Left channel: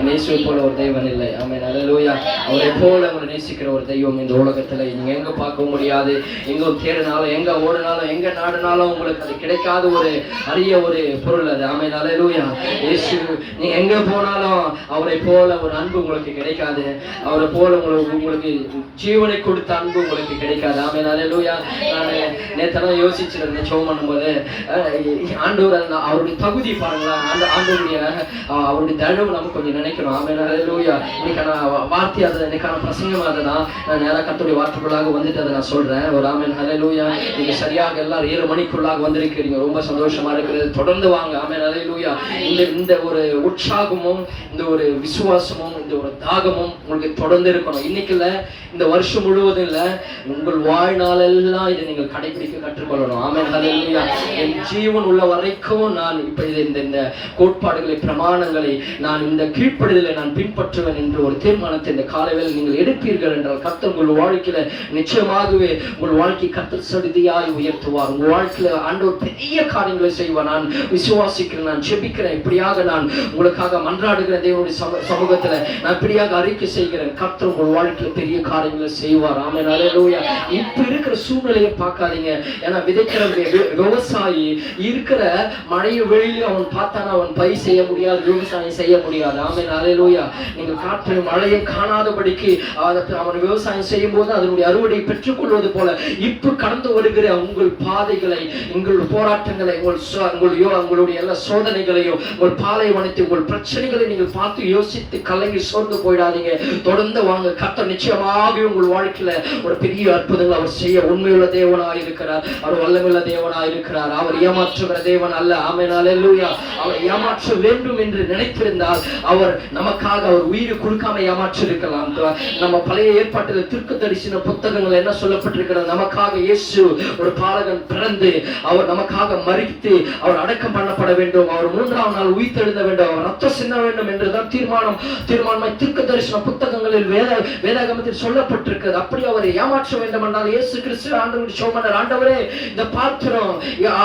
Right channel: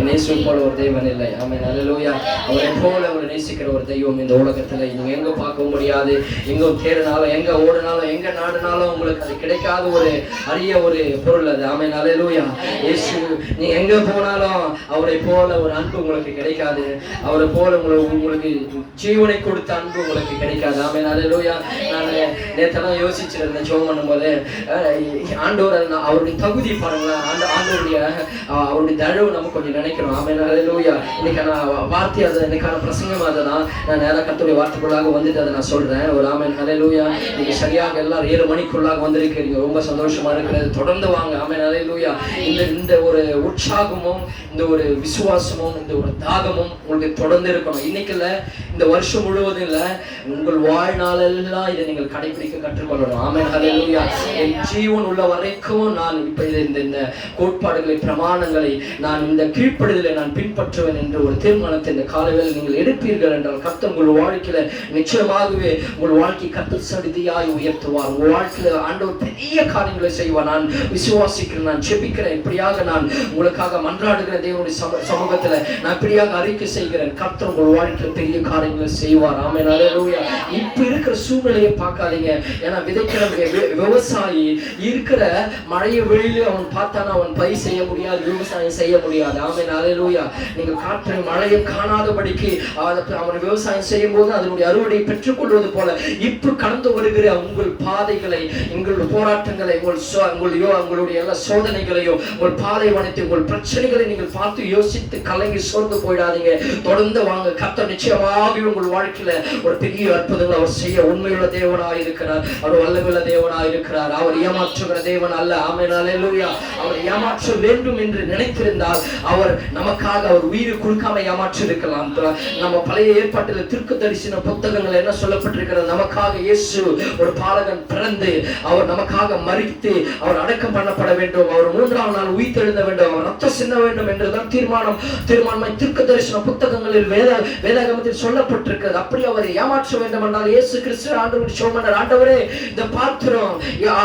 இயேசுவை போல ஒரு தெய்வன் இல்லை. ஆமென், அல்லேலூயா. அவரை போல அவரை நேசிக்கிற ஒரு தெய்வம் இந்த உலகத்துல நீங்க எங்க பார்க்க முடியாது. எங்க தேடினாலும், எங்க ஓடினாலும், எங்க நாடுனாலும் உங்களுக்கு அது கிடைக்காத ஒரு அரிய ஒரு பொருள் அது. ஆமென், அல்லேலூயா. இயேசு நீ எங்க போனாலும் அவரை போல ஒரு அன்பு உங்களுக்கு கிடைக்காது. அவரை போல உங்களுக்கு ஜீவனை கொடுத்த அன்பு உங்களுக்கு கிடைக்காது. ஆமென், அல்லேலூயா. நான் நேற்று யோசிச்சிருந்தேன் ஜெபம் பண்ணும்போது, ஆண்டவர் அவருடைய தகுதி பாருங்களா, அவருடைய தயவு நம்ம கொஞ்சம் நினைக்கணும். ஆமென், அல்லேலூயா. இன்னைக்கான வார்த்தை அது, இன்னைக்கான பிரசங்கம் அதுதான். நான் நேராக கர்த்தருடைய வார்த்தைக்குள்ளாக வந்துட்டு அதை நான் சொல்றேன். ஒரு ஆமென், அல்லேலூயா. நீங்க சரியாக எல்லாரும் 7 மணிக்குள்ளாக வந்திருக்கிறீங்க. ரொம்ப சந்தோஷமா இருக்கிறது. தொடர்ந்து வாங்க. ஆமென், அல்லேலூயா. இந்த ஒரு உற்சாகமும், இந்த ஒரு விசுவாசமும், இந்த ஒரு தாகமும் உங்களுக்கு தொடர்ந்து இருக்கணும். இன்னைக்கு இல்ல, இந்த வருஷம் முழுவதும் இல்ல, உங்கள் வாழ்நாளெல்லாம் இதை நீங்கள் கடைபிடிக்க கற்றுக்கொள்ளணும். ஆமென், அல்லேலூயா. என் ஜீவன் உள்ள வரைக்கும் நான் இப்ப இந்த கோட்பாடுகளை, பிரமாணங்களை, நான் இந்த கீழ்ப்படுதலை நான் பின்பற்றுவேன் என்று ஒரு தீர்மானத்தை இந்த காலையில் நீங்கள் எடுப்பீர்கள் என்றால் கர்த்தர் உங்கள் வாழ்க்கையில நிச்சயமாகவே உங்கள் வாழ்க்கை கர்த்தர் சடுதியாய் உயர்த்துவார். உங்கள் வாழ்க்கையில ஆண்டவர் பெரிய காரியங்களை செய்வார். நான் விசுவாசிக்கிறேன், நான் ஜெபிக்கிறேன், இப்படியாக நான் உங்களுக்காக மன்றாடுகிற தேவனுடைய சமூகத்துல நான் இப்படியாக அறிக்கை செய்கிறேன். கர்த்தர் உங்கள் வாழ்க்கையில பெரிய காரியங்களை செய்வார். ஆமென், அல்லேலூயா. இப்ப இருக்கிற சூழ்நிலையை பார்க்காதீங்க. ஏன்னா விதைக்கிற விவசாயி இருக்கிற மழையை வெளியில அவன் பார்த்தானா அவன் பயிர் செய்ய முடியாது, விவசாயம் செய்ய முடியாது. ஆமென், அல்லேலூயா. நீங்க காற்று மழையை காணாதபடிக்கு அவன் விவசாயம் செய்யும் போது அதனுடைய அறுவடை பெற்றுக் கொள்வது போல இப்ப கடந்து வருகிற உங்கள் பாதைகளை, உங்களுடைய போராட்டங்களை, உங்களுடைய எல்லா சோதனைகளையும், உங்கள் பாலைவனத்தை, உங்கள் பிரச்சனைகளை நீங்கள் பார்த்து யோசித்து கலங்கி சோர்ந்து போயிடாதீங்க. தொடர்ந்து வாங்க. கர்த்தர் நிச்சயமாக உங்கள் வாழ்க்கையில ஒரு பெரிய அற்புதங்கள் அவர் செய்ய உண்மையுள்ள தேவனாய் இருக்கிறார். அவர் வல்லமையுள்ள தேவனாய் இருக்கிறார். அவர் ஏமாற்றுகிற தேவன் அல்ல. ஆமென், அல்லேலூயா. அவர் ஏமாற்ற வேண்டும் என்று நினைத்திருந்தால் அவர் நமக்காக அவர் உயிரை கொடுக்காம ஏமாற்றி இருக்கலாம். நம்ம பழைய ஏற்பாட்டில் தீர்க்கதரிசன புத்தகங்கள் என்ன சொல்லப்பட்டிருக்கிறது? நமக்காக இயேசு ஒரு பாலகன் பிறந்து அவர் நமக்காக மரித்து அவர் அடக்கம் பண்ணப்பட வேண்டும், அவர் 3ஆம் நாள் உயிர்த்தெழுந்த வேண்டும், அவர் ரத்தம் சிந்த வேண்டும் என்றுதான் தீர்மானமாய் தீர்க்கதரிசன புத்தகங்களில் வேதாகமத்தில் சொல்லப்பட்டிருக்கிறது. அப்படி அவர் ஏமாற்ற வேண்டும் என்றால் இயேசு கிறிஸ்து ஆண்டவருடைய சோமனர், ஆண்டவரே இந்த பாத்திரம்,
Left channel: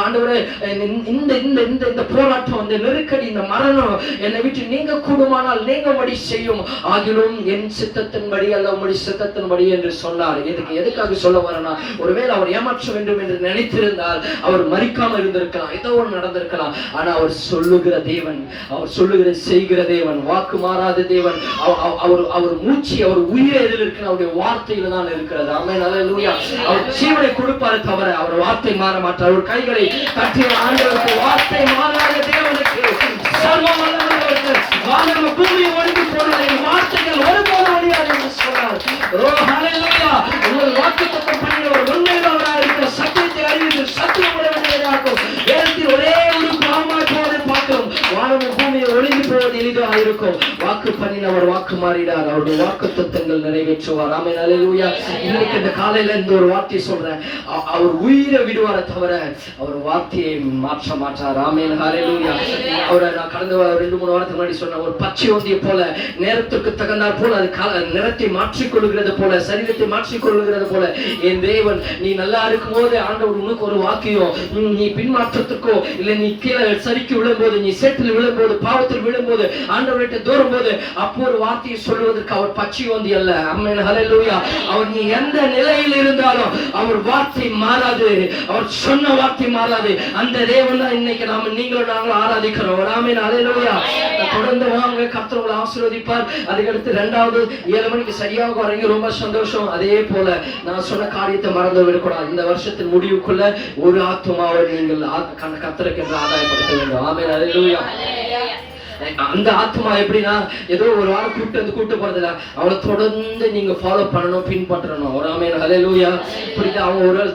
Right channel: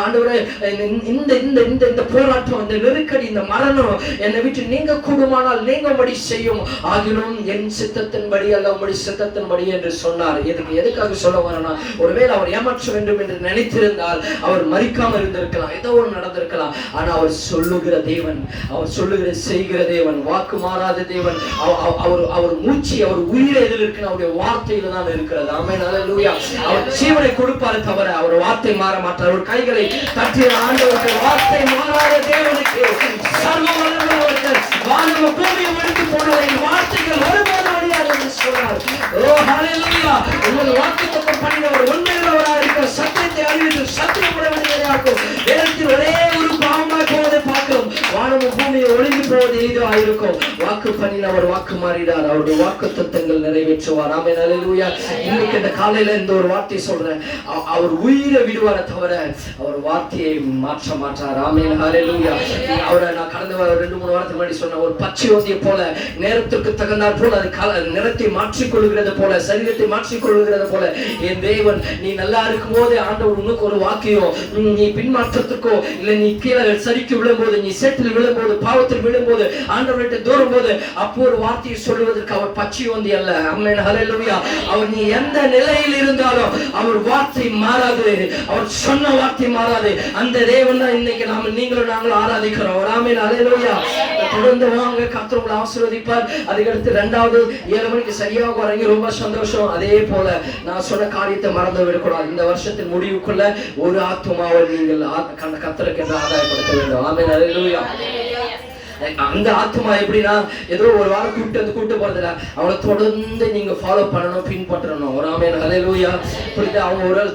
ஆண்டவரே இந்த போராட்டம், இந்த நெருக்கடி, இந்த மரணம் என்னை விட்டு நீங்க கூடுமானால் நீங்கபடி செய்யும், ஆகிலும் என் சித்தத்தின்படி அல்ல உம்முடைய சித்தத்தின்படி என்று சொன்னார். எதுக்காக சொல்ல வரனா, ஒருவேளை அவர் ஏமாற்ற வேண்டும் என்று நினைத்திருந்தால் அவர் மரிக்காமல் இருந்திருக்கலாம், ஏதோ ஒன்று நடந்திருக்கலாம். ஆனா அவர் சொல்லுகிற தேவன், அவர் சொல்லுகிற செய்கிற தேவன், வாக்கு மாறாத தேவன். அவர் மூச்சு, அவர் உயிரை எதில் இருக்கு? அவருடைய வார்த்தையில தான் இருக்கிறது. ஆமென், அல்லேலூயா. அவர் ஜீவனை கொடுப்பாரு தவிர அவர் வார்த்தை மாற மாட்டார். அவர் கைகளை தட்டிய ஆண்டவருக்கு, வார்த்தை மாறாத தேவனுக்கு, சர்வ வல்லமையுள்ளவர், வானமும் பூமியும் ஒடுங்கி போனதை வார்த்தைகள் ஒருபோதும் முடியாது என்று சொன்னார். ஓ ஹல்லேலூயா. உங்கள் வாக்குத்தத்தம் பண்ணினவர் உண்மையுள்ளவராக இருக்கிற சத்தியத்தை அறிவித்து சத்தியம் உடையவராக வேதத்தில் ஒரே ஒரு பாவமாய் போவதை பார்க்கிறோம். வானமும் பூமியை ஒடுங்கி போவது எளிதாக இருக்கும். வாக்கு பண்ணினவர் வாக்கு மாறினார். அவருடைய வாக்குத்தத்தங்கள் நிறைவேற்றுவார். ஆமென், அல்லேலூயா. இன்னைக்கு இந்த காலையில இந்த ஒரு வார்த்தை சொல்றேன், அவர் உயிரை விடுவார தவிர அவர் வார்த்தையை மாற்ற மாட்டார். ஆமென், அல்லேலூயா. அவரை நான் கடந்த 2-3 வாரத்துக்கு முன்னாடி சொன்ன ஒரு பச்சை ஒந்தியை போல நேரத்துக்கு தகுந்தாற் போல அது நிறத்தை மாற்றிக்கொள்கிறது போல, சரீரத்தை மாற்றிக்கொள்கிறது போல என் தேவன் நீ நல்லா இருக்கும் போது ஆண்டவர் உனக்கு ஒரு வாக்கியம், நீ பின்மாற்றத்துக்கோ இல்ல நீ கீழே சரிக்கு விழும்போது, நீ சேற்றில் விழும்போது, பாவத்தில் விழும்போது, ஆண்டவர்கிட்ட தூரும் போது அப்போ ஒரு வார்த்தையை சொல்வதற்கு அவர் பச்சை ஒந்தி அல்ல. ஆமென், அல்லேலூயா. அவர் நீ எந்த நிலையில் இருந்தாலும் அவர் வார்த்தை மாறாது, அவர் சொன்ன வார்த்தை மாறாது. அந்த தேவன் தான் இன்னைக்கு நீங்களும் நாங்களும் ஆராதிக்கிறோம். ஆமென், அல்லேலூயா. தொடர்ந்து வாங்க, கர்த்தர் உங்களை ஆசீர்வதிப்பார். அதுக்கடுத்து 2வது 7 மணிக்கு சரியாக வரீங்க, ரொம்ப சந்தோஷம். அதே போல நான் சொன்ன காரியத்தை மறந்து விடக்கூடாது. இந்த வருஷத்தின் முடிவுக்குள்ள ஒரு ஆத்மாவை நீங்கள் கர்த்தருக்கு என்று ஆதாயப்படுத்த வேண்டும். ஆமென், அல்லேலூயா. அந்த ஆத்மா எப்படின்னா ஏதோ ஒரு வாரம் கூட்டு போறதுல அவளை தொடர்ந்து நீங்க ஃபாலோ பண்ணணும், பின்பற்றணும். ஒரு ஆமென், அல்லேலூயா. புரியுது? அவங்க ஒரு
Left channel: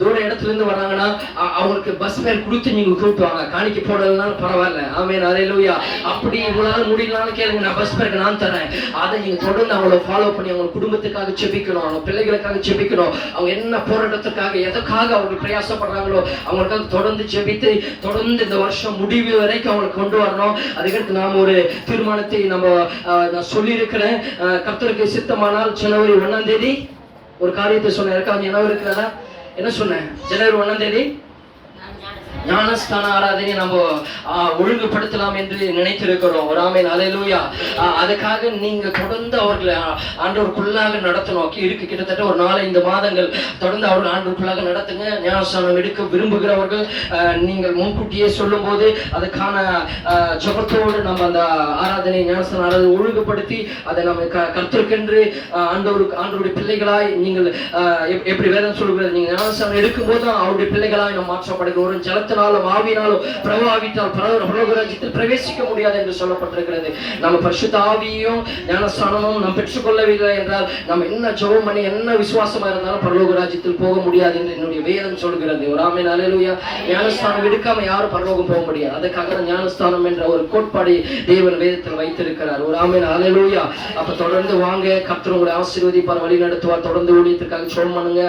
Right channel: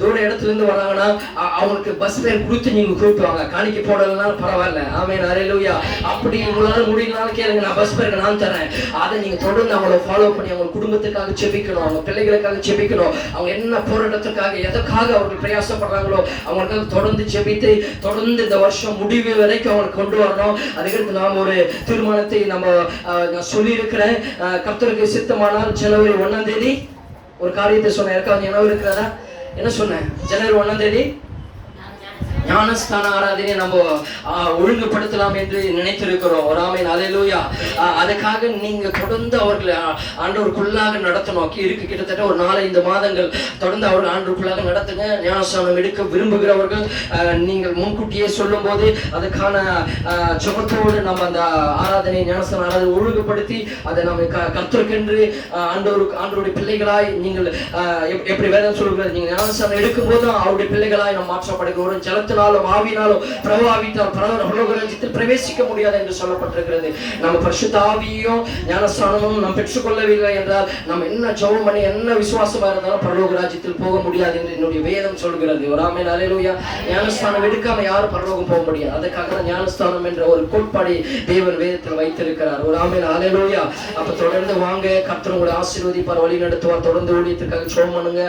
தூர இடத்துல இருந்து வராங்கன்னா அவங்களுக்கு பஸ் ஃபேர் கொடுத்து நீங்க கூப்பிட்டுவாங்க. காணிக்கை போடலன்னா பரவாயில்ல. ஆமென், அல்லேலூயா. அப்படி உங்களால முடியலனாலும் கேளுங்க, நான் பஸ் ஃபேருக்கு நான் தரேன். அதை நீங்க தொடர்ந்து அவங்கள ஃபாலோ பண்ணி அவங்க குடும்பத்துக்காக செபிக்கணும், அவங்க பிள்ளைகளுக்காக செபிக்கணும். அவங்க என்ன போராட்டத்துக்காக எதற்காக அவர்கள் பிரயாசப்படுறாங்களோ அவங்களுக்காக தொடர்ந்து செபித்து தொடர்ந்து இந்த வருஷம் முடிவு வரைக்கும் அவங்களுக்கு கொண்டு வரணும். அதுக்கடுத்து நாம் ஒரு தீர்மானத்தை நான் சொல்லி இருக்கிறேன். கர்த்தருக்கு சித்தமானால் ஜனவரி 1ஆம் தேதி ஒரு காரியத்தை சொன்னேன். யாருக்காவது நினைவு இருக்கிறதா? என்ன சொன்னேன்? ஜனவரி 1ஆம் தேதி ஞானஸ்தான ஆராதனை நம்ம ஒழுங்குபடுத்தலாம் என்று நினைத்திருக்கிறோம். ஒரு ஆமென் அல்லேலூயா. அதுக்காக நீங்க தொடர்ந்து அவர்களை ஆண்டவருக்குள்ளாக நடத்தணும். இருக்கு கிட்டத்தட்ட ஒரு 4-5 மாதங்கள் தொடர்ந்து அவர்கள் ஆண்டவருக்குள்ளாக நடத்துங்க. ஞானஸ்தானம் எடுக்க விரும்புகிறவர்கள் நீங்கள் முன்கூட்டியே சொல்லும் போது அதுக்கான ஜெபத்தோடு நம்ம அந்த ஆராதனை ஞானஸ்தான ஆராதனை ஒழுங்குபடுத்தி அதை நம்ம கர்த்தருக்கென்று ஆண்டவருடைய பிள்ளைகளாய் நீங்கள் எப்படி வேதம் சொல்கிறது, நீங்க ஞானஸ்தானம் எடுக்கும் போது அவருடைய பிள்ளைகளாய் நம்ம மாற்றப்படுகிறோம். ஜலத்தினாலும் ஆவியினாலும் பிரவாவித்தால் பரலோகராஜ்யத்தில் பிரவேசிக்க முடியாது என்று சொல்லப்பட்டிருக்கிறது. நம்ம பரிசுத்த ஆவியையும் ஞானஸ்தானமும் நாம் பெற்றுக்கொள்ளவில்லை என்றால் நம்ம என்ன ஜெபம் பண்ணி என்ன விசுவாசமா இருந்தாலும் பரலோகராஜ்யத்தில் போக முடியாது என்று என்னுடைய வேதம் சொல்கிறது. ஒரு ஆமென் அல்லேலூயா. ஞானஸ்தானம் எடுக்காம யாரும் பரலோகம் போக முடியாது. அதுக்காக ஞானஸ்தானம் என்ற ஒரு கோட்பாடை தேவன் வேதத்தில் வைத்திருக்கிறார். ஒரு ஆமென் அல்லேலூயா. அப்ப தொடர்ந்து வாங்க, கர்த்தர் உங்களை ஆசீர்வதிப்பார், வழி நடத்துவார். தொடர்ந்து ஊழியத்திற்காக ஜெபம் பண்ணுங்க.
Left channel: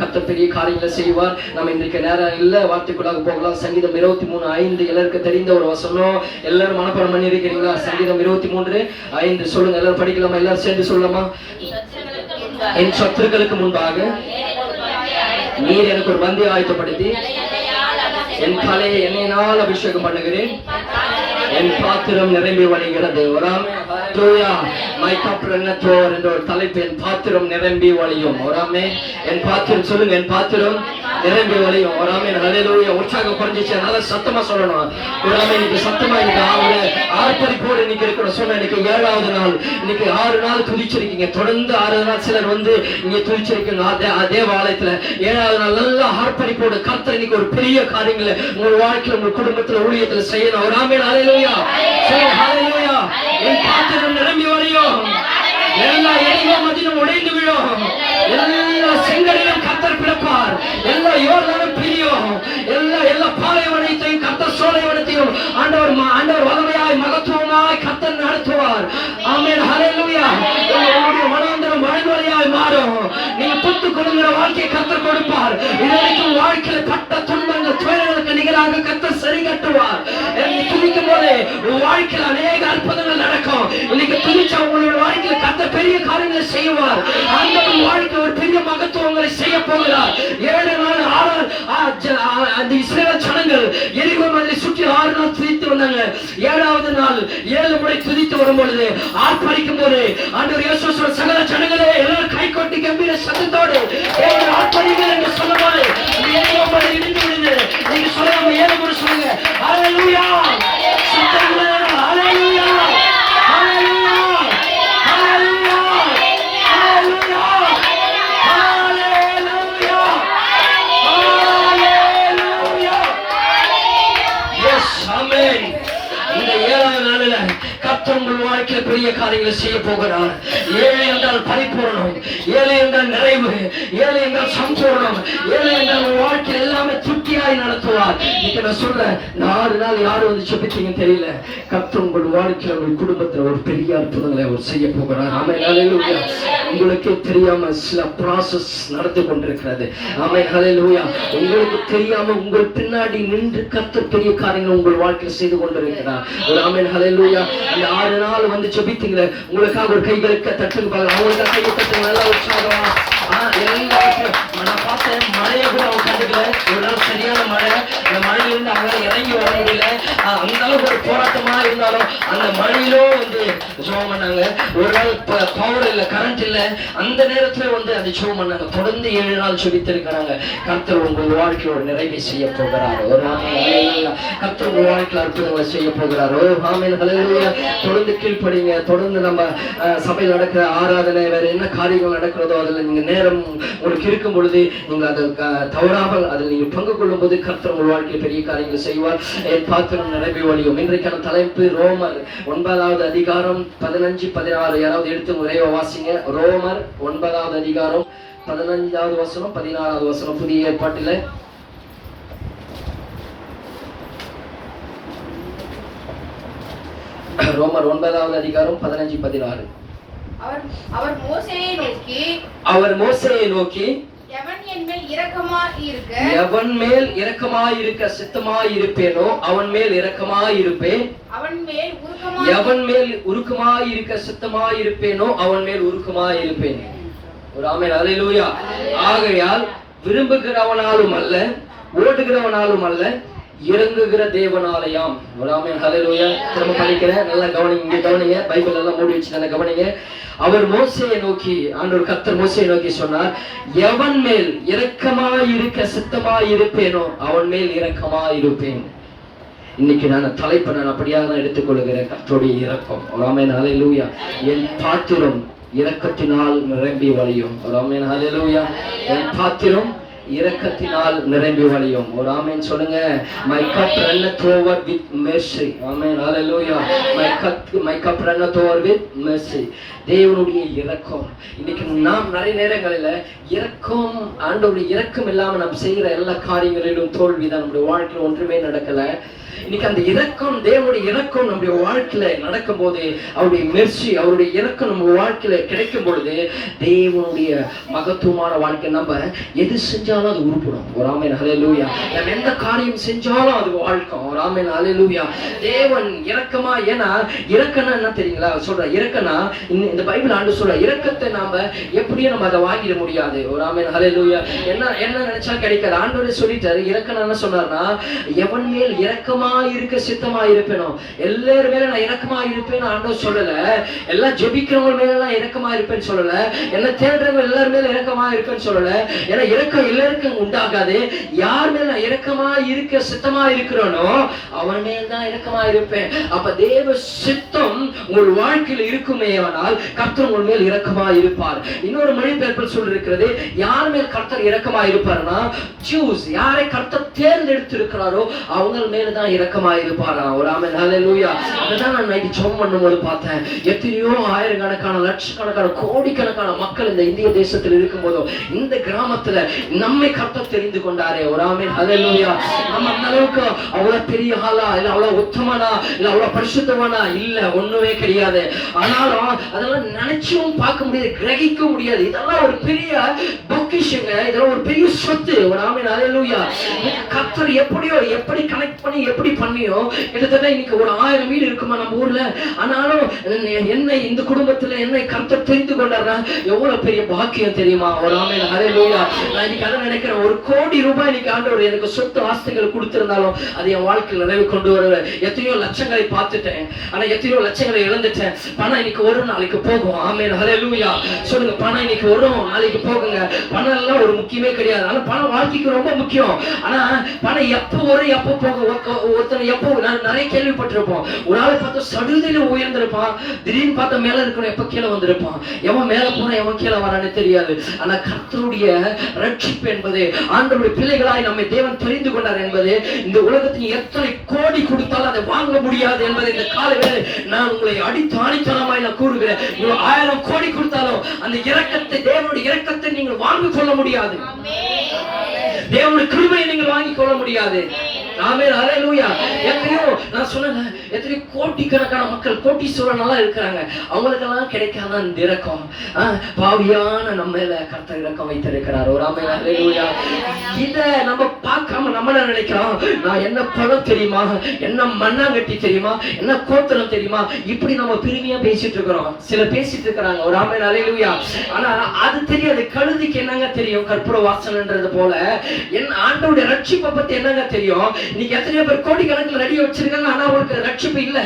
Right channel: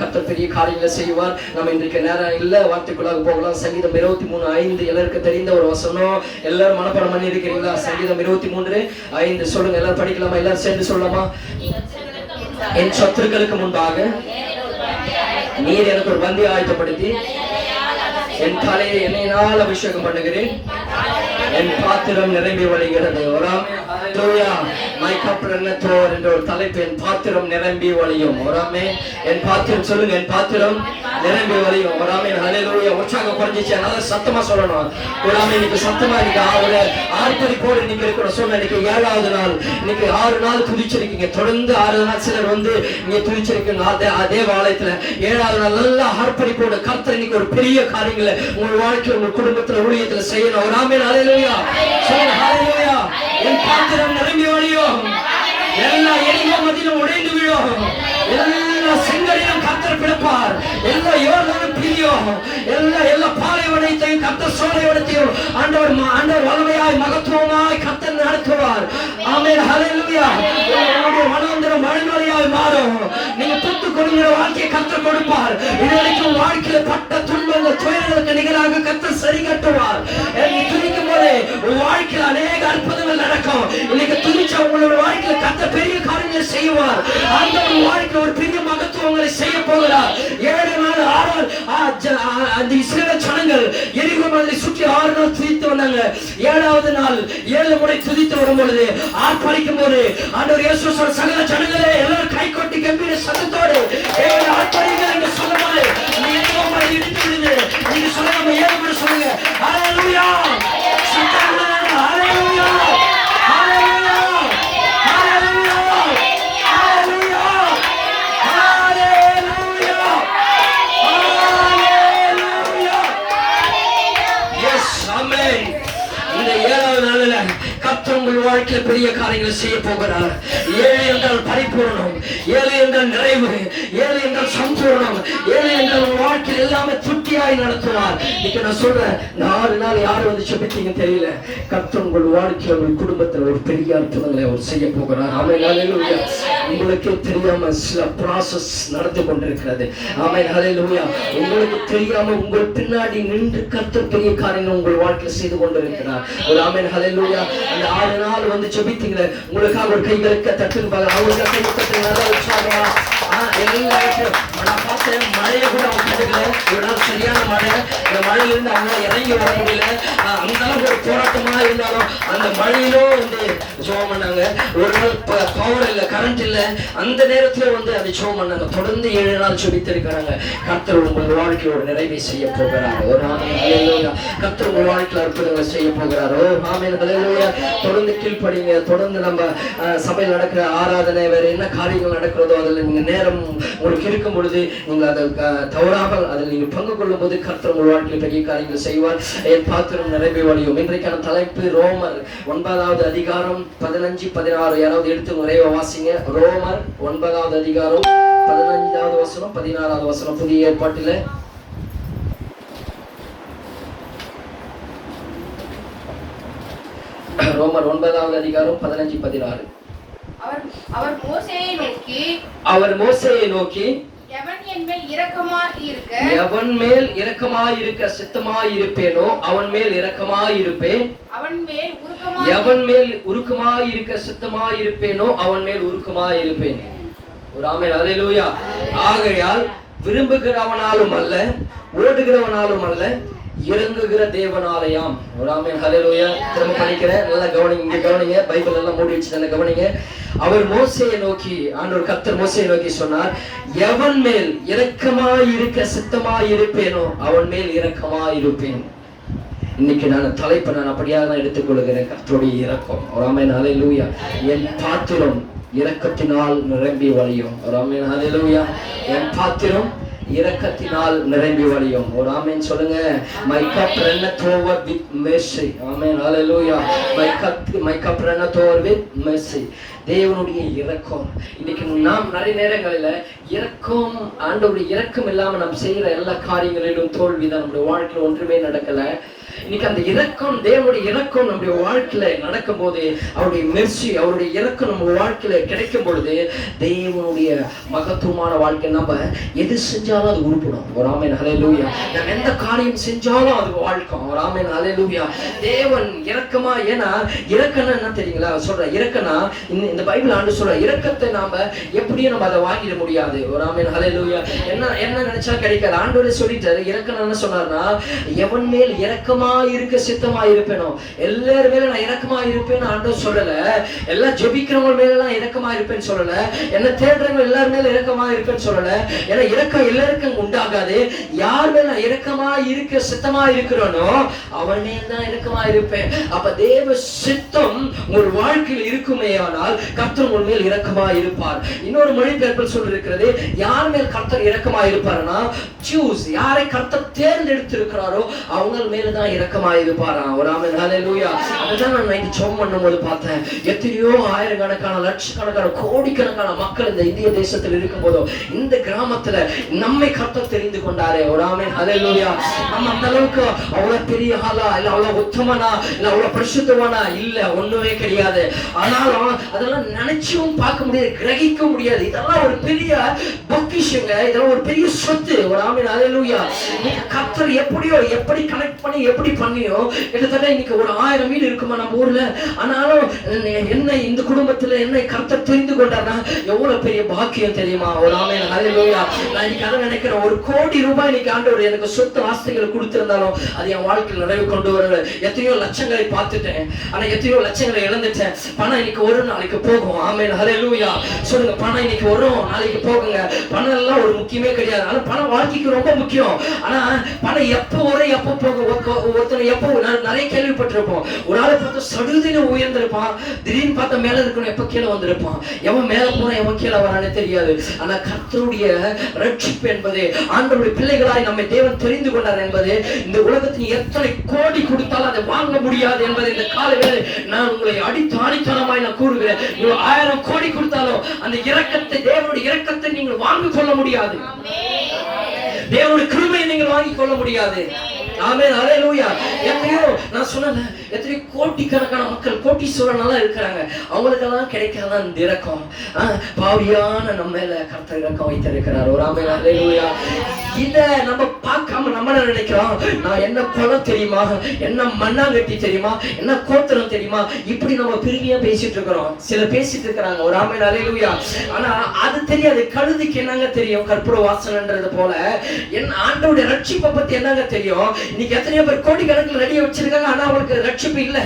கர்த்தர் பெரிய காரியங்களை செய்வார். நம்ம இன்றைக்கு நேரம் இல்ல, வார்த்தைக்குள்ளாக போகலாம். சங்கீதம் 23:5 எல்லாருக்கும் தெரிந்த ஒரு வசனம். எல்லாரும் மனப்பாடம் பண்ணி இருக்கிறீங்களா? சங்கீதம் 23:5 சொல்லுங்க. எல்லாரும் படிக்கலாமா? எல்லாரும் சேர்ந்து சொல்லலாமா? என் சத்துருக்களுக்கு முன்பாக நீர் எனக்கு ஒரு பந்தி ஆயத்தப்படுத்தி என் தலையை எண்ணெயினால் அபிஷேகம் பண்ணுகிறேன், என் பாத்திரம் நிரம்பி வழிகிறது. வராமே என்ற ஒரு தலைப்பு, என் பாத்திரம் நிரம்பி வழியும். வராமே என் பாத்திரம் சொல்லுங்க, என் பாத்திரம் நிரம்பி வழியும். வராமே ஹல்லேலூயா. உற்சாகம் குறைஞ்சிச்சு, நல்லா சத்தமா சொல்லணும். வராமே இன்னைக்கு சத்தமா இன்னைக்கு அவங்கள ஆர்ப்பரிப்போடு நீங்க இருக்கிற சொன்ன இன்னைக்கு 7வது நாள். இன்னைக்கு 6 நாள் துதிச்சிருக்கீங்க. தொடர்ந்து 6 நாள் சிலர் வந்து இங்க துதிச்சிருக்கீங்க அதே வாலயத்துல. 7வது நாள் நல்லா ஆர்ப்பரிப்போடு கர்த்தர் இன்னைக்கு ஒரு பெரிய காரியங்களை உங்க வாழ்க்கையில உங்க குடும்பத்துல ஊழியத்துல செய்யணும். வராமே ஹல்லேலூயா. ஹல்லேலூயா. என் பாத்திரம் நிரம்பி வழியும், எல்லா எரிமோ மதிலும் உடைந்து விழும், எல்லா செங்கரையும் கர்த்தர் பிடிப்பார், எல்லா யோர்தானும் பிரியும், எல்லா பாலைவனத்தையும் கர்த்தர் சோலைவனத்தையும் ஆண்டவர் வல்லமையாய் மகத்துவமாய் கர்த்தர் நடத்துவார். ஆமென் ஹல்லேலூயா. உங்களுடைய வனாந்தரம் வழிவழியாய் மாறும். நீங்க புத்து கொடுக்கிற வாழ்க்கையை கர்த்தர் கொடுப்பார். இதுவரைக்கும் வாழ்க்கையில பட்ட துன்பங்கள் துயரங்களுக்கு நிகராக கர்த்தர் சரி கட்டுவார். துணிக்கும் போது வாழ்க்கையில் அநேக அற்புதங்கள் நடக்கும். இன்னைக்கு துணிச்சா உங்களுடைய வாழ்க்கையில கர்த்தர் பெரிய காரியங்களை செய்வார். அந்த வாழ்க்கை ஒரு பெரிய மகத்துவங்களை செய்ய போகிறார். 7 நாள் 6 அந்த இஸ்ரவேல் ஜனங்கள் எரிகோ மலையை சுற்றி 6 நாள் துதித்து வந்தாங்க. 7வது நாள் 7 முறை துதித்து வரும்பொழுது ஆர்ப்பரிக்கும் போது ஆண்டவர் இயேசு சகல ஜனங்களே எல்லாரும் கை கொட்டி கம்பீர சத்தத்தோடு ஆர்ப்பரிங்கள் என்று சொல்லுவாரு. எரிகோ மலை இடிந்து விடுது. நீங்க சொல்லுங்க, 7 முறை சொல்லுங்க. ஹல்லேலூயா. சத்தங்களே ஹல்லேலூயா. உங்கள் வாழ்க்கையில் பெரிய காரியங்களை செய்ய போகிறார். 7 என்றால் பரிபூரணம், 7 என்றால் நிறைவு, 7 என்றால் சம்பூர்ணம், 7 என்றால் வாழ்க்கை எல்லாமே திருப்தியாய் நடத்துவார். இன்னைக்கு நான் சொல்றேன், 4 நாள் யாரும் வந்து செபித்தீங்க தெரியல. கர்த்தர் உங்கள் வாழ்க்கையில் உங்கள் குடும்பத்தில் ஒரு பெரிய அற்புதங்களை அவர் செய்ய போகிறார். ஆமென் ஹல்லேலூயா. உங்களுக்கே தெரியாம சில ப்ராசஸ் நடந்து கொண்டிருக்கிறது. ஆமென் ஹல்லேலூயா. உங்களுக்கு தெரியாம உங்கள் பின்னாடி நின்று கர்த்தர் பெரிய காரியங்கள் உங்கள் வாழ்க்கையில் செய்து கொண்டிருக்கிறார். ஒரு ஆமென் ஹல்லேலூயா. அந்த 6 நாள் வந்து ஜெபித்தீங்களே, உங்களுக்காக ஒரு கைகளுக்கு தட்டுன்னு பாருங்க. அவங்களுக்கு கை தட்டு நல்லா உற்சாகமா. எல்லாருக்கும் நான் பார்த்தேன், மழையை கூட அவங்க கண்டுக்கல. ஒரு நாள் சரியான மழை. அந்த மழையிலிருந்து அவங்க இறங்கி வர முடியல. அந்த அளவுக்கு ஒரு போராட்டமா இருந்தாலும் அந்த மழையிலும் வந்து ஜெபம் பண்ணாங்க. ஒரு நாள் பவர் இல்லை, கரண்ட் இல்லை, அந்த நேரத்துல வந்து அந்த ஜெபம் பண்ணாங்க. தொடர்ந்து 7 நாள் ஜெபித்திருக்கிறாங்க. கர்த்தர் உங்கள் வாழ்க்கையோட நிறைவை செய்ய போகிறார். ஒரு ஆமென். கர்த்தர் உங்கள் வாழ்க்கையில் அற்புதங்களை செய்ய போகிறார். ஓ ஆமென் ஹல்லேலூயா. தொடர்ந்து கீழ்ப்படிங்க. தொடர்ந்து நம்ம சபையில் நடக்கிற ஆராதனை வேற என்ன காரியங்கள் நடக்கிறதோ அதில் நீங்க நேரம் உங்களுக்கு இருக்கும் பொழுது நீங்கள் அதில் தவறாமல் அதில் நீங்கள் பங்கு கொள்ளும் போது கர்த்தர் உங்கள் வாழ்க்கையில் பெரிய காரியங்கள் செய்வார். என் பாத்திரம் நிரம்பி வழியும். இன்றைக்கான தலைப்பு ரோமர் 9வது அதிகாரம் 15, 16. யாராவது எடுத்து நிறைய வாசிங்க. ரோமர் 9வது அதிகாரம் 15வது வசனம் 16வது வசனம். புதிய ஏற்பாட்டில் ரோமர் 9வது அதிகாரம் 15, 16. அவர் மோசேயை நோக்கி எவன் மேல் இரக்கமாய் இருக்க சித்தமாய் இருப்பேனோ அவன் மேல் இரக்கமாய் இருப்பேன், எவன் மேல் உருக்கமாய் இருக்க சித்தமாய் இருப்பேனோ அவன் மேல் உருக்கமாய் இருப்பேன். ஒரு ஆமென் ஹல்லேலூயா. ஆகையால் விரும்புகிறவனாலும் அல்ல, ஓடுகிறவனாலும் அல்ல, இறங்குகிற தேவனாலயாம். ஒரு ஆமென் ஹல்லேலூயா. திரும்ப படிக்கிறேன், நல்லா கவனிங்க, இங்க கவனிங்க, பைபிள் எல்லாம் மூடி வச்சு நல்லா கவனிங்க. அவர் மோசேயை நோக்கி, ஆண்டவர் கர்த்தர் மோசேயை நோக்கி சொன்னார், எவன் மேல் இரக்கமாய் இருக்க சித்தமாய் இருப்பேனோ அவன் மேல் இரக்கமாய் இருப்பேன். இன்னைக்கு நான் தலைப்பை நான் அப்படியாக தான் எடுத்துக்கொள்கிறேன், கர்த்தருடைய இரக்கம். ஒரு ஆமென் ஹல்லேலூயா. என் பாத்திரம் இரக்கத்தினால் நிரம்பி வழியும். ஒரு ஆமென் ஹல்லேலூயா. என் பாத்திரம் இரக்கத்தினால் நிரம்பி வழியும். ஒரு ஆமென் சொல்லுங்க. My cup runneth over with mercy. Amen hallelujah. My cup runneth over with mercy. தேவனுடைய இரக்கம். இன்னைக்கு நாம் நிறைய நேரங்களில் இரக்கம், ஆண்டவருடைய இரக்கம் இல்லாமல் நாம் செய்கிற எல்லா காரியங்களிலும் தோல்விதான். நம்முடைய வாழ்க்கையில் ஒன்றுமே நடக்கல. இன்னைக்கு அந்த இரக்கம், தேவனுடைய இரக்கம் நம்முடைய வாழ்க்கையில நடக்கும் போது, அவருடைய மெர்சி, அவருடைய இரக்கம் நம்ம வாழ்க்கையில கிடைக்கும் பொழுது, தேவனுடைய மகத்துவமான வாழ்க்கை நம்ம எது செஞ்சாலும் அது உருப்படும். ஒரு ஆமென் ஹல்லேலூயா. நம்ம எந்த காரியம் செஞ்சாலும் அது வாழ்க்கை. ஒரு ஆமென் ஹல்லேலூயா. தேவன் இரக்கமா, ஏன்னா இரக்கம்னா என்ன தெரியுங்களா? சொல்ற இரக்கம்னா, இந்த பைபிள் ஆண்டு சொல்ற இரக்கத்தை நாம எப்படியும் நம்ம அதை வாங்கிட முடியாது. ஒரு ஆமென் ஹல்லேலூயா. என்ன நினைச்சா கிடைக்காது. ஆண்டவரே சொல்லிட்டாரு, இரக்கம் என்ன சொன்னார்னா, எவன் மேல் இரக்கமா இருக்க சித்தமா இருப்பேனோ, எல்லார் மேல நான் இரக்கமா இருப்பேன்னு ஆண்டவர் சொல்லல. எல்லாம் ஜெபிக்கிறவங்க மேல நான் இரக்கமா இருப்பேன்னு சொல்லல. என்ன தேடுறவங்க எல்லார் மேல இரக்கமா இருப்பேன்னு சொல்லல. ஏன்னா இரக்கம் எல்லாருக்கும் உண்டாகாது. யார் மேல நான் இரக்கமா இருக்க சித்தமா இருக்கிறானோ அவன் மேல் தான் இரக்கமா இருப்பேன். அப்ப தேவ சித்தம் உங்கள் வாழ்க்கையில் இருக்குமே ஆனால் கர்த்தர் உங்கள் மேல் இரக்கமா இருப்பார். இன்னொரு மொழிபெயர்ப்பில் சொல்லிருக்கிறது, யார் மேல் கர்த்தர் இரக்கமா இருப்பார்னா, சூஸ், யாரை கர்த்தர் தேர்ந்தெடுத்து இருக்கிறாரோ அவங்க மேல தான் இரக்கமா இருப்பாரா. ஒரு ஆமென் ஹல்லேலூயா. அதுதான் நான் நைட்டு ஜெபம் பண்ணும்போது பார்த்தேன். எத்தனையோ ஆயிரக்கணக்கான, லட்சக்கணக்கான, கோடிக்கணக்கான மக்கள் இந்த இந்திய தேசத்தில் இருக்கும் போதும் இந்த கிராமத்துல நம்மை கர்த்தர் தெரிந்து கொண்டாரே. ஒரு ஆமென் ஹல்லேலூயா. நம்ம அந்த அளவுக்கு அவ்வளவு பெரிய ஆளா இல்ல, அவ்வளவு உத்தமனா இல்ல, அவ்வளவு பரிசுத்தவனா இல்ல, ஒண்ணுமே கிடையாது. ஆனாலும் அதெல்லாம் நினைச்சும் பார்க்க முடியாது, கிரகிக்க முடியாது. இதெல்லாம் ஒரு பெரிய பொக்கிஷங்க, இதெல்லாம் ஒரு பெரிய சொத்து. ஒரு ஆமென் ஹல்லேலூயா. கர்த்தர் எப்படியோ, எப்படி கனெக்ட் பண்ணி எப்படி பண்ணியோ, கிட்டத்தட்ட இன்னைக்கு ஒரு 1000 வீடு இருக்குமா நம்ம ஊர்ல. ஆனாலும் என்னை, இந்த குடும்பத்துல என்னை கர்த்தர் தெரிந்து கொண்டார்னா எவ்வளவு பெரிய பாக்கியம் தெரியுமா. ஒரு ஆமென் ஹல்லேலூயா. நான் இன்னைக்கு அதை நினைக்கிறேன், 1 கோடி ரூபாய் இன்னைக்கு ஆண்டவர் எனக்கு சொத்து ஆஸ்திகளை கொடுத்திருந்தாலும் அது என் வாழ்க்கையில் நிறைவு கொண்டு வரல. எத்தனையோ லட்சங்களை பார்த்துட்டேன், ஆனா எத்தனையோ லட்சங்களை இழந்துட்டேன். பணம் இன்னைக்கு ஒரு நாளைக்கு போகும். ஆமென் ஹல்லேலூயா. சொல்லுங்க, பணம் இன்னைக்கு வரும், நாளைக்கு போகுங்க. பணம் எல்லாம் ஒரு முக்கியமே கிடையாது. ஆனா பணம் வாழ்க்கைக்கு ரொம்ப முக்கியம். ஆனா பணம் எப்போ வரும், எப்போ போகும். ஒருத்தனை எப்போ நிறைய கேள்விப்பட்டிருப்போம். ஒரு ஆளை பார்த்தா சடுதியில உயர்ந்திருப்பான், திடீர்னு பார்த்தா மேல இருக்கணும், எப்ப கீழே வந்திருப்பான். எவன் மேல போனா எவன் கீழே வரானே தெரியாது. ஆனா கர்த்தருடைய ரட்சிப்பு என்பது, ஆண்டவருடைய பிள்ளைகளாய் நம்மை தேவன் தெரிந்து கொண்டார் என்பது, இந்த உலகத்தில் எத்தனை கோடி கொடுத்தாலும் அதை வாங்க முடியாது என்பது இந்த காலையில் நான் உங்களை அடித்து ஆணித்தனமாய் நான் கூறுகிறேன். 1000 கோடி கொடுத்தாலும் அந்த இரக்கத்தை, தேவனுடைய இரக்கத்தை நீங்கள் வாங்கிக் கொள்ள முடியாது. தேவனுடைய கிருபையை நீங்கள் வாங்கிக் கொள்ள முடியாது. ஆமென் ஹல்லேலூயா. எத்தனையோ, நான் சொன்னேன், எத்தனையோ கோடிக்கணக்கான மக்கள், கோட்டீஸ்வரனெல்லாம் இருக்கிறாங்க, அவங்களுக்கெல்லாம் கிடைக்காத அந்த இரக்கம் பாவியான நம்ம மேல கர்த்தர் இரக்கம் வைத்திருக்கிறார். ஒரு ஆமென் ஹல்லேலூயா. இத நம்ம பார்க்காம நம்ம நினைக்கிறோம், நான் என்ன குளம் தெரியுமா, என்ன மண்ணாங்கட்டி தெரியுமா, என்ன கோத்தனம் தெரியுமா, இப்படி நம்ம பெருமையா பேசிட்டு இருக்கிறோம். சில பேசிட்டு இருக்கிறாங்க. ஒரு ஆமென் ஹல்லேலூயா. ஆனா அது தெரியாது. கழுதிக்கு என்னங்க தெரியும், கற்பூர வாசனைன்றது போல என் ஆண்டவருடைய ரட்சிப்பை பத்தி என்னங்க தெரியும். இன்னைக்கு எத்தனையோ பேர் கோடிக்கணக்கில் ரெடியா வச்சிருக்காங்க, ஆனா அவங்களுக்கு ரட்சிப்பு இல்ல,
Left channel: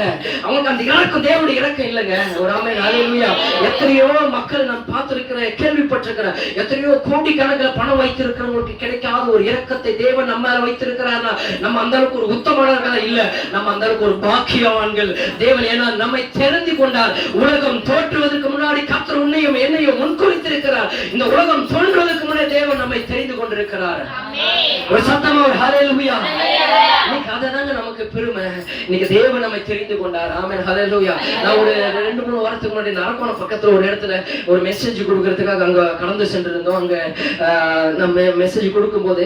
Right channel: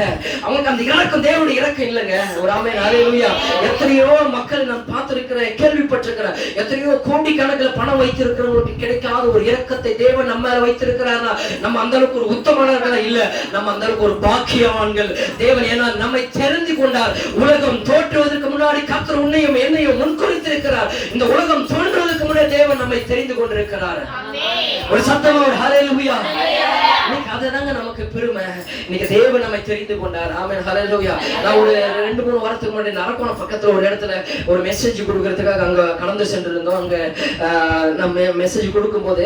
அவங்களுக்கு அந்த இறக்கம், தேவனுடைய இறக்கம் இல்லைங்க. ஒரு ஆமென் ஹல்லேலூயா. எத்தனையோ மக்கள் நான் பார்த்திருக்கிறேன், கேள்விப்பட்டிருக்கிறேன். எத்தனையோ கோடிக்கணக்கில் பணம் வைத்திருக்கிறவங்களுக்கு கிடைக்காத ஒரு இரக்கத்தை தேவன் நம்ம வைத்திருக்கிறார்னா நம்ம அந்த அளவுக்கு ஒரு உத்தமர்கள் இல்ல, நம்ம அந்த அளவுக்கு ஒரு பாக்கியவான்கள். தேவன் ஏன்னா நம்மை தெரிந்து கொண்டார். உலகம் தோற்றுவதற்கு முன்னாடி கர்த்தர் உன்னையும் என்னையும் முன்குறித்திருக்கிறார். இந்த உலகம் தோன்றுவதற்கு முன்னாடி தேவன் நம்மை தெரிந்து கொண்டிருக்கிறார். ஒரு சத்தமா ஒரு ஹல்லேலூயா. இன்னைக்கு அதுதாங்க நமக்கு பெருமை. இன்னைக்கு தேவன் நம்மை தெரிந்து கொண்டார். ஆமென் ஹல்லேலூயா. நான் ஒரு 2-3 வாரத்துக்கு முன்னாடி அரக்கோணம் பக்கத்துல ஒரு இடத்துல ஒரு மெசேஜ் கொடுக்கறதுக்காக அங்க கடந்து சென்றிருந்தோம். அங்க நம்ம மெசேஜ் கொடுக்கும்போது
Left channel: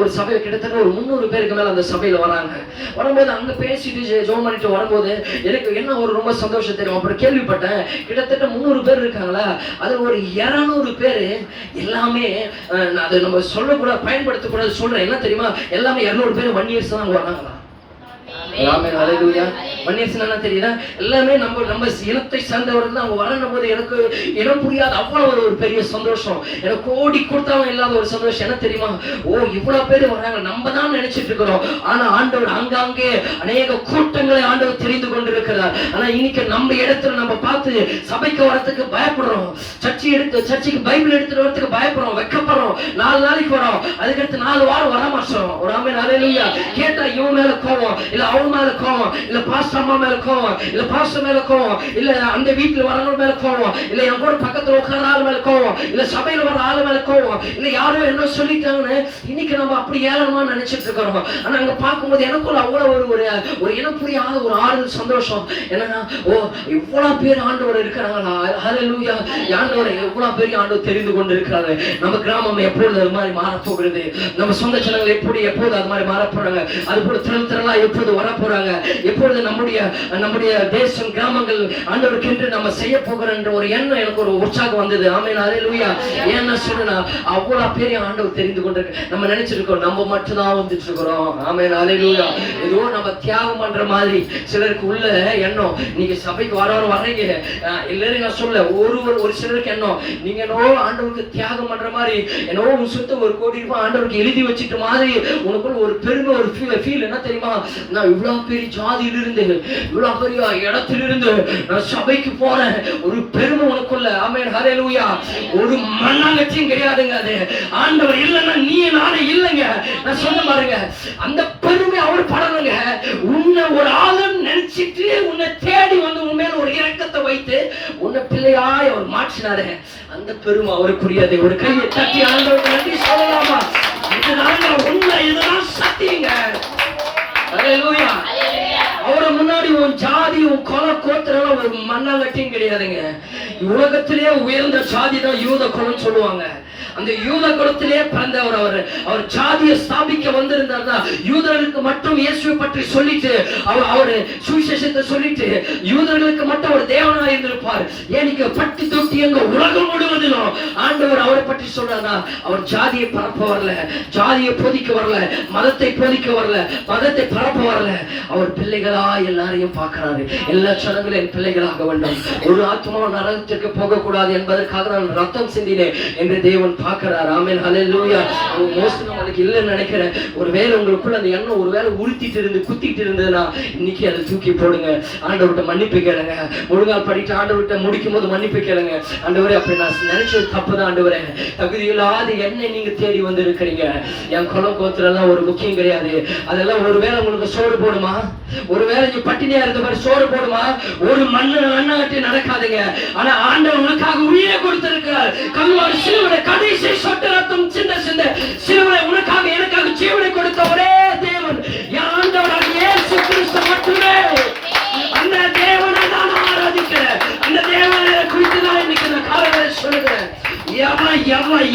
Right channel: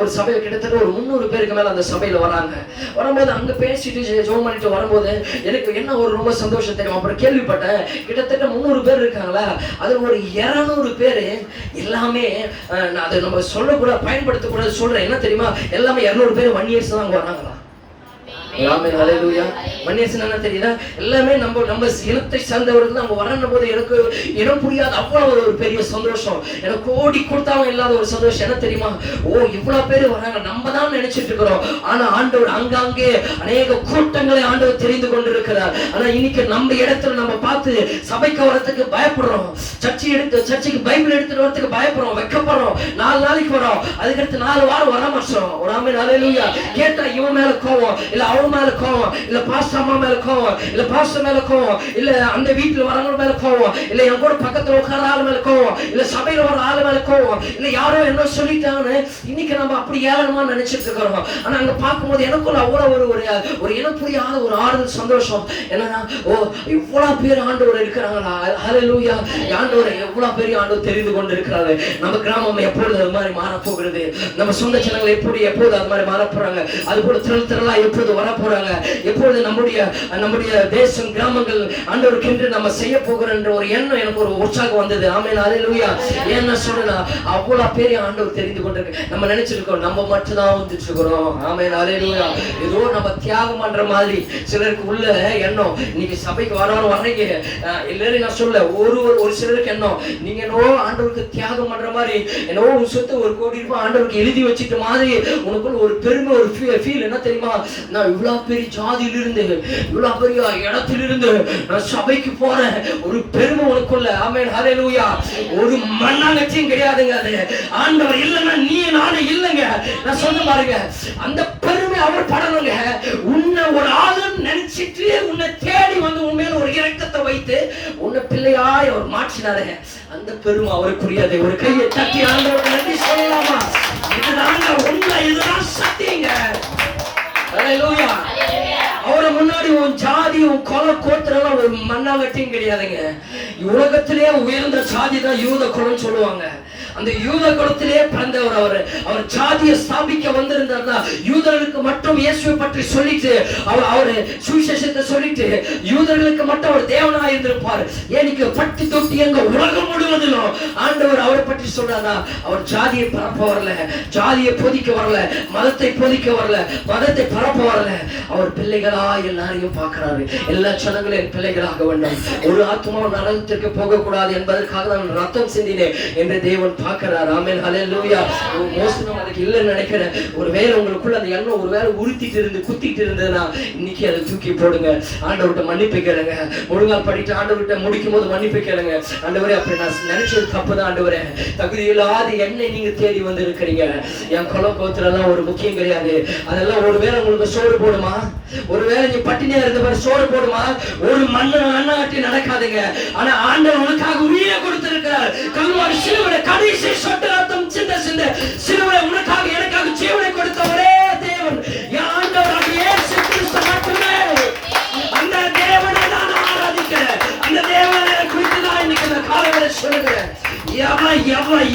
ஒரு சபையில கிட்டத்தட்ட ஒரு 300 பேருக்கு மேல அந்த சபையில வராங்க. வரும்போது அங்க பேசிட்டு ஜெபம் பண்ணிட்டு வரும்போது எனக்கு என்ன ஒரு ரொம்ப சந்தோஷம் தெரியும். அப்புறம் கேள்விப்பட்டேன், கிட்டத்தட்ட 300 பேர் இருக்காங்களா, அதுல ஒரு 200 பேர் எல்லாமே, அதை நம்ம சொல்லக்கூடாது, பயன்படுத்தக்கூடாது சொல்றேன். என்ன தெரியுமா, எல்லாமே 200 பேர் 1 இயர்ஸ் தான் வராங்களா. ஆமென் ஹல்லேலூயா. வன்னியர்ஸ்னா என்ன தெரியுதா? எல்லாமே நம்ம இனத்தை சேர்ந்தவர்கள் தான். அவங்க வரணும் போது எனக்கு இனம் புரியாத அவ்வளவு ஒரு பெரிய சந்தோஷம். எனக்கு கோடி கொடுத்தாலும் இல்லாத ஒரு சந்தோஷம். என்ன தெரியுமா? ஓ, இவ்வளவு பேர் வராங்க, நம்ம தான் நினைச்சிட்டு இருக்கிறோம். ஆனா ஆண்டவர் அங்கங்கே அநேக கூட்டங்களை ஆண்டவர் தெரிந்து கொண்டிருக்கிறார். ஆனா இன்னைக்கு நம்ம இடத்துல நம்ம பார்த்து சபைக்கு வரத்துக்கு பயப்படுறோம். சர்ச்சைக்கு பைபிள் எடுத்துட்டு வரதுக்கு பயப்படுறோம், வெக்கப்படுறோம். 4 நாளைக்கு வரோம், அதுக்கடுத்து 4 வாரம் வர மாட்டோம். ஒரு ஆமென் ஹல்லேலூயா. கேட்டா இவன் மேல கோவம், இல்ல அவன் மேல கோவம், இல்ல பாஸ்டர் அம்மா மேல கோவம், இல்ல பாஸ்டர் மேல கோவம், இல்ல அந்த வீட்டுல வரவங்க மேல கோவம், இல்ல என் கூட பக்கத்துல உட்கார ஆள் மேல கோவம், இல்ல சபையில வர ஆள் மேல கோவம், இல்ல யாரோ என்ன சொல்லிட்டாங்கன்னு இன்னைக்கு நம்ம அப்படி ஏளனமா நினைச்சிட்டு இருக்கிறோம். ஆனா அங்க பார்க்கும்போது எனக்குள்ள அவ்வளவு ஒரு இனம் புரியாத ஒரு ஆறுதல் சந்தோஷம். என்னன்னா, ஓ, இவ்வளவு பேர் ஆண்டவர் இருக்கிறாங்களா, ஹல்லேலூயா. ஆண்டவர் எவ்வளவு பெரிய ஆண்டவர் தெரிந்து கொண்டு இருக்கிறாரு. நம்ம கிராமம் எப்பொழுது அது மாதிரி மாறப்போகிறது, நம்ம சொந்த ஜனங்கள் எப்போது அது மாதிரி மாற போறாங்க, அது போல திரளா எப்போது வர போறாங்க, எப்பொழுது நம்முடைய தேசம் கிராமங்கள் ஆண்டவருக்கென்று நம்ம செய்ய போகிறோம் என்ற ஒரு எண்ணம் எனக்கு ஒரு உற்சாகம் வந்தது. ஆமென் ஹல்லேலூயா. என்ன சொல்லனா, அவ்வளவு பெரிய ஆண்டவர் தெரிந்து கொண்டிருக்கு. நம்ம நினைச்சிருக்கோம் நம்ம மட்டும் தான் வந்துட்டு இருக்கிறோம். ஆமென் ஹல்லேலூயா. ஏதோ நம்ம தியாகம் பண்ற மாதிரி சிலருக்கு உள்ள எண்ணம். நீங்க சபைக்கு வர்றீங்க இல்லைன்னு நான் சொல்ல, ஒரு சிலருக்கு எண்ணம், நீங்க என்னோ ஆண்டவருக்கு தியாகம் பண்ற மாதிரி, என்னோ ஒரு சொத்து 1 கோடி ரூபாய் ஆண்டவருக்கு எழுதி வச்சிட்ட மாதிரி உனக்குள்ள ஒரு பெருமை, ஒரு ஃபீல். என்ன தெரியுமா? நான் இவ்வளவு பெரிய ஜாதியிலிருந்து, இவ்வளவு பெரிய இடத்திலிருந்து நான் சபைக்கு போறேன், ஒரு பெருமை உனக்குள்ள. ஆமென் ஹல்லேலூயா. ஒரு மண்ணாங்கட்டியும் கிடையாதுங்க. அது ஆண்டவர் இல்லைன்னா நீ நானே இல்லைங்க. நான் சொன்ன பாருங்க, அந்த பெருமை அவர் படணுங்க. உன்னை ஒரு ஆளும் நினைச்சிட்டு உன்னை தேடி வந்து உன் மேல ஒரு இரக்கத்தை வைத்து உன்னை பிள்ளையாய் அவர் மாற்றினாரு. அந்த பெருமை அவருக்குரியது. ஒரு கையை தட்டி ஆண்டவருக்கு நன்றி சொல்லலாமா? இதுதாங்க உண்மை, இதுதான் சத்தியங்க. ஹல்லேலூயா. அவரை முன்னாடி உன் ஜாதி, உன் குல கோத்திரம் ஒரு மண்ணாங்கட்டியும் கிடையாதுங்க. உலகத்திலே உயர்ந்த ஜாதி தான் யூத குலம் சொல்லுவாங்க. அந்த யூத குலத்திலே பிறந்தவர். அவர் ஜாதியை ஸ்தாபிக்க வந்திருந்தார்னா யூதர்களுக்கு மட்டும் இயேசுவை பற்றி சொல்லிட்டு அவரு சுவிசேஷத்தை சொல்லிட்டு யூதர்களுக்கு மட்டும் அவர் தேவனா இருந்திருப்பார். ஏனிக்கு பட்டி தொட்டி எங்க உலகம் முழுவதிலும் ஆண்டவர் அவரை பற்றி சொல்றாரா? அவர் ஜாதியை பரப்ப வரல, ஜாதியை போதிக்க வரல, மதத்தை போதிக்க வரல, மதத்தை பரப்ப வரல. அவர் பிள்ளைகளா எல்லாரையும் பார்க்கிறாரு. எல்லா ஜனங்களையும் பிள்ளைகளாக வேண்டும். ஒரு ஆத்மா நரகத்திற்கு போகக்கூடாது என்பதற்காக நான் ரத்தம் சிந்தினேன் என்று தேவன் பார்க்கிறார். ஆமென் ஹல்லேலூயா. மோஸ்ட்லி அதுக்கு இல்லைன்னு நினைக்கிறேன். ஒருவேளை உங்களுக்குள்ள அந்த எண்ணம் ஒருவேளை உறுத்திட்டு இருந்து குத்திட்டு இருந்ததுன்னா இன்னைக்கு அதை தூக்கி போடுங்க. ஆண்டவர்கிட்ட மன்னிப்பு கேளுங்க. முழுங்கால் படிட்டு ஆண்டவர்கிட்ட முடிக்கும் போது மன்னிப்பு கேளுங்க. ஆண்டவரே, அப்படி நான் நினைச்சது தப்பு தான் ஆண்டவரே. தகுதியில்லாத என்னை நீங்க தேடி வந்து இருக்கிறீங்க. என் குல கோத்திரம் ஒரு முக்கியம் கிடையாது. அதெல்லாம் ஒருவேளை உங்களுக்கு சோறு போடுமா? ஒருவேளை நீ பட்டினியா இருந்தவரை சோறு போடுமா? ஒரு மண்ணாகட்டி நடக்காதுங்க. ஆனா ஆண்டவர் உனக்காக உயிரை கொடுத்திருக்கிறார். கல்வாரி சிலுவை கடைசி சொட்டு ரத்தம் சிந்த சிலுவை உனக்காக எனக்காக ஜீவனை கொடுத்த ஒரே தேவன் ஆண்டவராக இயேசு கிறிஸ்து மட்டுமே. அந்த தேவனை நான் ஆராதிக்கிறேன். அந்த தேவனை குறித்து தான் இன்னைக்கு இந்த காலையில சொல்லுகிறேன்.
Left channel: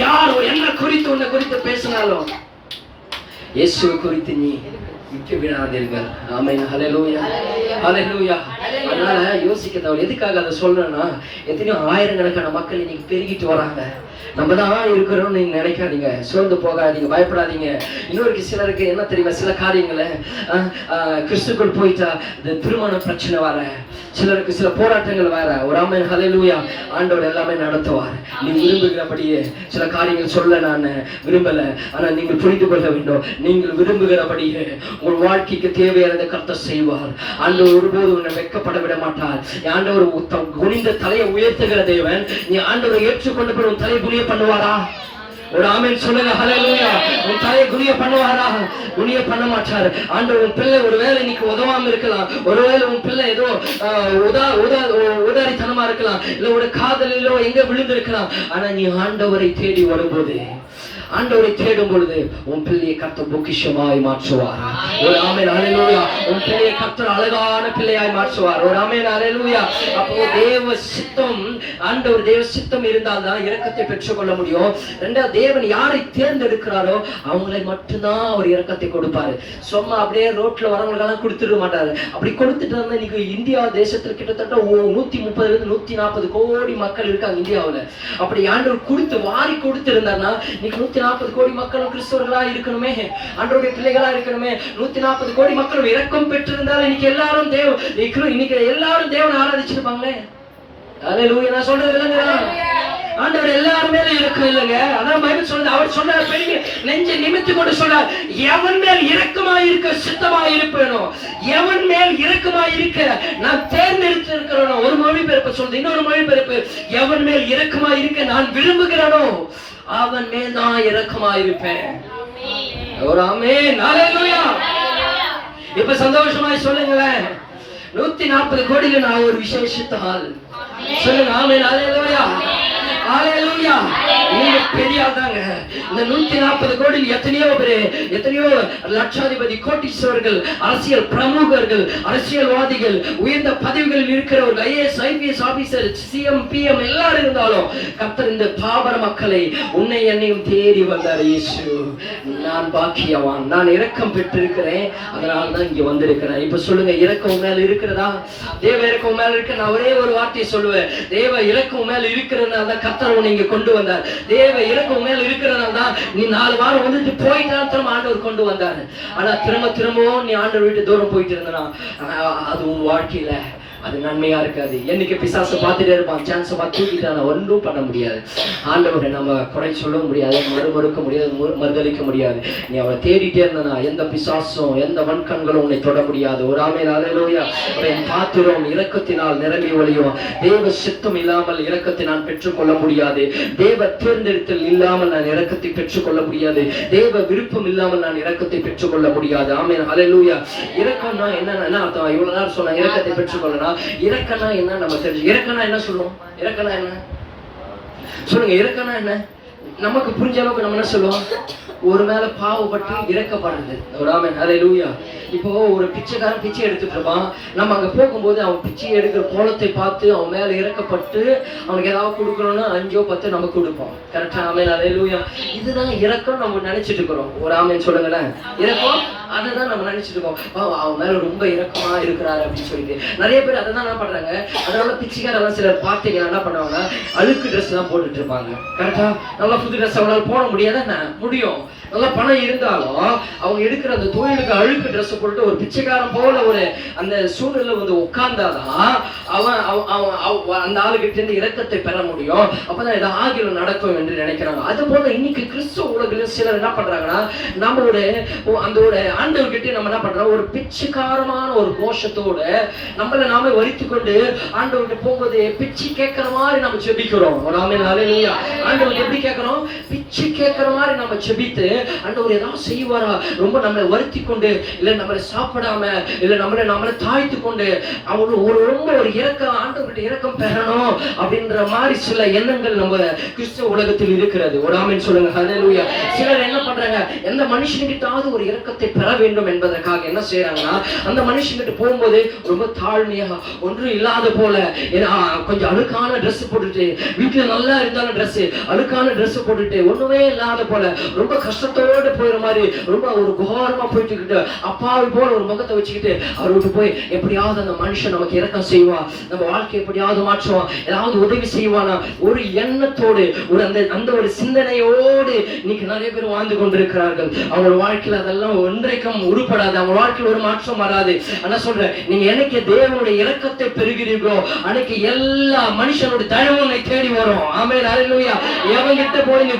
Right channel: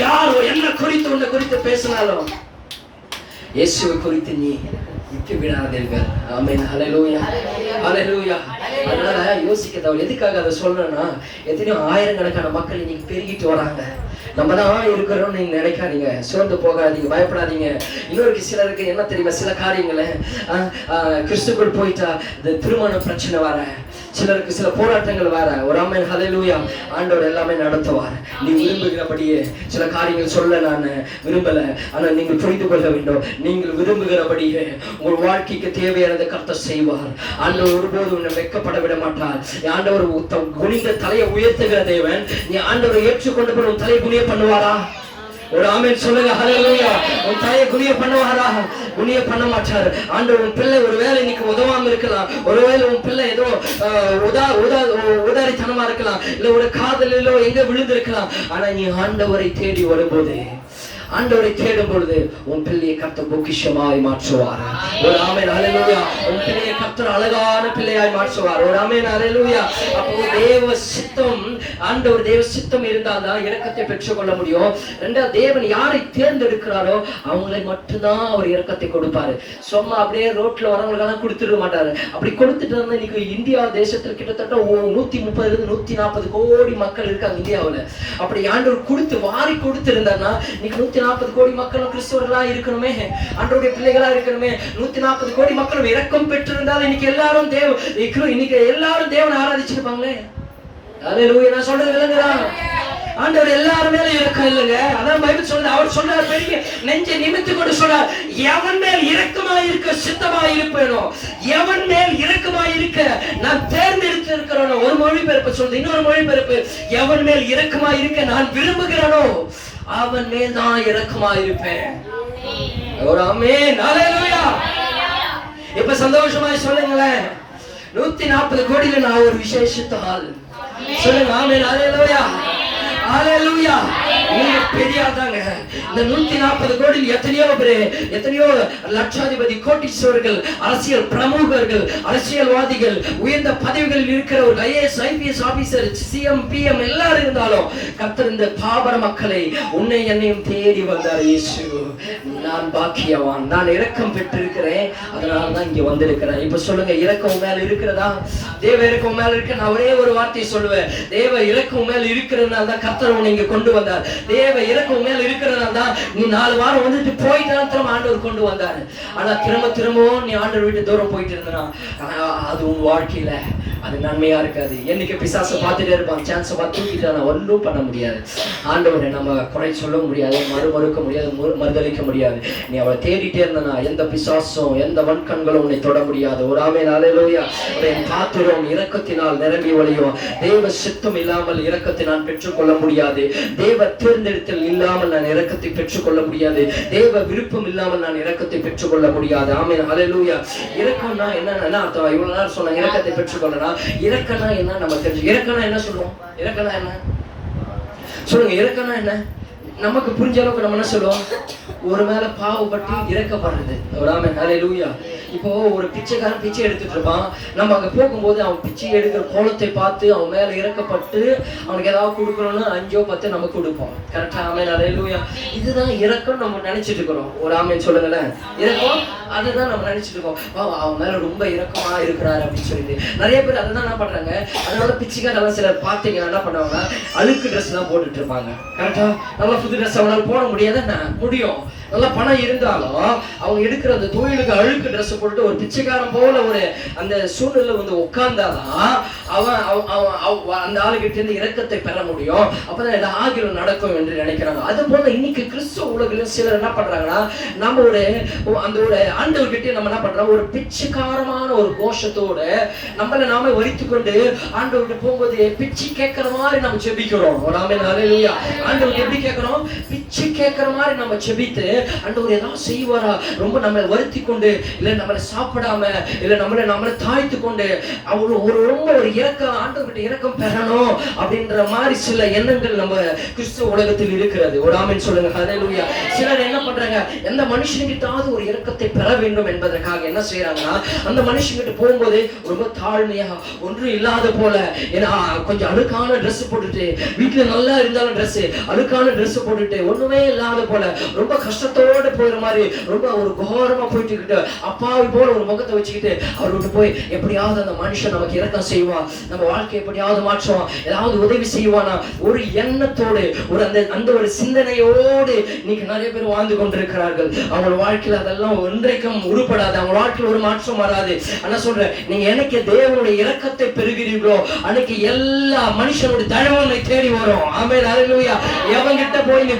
யாரோ என்ன குறித்து உன்னை குறித்து பேசினாலும் இயேசுவை குறித்து நீ விட்டு விடாதீர்கள். ஆமென் ஹல்லேலூயா. ஹல்லேலூயா. அதனால யோசிக்க தேவை. எதுக்காக அதை சொல்றேன்னா, எத்தனையோ ஆயிரக்கணக்கான மக்கள் இன்னைக்கு பெருகிட்டு வராங்க. நம்ம தான் இருக்கிறோம்னு நீங்க நினைக்காதீங்க, சோர்ந்து போகாதீங்க, பயப்படாதீங்க. இன்னொரு சிலருக்கு என்ன தெரியுமா, சில காரியங்களை கிறிஸ்துக்குள் போயிட்டா இந்த திருமண பிரச்சனை வர, சிலருக்கு சில போராட்டங்கள் வர. ஒரு ஆமென் ஹல்லேலூயா. ஆண்டவர் எல்லாமே நடத்துவார். நீ விரும்புகிறபடியே சில காரியங்கள் சொல்ல நான் விரும்பல, ஆனா நீங்கள் புரிந்து கொள்ள வேண்டும். நீங்கள் விரும்புகிறபடியே உங்கள் வாழ்க்கைக்கு தேவையானதை கர்த்தர் செய்வார். ஆண்டவர் ஒருபோது உன்னை வெட்கப்பட விட மாட்டார். ஆண்டவர் குனிந்த தலையை உயர்த்துகிற தேவன். நீ ஆண்டவரை ஏற்றுக்கொண்டு போய் உன் தலையை குனிய பண்ணுவாரா? ஒரு ஆமென் சொல்லுங்க. ஹல்லேலூயா. உன் தலையை குனிய பண்ணுவாரா? குனிய பண்ண மாட்டார். ஆண்டவர் உன் பிள்ளை ஒருவேளை இன்னைக்கு உதவாம இருக்கலாம். ஒருவேளை உன் பிள்ளை ஏதோ உதாரித்தனமா இருக்கலாம், இல்ல ஒரு காதலிலோ எங்க விழுந்திருக்கலாம். ஆனா நீ ஆண்டவரை தேடி வரும்போது, ஆண்டவரை தேடும் பொழுது உன் பிள்ளையை கர்த்தர் பொக்கிஷமாய் மாற்றுவார். ஒரு ஆமென் ஹல்லேலூயா. உன் பிள்ளையை கர்த்தர் அழகான பிள்ளையாய் மாற்றுவார். ஒரு ஆமென் ஹல்லேலூயா. அப்போ தேவ சித்தம், ஆண்டவர் தேவ சித்தம் இருந்தால் தான் இரக்கத்தை பெற்றுக்கொள்ள முடியும். ரெண்டாவது, தேவன் யாரை தேர்ந்தெடுக்கிறாரோ அவங்களை மட்டும்தான் அவர் இரக்கத்தை கொடுப்பாரு. சும்மா அப்படியே ரோட்ல வரவங்களுக்கெல்லாம் கொடுத்துட மாட்டாரு. அப்படி கொடுத்துட்டு இருந்தா இன்னைக்கு இந்தியா தேசத்தில் கிட்டத்தட்ட 130 140 கோடி மக்கள் இருக்காங்க இந்தியாவில். அப்படி ஆண்டவர் கொடுத்து வாரி கொடுத்து இருந்தாருன்னா இன்னைக்கு 140 கோடி மக்களும் கிறிஸ்தவர்களா இருக்கணுமே, ஆண்டவருடைய பிள்ளைகளா இருக்கணுமே. 140 கோடி மக்களும் இரக்கம் பெற்றிருந்தால் இன்னைக்கு எல்லாரும் தேவனை ஆராதிச்சிருப்பாங்களே. அல்லேலூயா. நான் சொல்றது இல்லைங்களா? ஆண்டவர் எல்லாரும் மேல இரக்கம் இல்லைங்க. அதான் பைபிள் சொல்லுது. அவர் சொன்னார், பெரிய நெஞ்சை நிமித்து கொண்டு சொன்னார், எவன் மேல் இரக்கமாய் இருக்க சித்தமாய் இருப்பேனோ, எவன் மேல் இரக்கமாய் இருக்க நான் தேர்ந்தெடுத்து இருக்கிறேனோ. ஒரு மொழிபெயர்ப்பு சொல்லுது. இன்னொரு மொழிபெயர்ப்பு, எவன் மேல் இரக்கமாய் இருக்க நான் விரும்புகிறேனோ அவன் மேல் தான் இரக்கமாய் இருப்பேன். ஒரு ஆமென். அல்லேலூயா. இப்ப சந்தோஷமாய் சொல்லுங்களேன், 140 கோடியில நான் ஒரு விசேஷத்தால் சொல்லுங்க. ஆமென். அல்லேலூயா. அல்லேலூயா. நீங்க பெரியாதாங்க. இந்த 140 கோடியில் எத்தனையோ லட்சாதிபதி, கோட்டீஸ்வரர்கள், அரசியல் பிரமுகர்கள், அரசியல்வாதிகள், உயர்ந்த பதவிகளில் இருக்கிறவர்கள், IAS IPS officer, CM PM எல்லாரும் இருந்தாலும் கர்த்தர் இந்த பாபர மக்களை உன்னை என்னையும் தேடி வந்தார். இயேசு, நான் பாக்கியவான், நான் இரக்கம் பெற்றிருக்கிறேன், அதனால தான் இங்க வந்திருக்கிறேன். இப்ப சொல்லுங்க, இரக்கம் மேல இருக்கிறதா? தேவ இரக்கம் மேல இருக்க. நான் ஒரே ஒரு வார்த்தையை சொல்லுவேன், தேவ இரக்கம் மேல இருக்கிறதுனால தான் கர்த்தர் உன்னை இங்க கொண்டு வந்தார். தேவ இரக்கம் மேல இருக்கிறதுனால தான் நீ 4 வாரம் வந்துட்டு போயிட்டாலும் ஆண்டவர் கொண்டு வந்தாரு. ஆனா திரும்பவும் நீ ஆண்டவர் விட்டு தூரம் போயிட்டு இருந்தா அது உன் வாழ்க்கையில அது நன்மையா இருக்காது. என்னைக்கு பிசாசை பார்த்துட்டே இருப்பான், சான்ஸை பார்த்து தூக்கிட்டான ஒன்றும் பண்ண முடியாது. ஆண்டவரை நம்ம குறை சொல்ல முடியாது, மறுக்க முடியாது, மறுதளிக்க முடியாது. நீ அவரை தேடிட்டே இருந்தா எந்த பிசாசும் எந்த வன்கண்களும் உன்னை தொட முடியாது. ஒரு ஆமென். அல்லேலூயா. என் பாத்திரம் இரக்கத்தினால் நிரம்பி ஒளியும். தேவ சித்தம் இல்லாமல் இரக்கத்தை நான் பெற்றுக்கொள்ள முடியாது. தேவ தேர்ந்தெடுத்தல் இல்லாமல் நான் இரக்கத்தை பெற்றுக்கொள்ள முடியாது. தேவ விருப்பம் இல்லாமல் நான் இரக்கத்தை பெற்றுக்கொள்ள முடியாது. ஆமென். அல்லேலூயா. இரக்கம்னா என்ன அர்த்தம்? இவ்வளவு நேரம் சொன்னாங்க இரக்கத்தை பெற்றுக்கொள்ளலாம். இரக்கம்னா என்ன நம்ம தெரிஞ்சு. இரக்கம்னா என்ன சொல்லுவோம்? இரக்கம்னா என்ன சொல்லுங்க? இரக்கம்னா என்ன? நமக்கு புரிஞ்ச அளவுக்கு நம்ம என்ன சொல்லுவோம்? ஒரு மேல பாவப்பட்டு இறக்கப்படுறது. ஆமென். அல்லேலூயா. இப்போ ஒரு பிச்சைக்காரன் பிச்சை எடுத்துட்டு இருப்பான். நம்ம அங்க போகும்போது அவன் பிச்சை எடுக்கிற கோலத்தை பார்த்து அவன் மேல இறக்கப்பட்டு அவனுக்கு ஏதாவது கொடுக்கணும்னா 5 10 நம்ம கொடுப்போம். கரெக்டா? ஆமென். அல்லேலூயா. இதுதான் இரக்கம் நம்ம நினைச்சிட்டு இருக்கிறோம். ஒரு ஆமென் சொல்லுங்களேன். இரக்கம் அதுதான் நம்ம நினைச்சிட்டு இருக்கோம். அவன் மேல ரொம்ப இரக்கமா இருக்கிறாரு அப்படின்னு சொல்லிட்டு நிறைய பேர் அதை தான் என்ன பண்றாங்க. அதனால பிச்சைக்காரெல்லாம் சிலர் பார்த்தீங்கன்னா என்ன பண்ணுவாங்க, அழுக்கு ட்ரெஸ் தான் போட்டுட்டு இருப்பாங்க. கரெக்டா? நல்லா புது ட்ரெஸ் அவனால போட முடியாத முடியும். நல்லா பணம் இருந்தாலும் அவங்க எடுக்கிற அந்த தொழிலுக்கு அழுக்கு ட்ரெஸ் போட்டு ஒரு பிச்சைக்காரன் போல ஒரு அந்த சூழல்ல வந்து உட்கார்ந்தாதான் அவன் அந்த ஆளுகிட்ட இருந்து இரக்கத்தை பெற முடியும். அப்பதான் இது ஆகிரும் நடக்கும் என்று நினைக்கிறாங்க. அது போல இன்னைக்கு கிறிஸ்துவ உலகிலும் சிலர் என்ன பண்றாங்கன்னா, நம்ம அந்த ஒரு ஆண்டவர்கிட்ட நம்ம என்ன பண்றோம், ஒரு பிச்சைக்காரமான ஒரு கோஷத்தோட நம்மளை நாம வரித்து கொண்டு ஆண்டவர்கிட்ட போகும்போது பிச்சை கேட்கிற மாதிரி நம்ம செபிக்கிறோம். ஆமென். அல்லேலூயா. ஆண்டவர்கிட்ட எப்படி கேட்கிறோம்? பிச்சை கேட்கிற மாதிரி நம்ம செபித்து ஆண்டவர் ஏதாவது செய்வாரா, ரொம்ப நம்மளை வருத்தி கொண்டு, இல்ல நம்மளை சாப்பிடாம, இல்ல நம்மளை தாழ்த்து கொண்டு ரொம்ப ஒரு இரக்கம், ஆண்டவர்கிட்ட இரக்கம் பெறணும் அப்படின்ற மாதிரி சில எண்ணங்கள் நம்ம கிறிஸ்துவ உலகத்தில் இருக்கிறது. ஒரு ஆமென் சொல்லுங்க. அல்லேலூயா. சிலர் என்ன பண்றாங்க, எந்த மனுஷன்கிட்டாவது ஒரு இரக்கத்தை பெற வேண்டும் என்பதற்காக என்ன செய்யறாங்கன்னா, அந்த மனுஷன்கிட்ட போகும்போது ரொம்ப தாழ்மையா ஒன்றும் இல்லாத போல, கொஞ்சம் அழுக்கான ட்ரெஸ் போட்டுட்டு, வீட்டுல நல்லா இருந்தாலும் ட்ரெஸ் அழுக்கான ட்ரெஸ் போட்டுட்டு ஒண்ணுமே இல்லாத போல ரொம்ப கஷ்டத்தோட போயிற மாதிரி ரொம்ப ஒரு கோரமா போயிட்டு அப்பாவி போல ஒரு முகத்தை வச்சுக்கிட்டு அவர் விட்டு போய் எப்படியாவது அந்த மனுஷன் நமக்கு இரக்கம் செய்வான், நம்ம வாழ்க்கை எப்படியாவது மாற்றுவான், ஏதாவது உதவி செய்வானா ஒரு எண்ணத்தோடு அந்த ஒரு சிந்தனையோடு இன்னைக்கு நிறைய பேர் வாழ்ந்து கொண்டிருக்கிறார்கள். அவங்க வாழ்க்கையில் அதெல்லாம் ஒன்றைக்கும் உருப்படாது. அவங்க வாழ்க்கையில் ஒரு மாற்றம் வராது. ஆனா சொல்றேன், நீங்க என்னைக்கு தேவனுடைய இரக்கத்தை பெறுகிறீர்களோ அன்னைக்கு எல்லா மனுஷனோட தயவுனை தேடி வரும். ஆமென். அல்லேலூயா. எவங்கிட்ட போய் நீ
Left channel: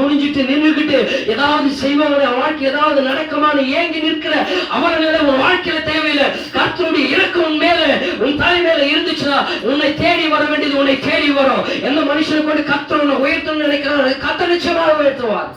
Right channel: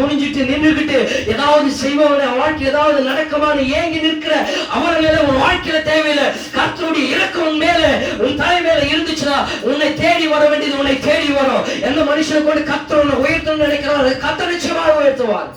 குனிஞ்சிட்டு நின்றுகிட்டு ஏதாவது செய்வாங்க, வாழ்க்கை ஏதாவது நடக்குமான்னு ஏங்கி நிற்கிற அவர்கள உன் வாழ்க்கையில தேவையில்லை. கர்த்தருடைய இரக்கம் மேல உன் தலை மேல இருந்துச்சுன்னா உன்னை தேடி வர வேண்டியது உன்னை தேடி வரும். எந்த மனுஷனை கொண்டு கர்த்தர் உன்னை உயர்த்தணும்னு நினைக்கிறார், கர்த்தர் நிச்சயமாக உயர்த்துவார்.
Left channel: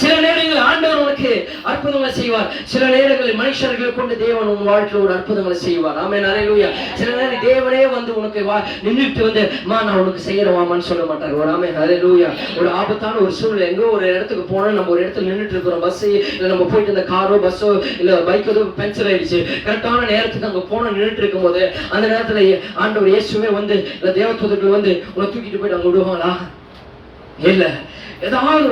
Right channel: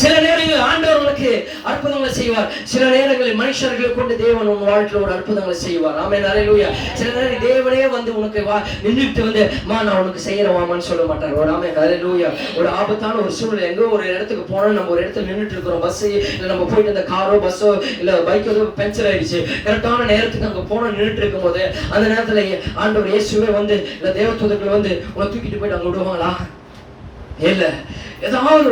சில நேரங்களில் ஆண்டவர் உனக்கு அற்புதங்களை செய்வார். சில நேரங்களில் மனுஷர்களை கொண்டு தேவன் உன் வாழ்க்கையில் ஒரு அற்புதங்களை செய்வார். ஆமென். அல்லேலூயா. சில நேரம் தேவனே வந்து உனக்கு நின்றுட்டு வந்து நான் உனக்கு செய்யறவாமான்னு சொல்ல மாட்டாங்க. ஒரு ஆமென். அல்லேலூயா. ஒரு ஆபத்தான ஒரு சூழ்நிலை, எங்கோ ஒரு இடத்துக்கு போனோம், நம்ம ஒரு இடத்துல நின்றுட்டு இருக்கிறோம், பஸ் இல்லை நம்ம போயிட்டு இந்த காரோ பஸ்ஸோ இல்லை பைக்கோ பஞ்சர் ஆயிடுச்சு, கரெக்டான நேரத்துக்கு அங்கே போனோம் நின்றுட்டு இருக்கும் போது அந்த நேரத்துல ஆண்டவர் இயேசுவே வந்து இந்த தேவதூதர்கள் வந்து உன்னை தூக்கிட்டு போயிட்டு அங்கே விடுவாங்களா? இல்ல. ஏதாவது